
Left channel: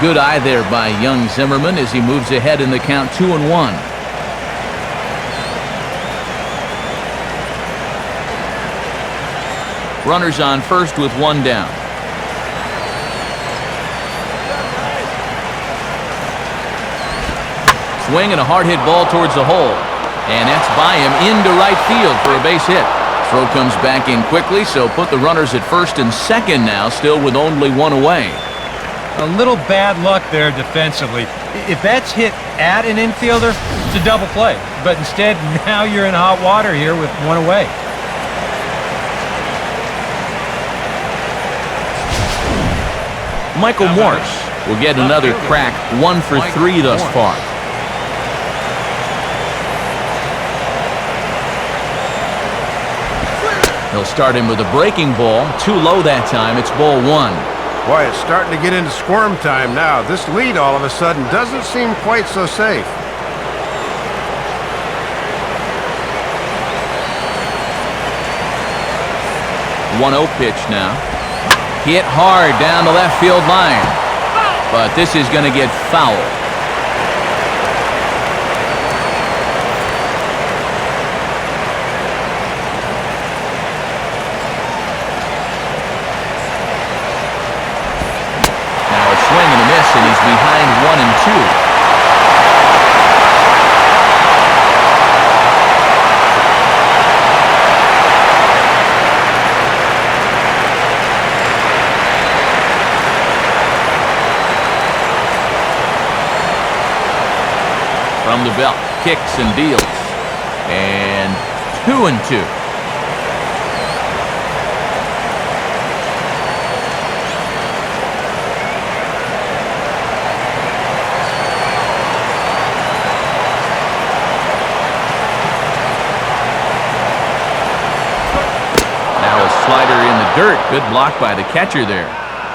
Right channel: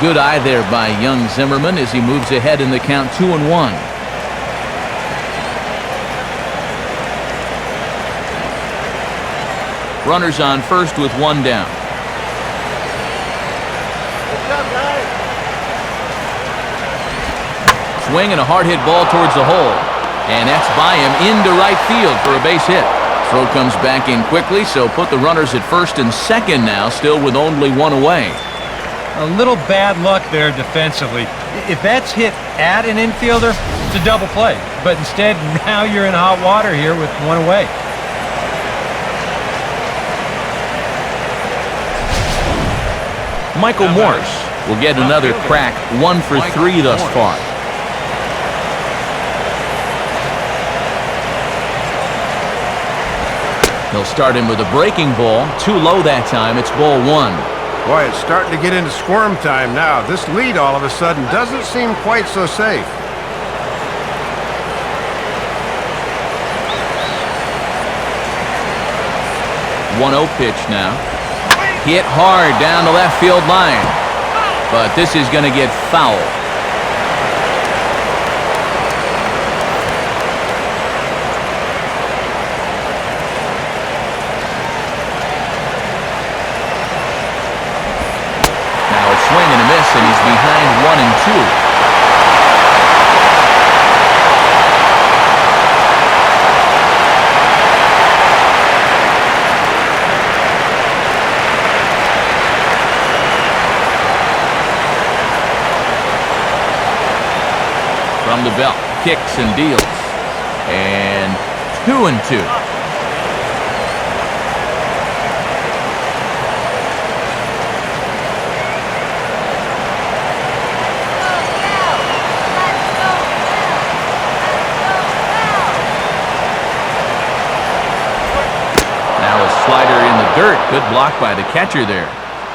Good eye there by young Zimmerman as he moves ahead in the count, 2-1. Runners on first with 1 down. Good job, guys. Swing and a hard hit ball towards the hole. And that's by him into right field for a base hit. Throw comes back in quickly, so put the runners at first and second now, still with only 1 away. A little bad luck there defensively. If that's hit at an infielder, it's a double play. But instead, now you're in hot water here with 1 away. Michael Morse will get another crack, 1 for 3 thus far. He'll start him with a breaking ball. Too low that time. It's ball 1. Boy, it's starting to get into squirm time now. This lead all of a sudden doesn't seem quite so safe. 1-0 pitch now. Hit hard down the left field line. But this is going to get foul. Now a swing and a miss, and he's behind 1-2. From the belt, kicks and deals, and 2-2. Now a slider in the dirt. Good block by the catcher there.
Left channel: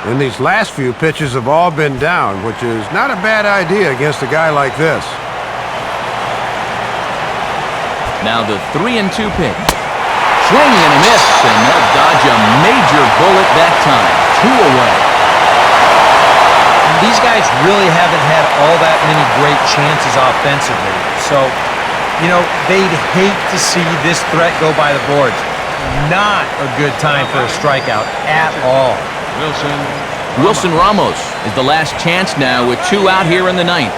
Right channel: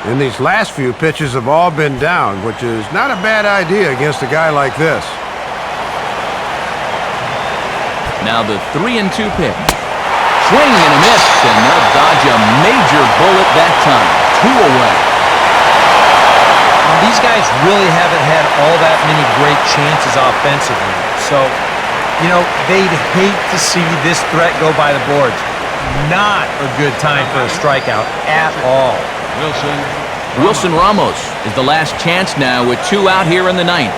And these last few pitches have all been down, which is not a bad idea against a guy like this. Now the 3-2 pitch. Swing and a miss, and they'll dodge a major bullet that time. 2 away. These guys really haven't had all that many great chances offensively. So, you know, they'd hate to see this threat go by the boards. Not a good time for a strikeout at all. Wilson Ramos is the last chance now with 2 out here in the 9th.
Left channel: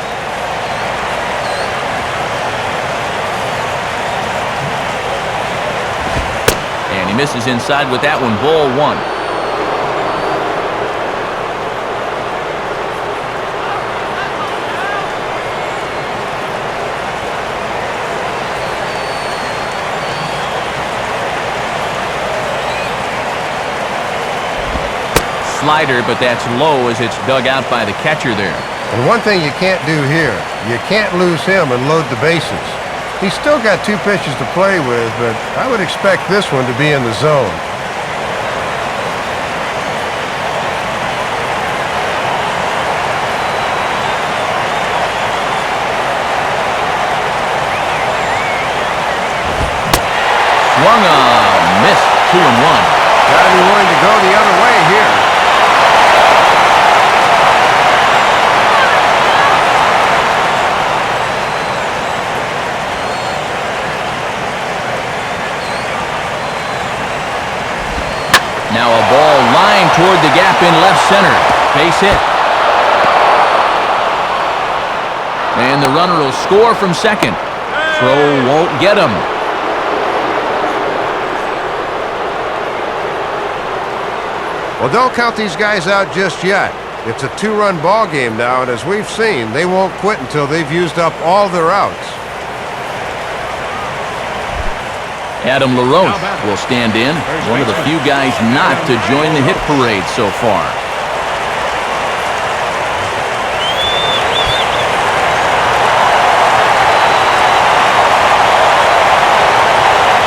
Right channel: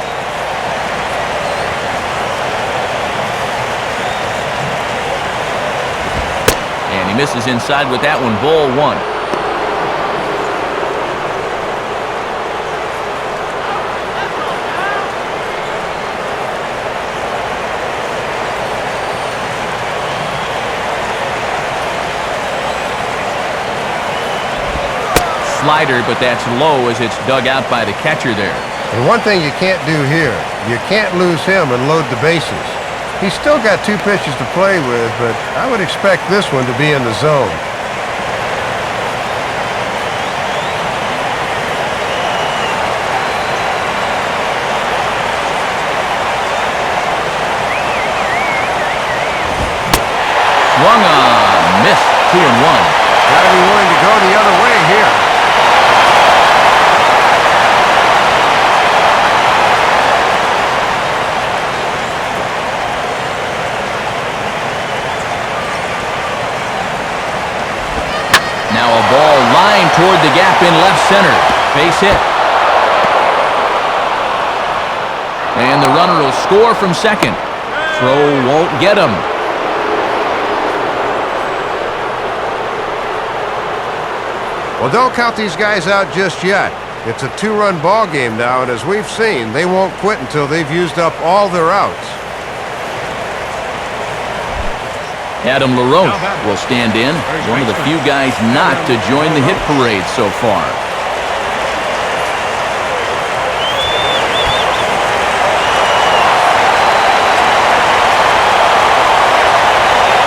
And he misses inside with that one, ball 1. Slider, but that's low as it's dug out by the catcher there. And one thing you can't do here, you can't lose him and load the bases. He's still got 2 pitches to play with, but I would expect this one to be in the zone. Swung on, missed, 2-1. Got to be willing to go the other way here. Now a ball lined toward the gap in left center. Base hit. And the runner will score from second. Throw won't get him. Well, don't count these guys out just yet. It's a 2-run ball game now, and as we've seen, they won't quit until they've used up all their outs. Adam LaRoche will stand in, one of the few guys not to join the hit parade so far.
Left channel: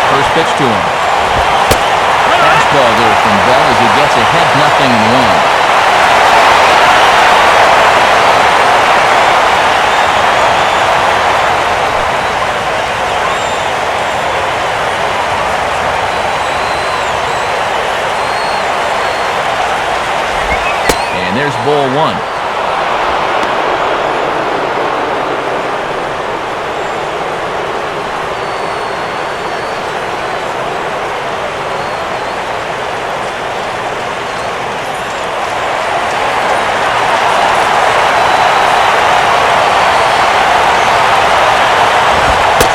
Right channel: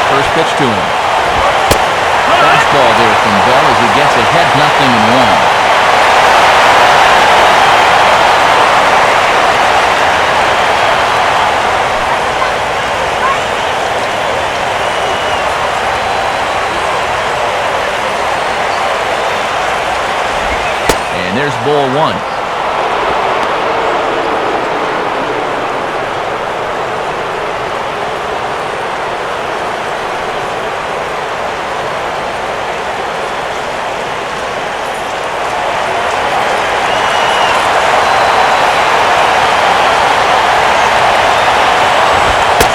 First pitch to him. Fastball there from Bell as he gets ahead 0-1. And there's ball 1.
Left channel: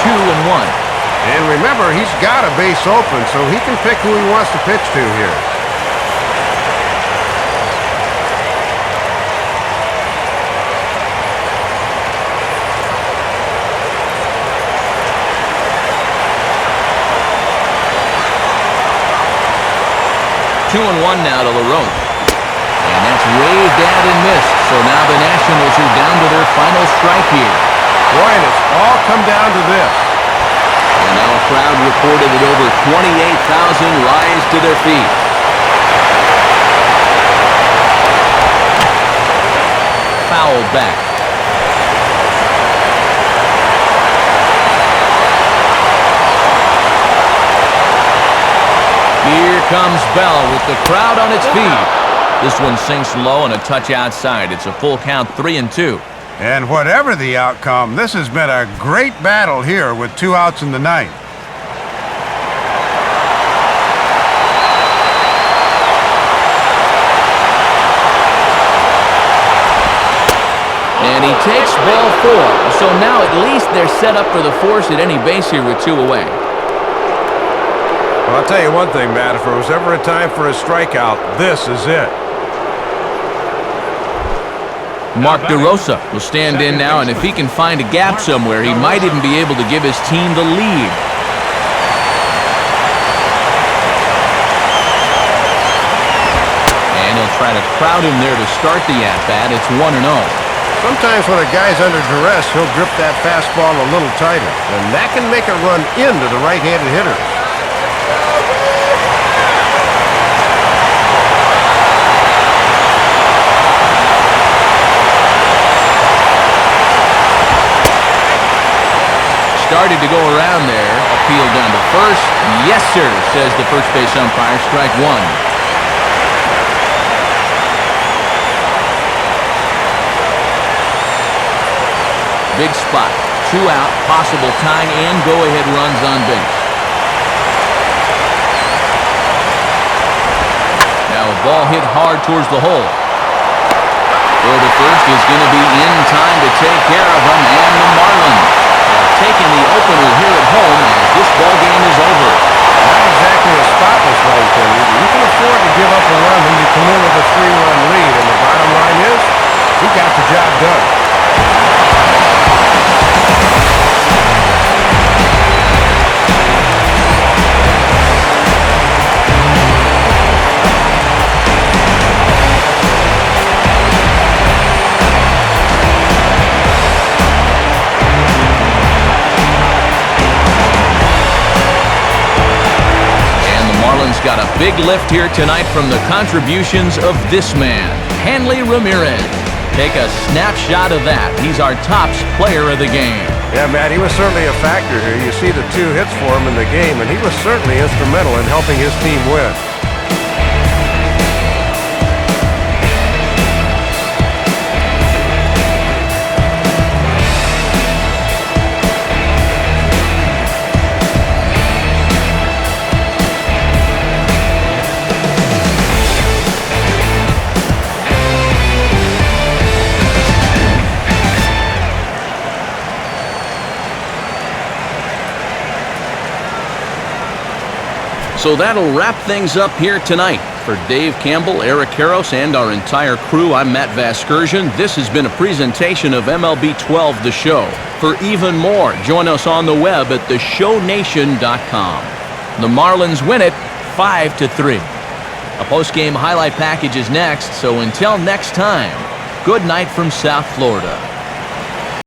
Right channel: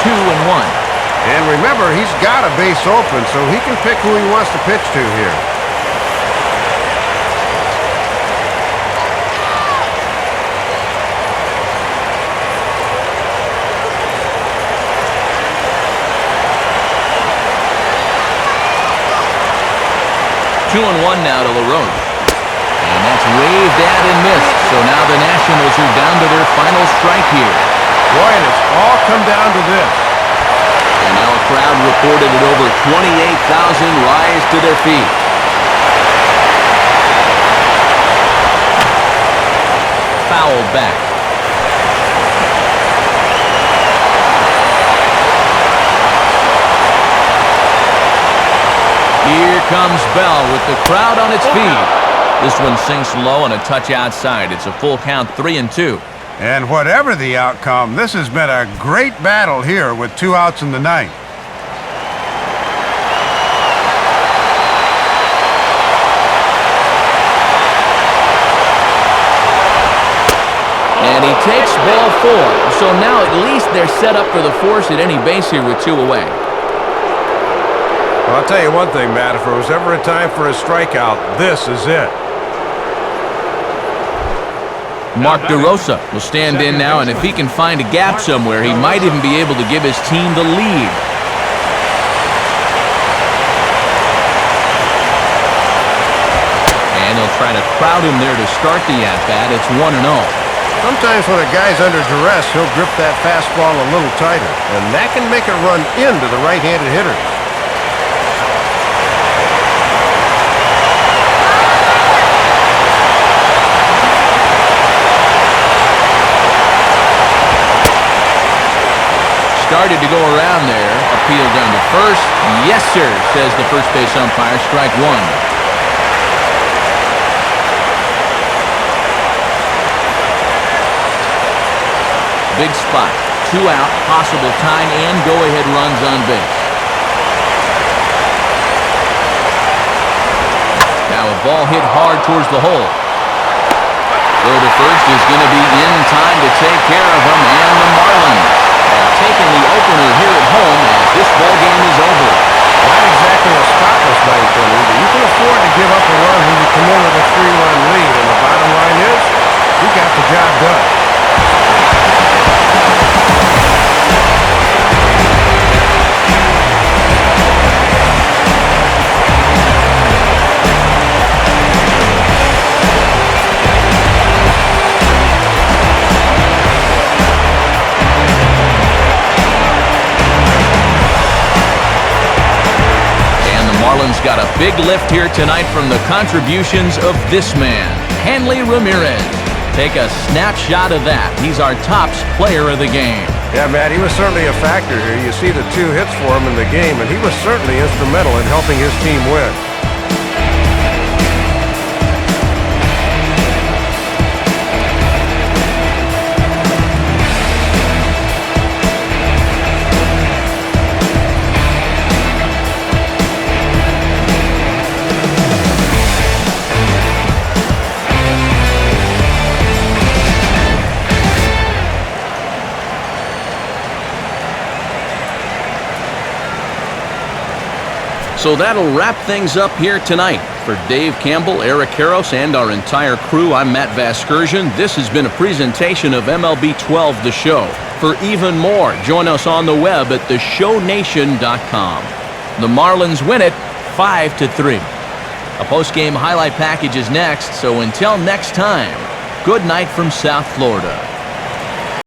Two and 1. And remember, he's got a base open, so he can pick who he wants to pitch to here. Two and 1 now to LaRoche. And that's waved at and missed, so now the Nationals are down to their final strike here. Boy, and it's all come down to this. And now a crowd reported at over 28,000 rise to their feet. Fouled back. Here comes Bell with the crowd on its feet. This one sinks low and a touch outside. It's a full count, 3-2. And whatever the outcome, this has been a great battle here with 2 outs in the ninth. And he takes ball 4. So now at least they're set up for the force at any base here with 2 away. Well, I'll tell you one thing, Matt. If there was ever a time for a strikeout, this is it. Mark DeRosa will stand in now, and if he can find a gap somewhere, he might even be able to give his team the lead. And he'll try to crowd him there to start the at-bat. It's 1-0. Sometimes when a guy's under duress, he'll grip that fastball a little tighter, and that can make it run into the right-handed hitters. Started to go around there. Appeal down to first. Yes, sir, says the first base umpire. Strike 1. Big spot. 2 out, possible tying and go-ahead runs on base. Now a ball hit hard towards the hole. Throw to first is going to be in time to take care of him, and the Marlins have taken the opener here at home as this ball game is over. Not exactly a spotless ninth inning, but you can afford to give up a run when you come in with a 3-run lead, and the bottom line is, he got the job done. Marlins got a big lift here tonight from the contributions of this man, Hanley Ramirez. Take a snapshot of that. He's our tops player of the game. Yeah, Matt, he was certainly a factor here. You see the 2 hits for him in the game, and he was certainly instrumental in helping his team win. So that'll wrap things up here tonight. For Dave Campbell, Eric Karros, and our entire crew, I'm Matt Vasgersian. This has been a presentation of MLB 12 The Show. For even more, join us on the web at theshownation.com. The Marlins win it 5-3. A post-game highlight package is next, so until next time, good night from South Florida.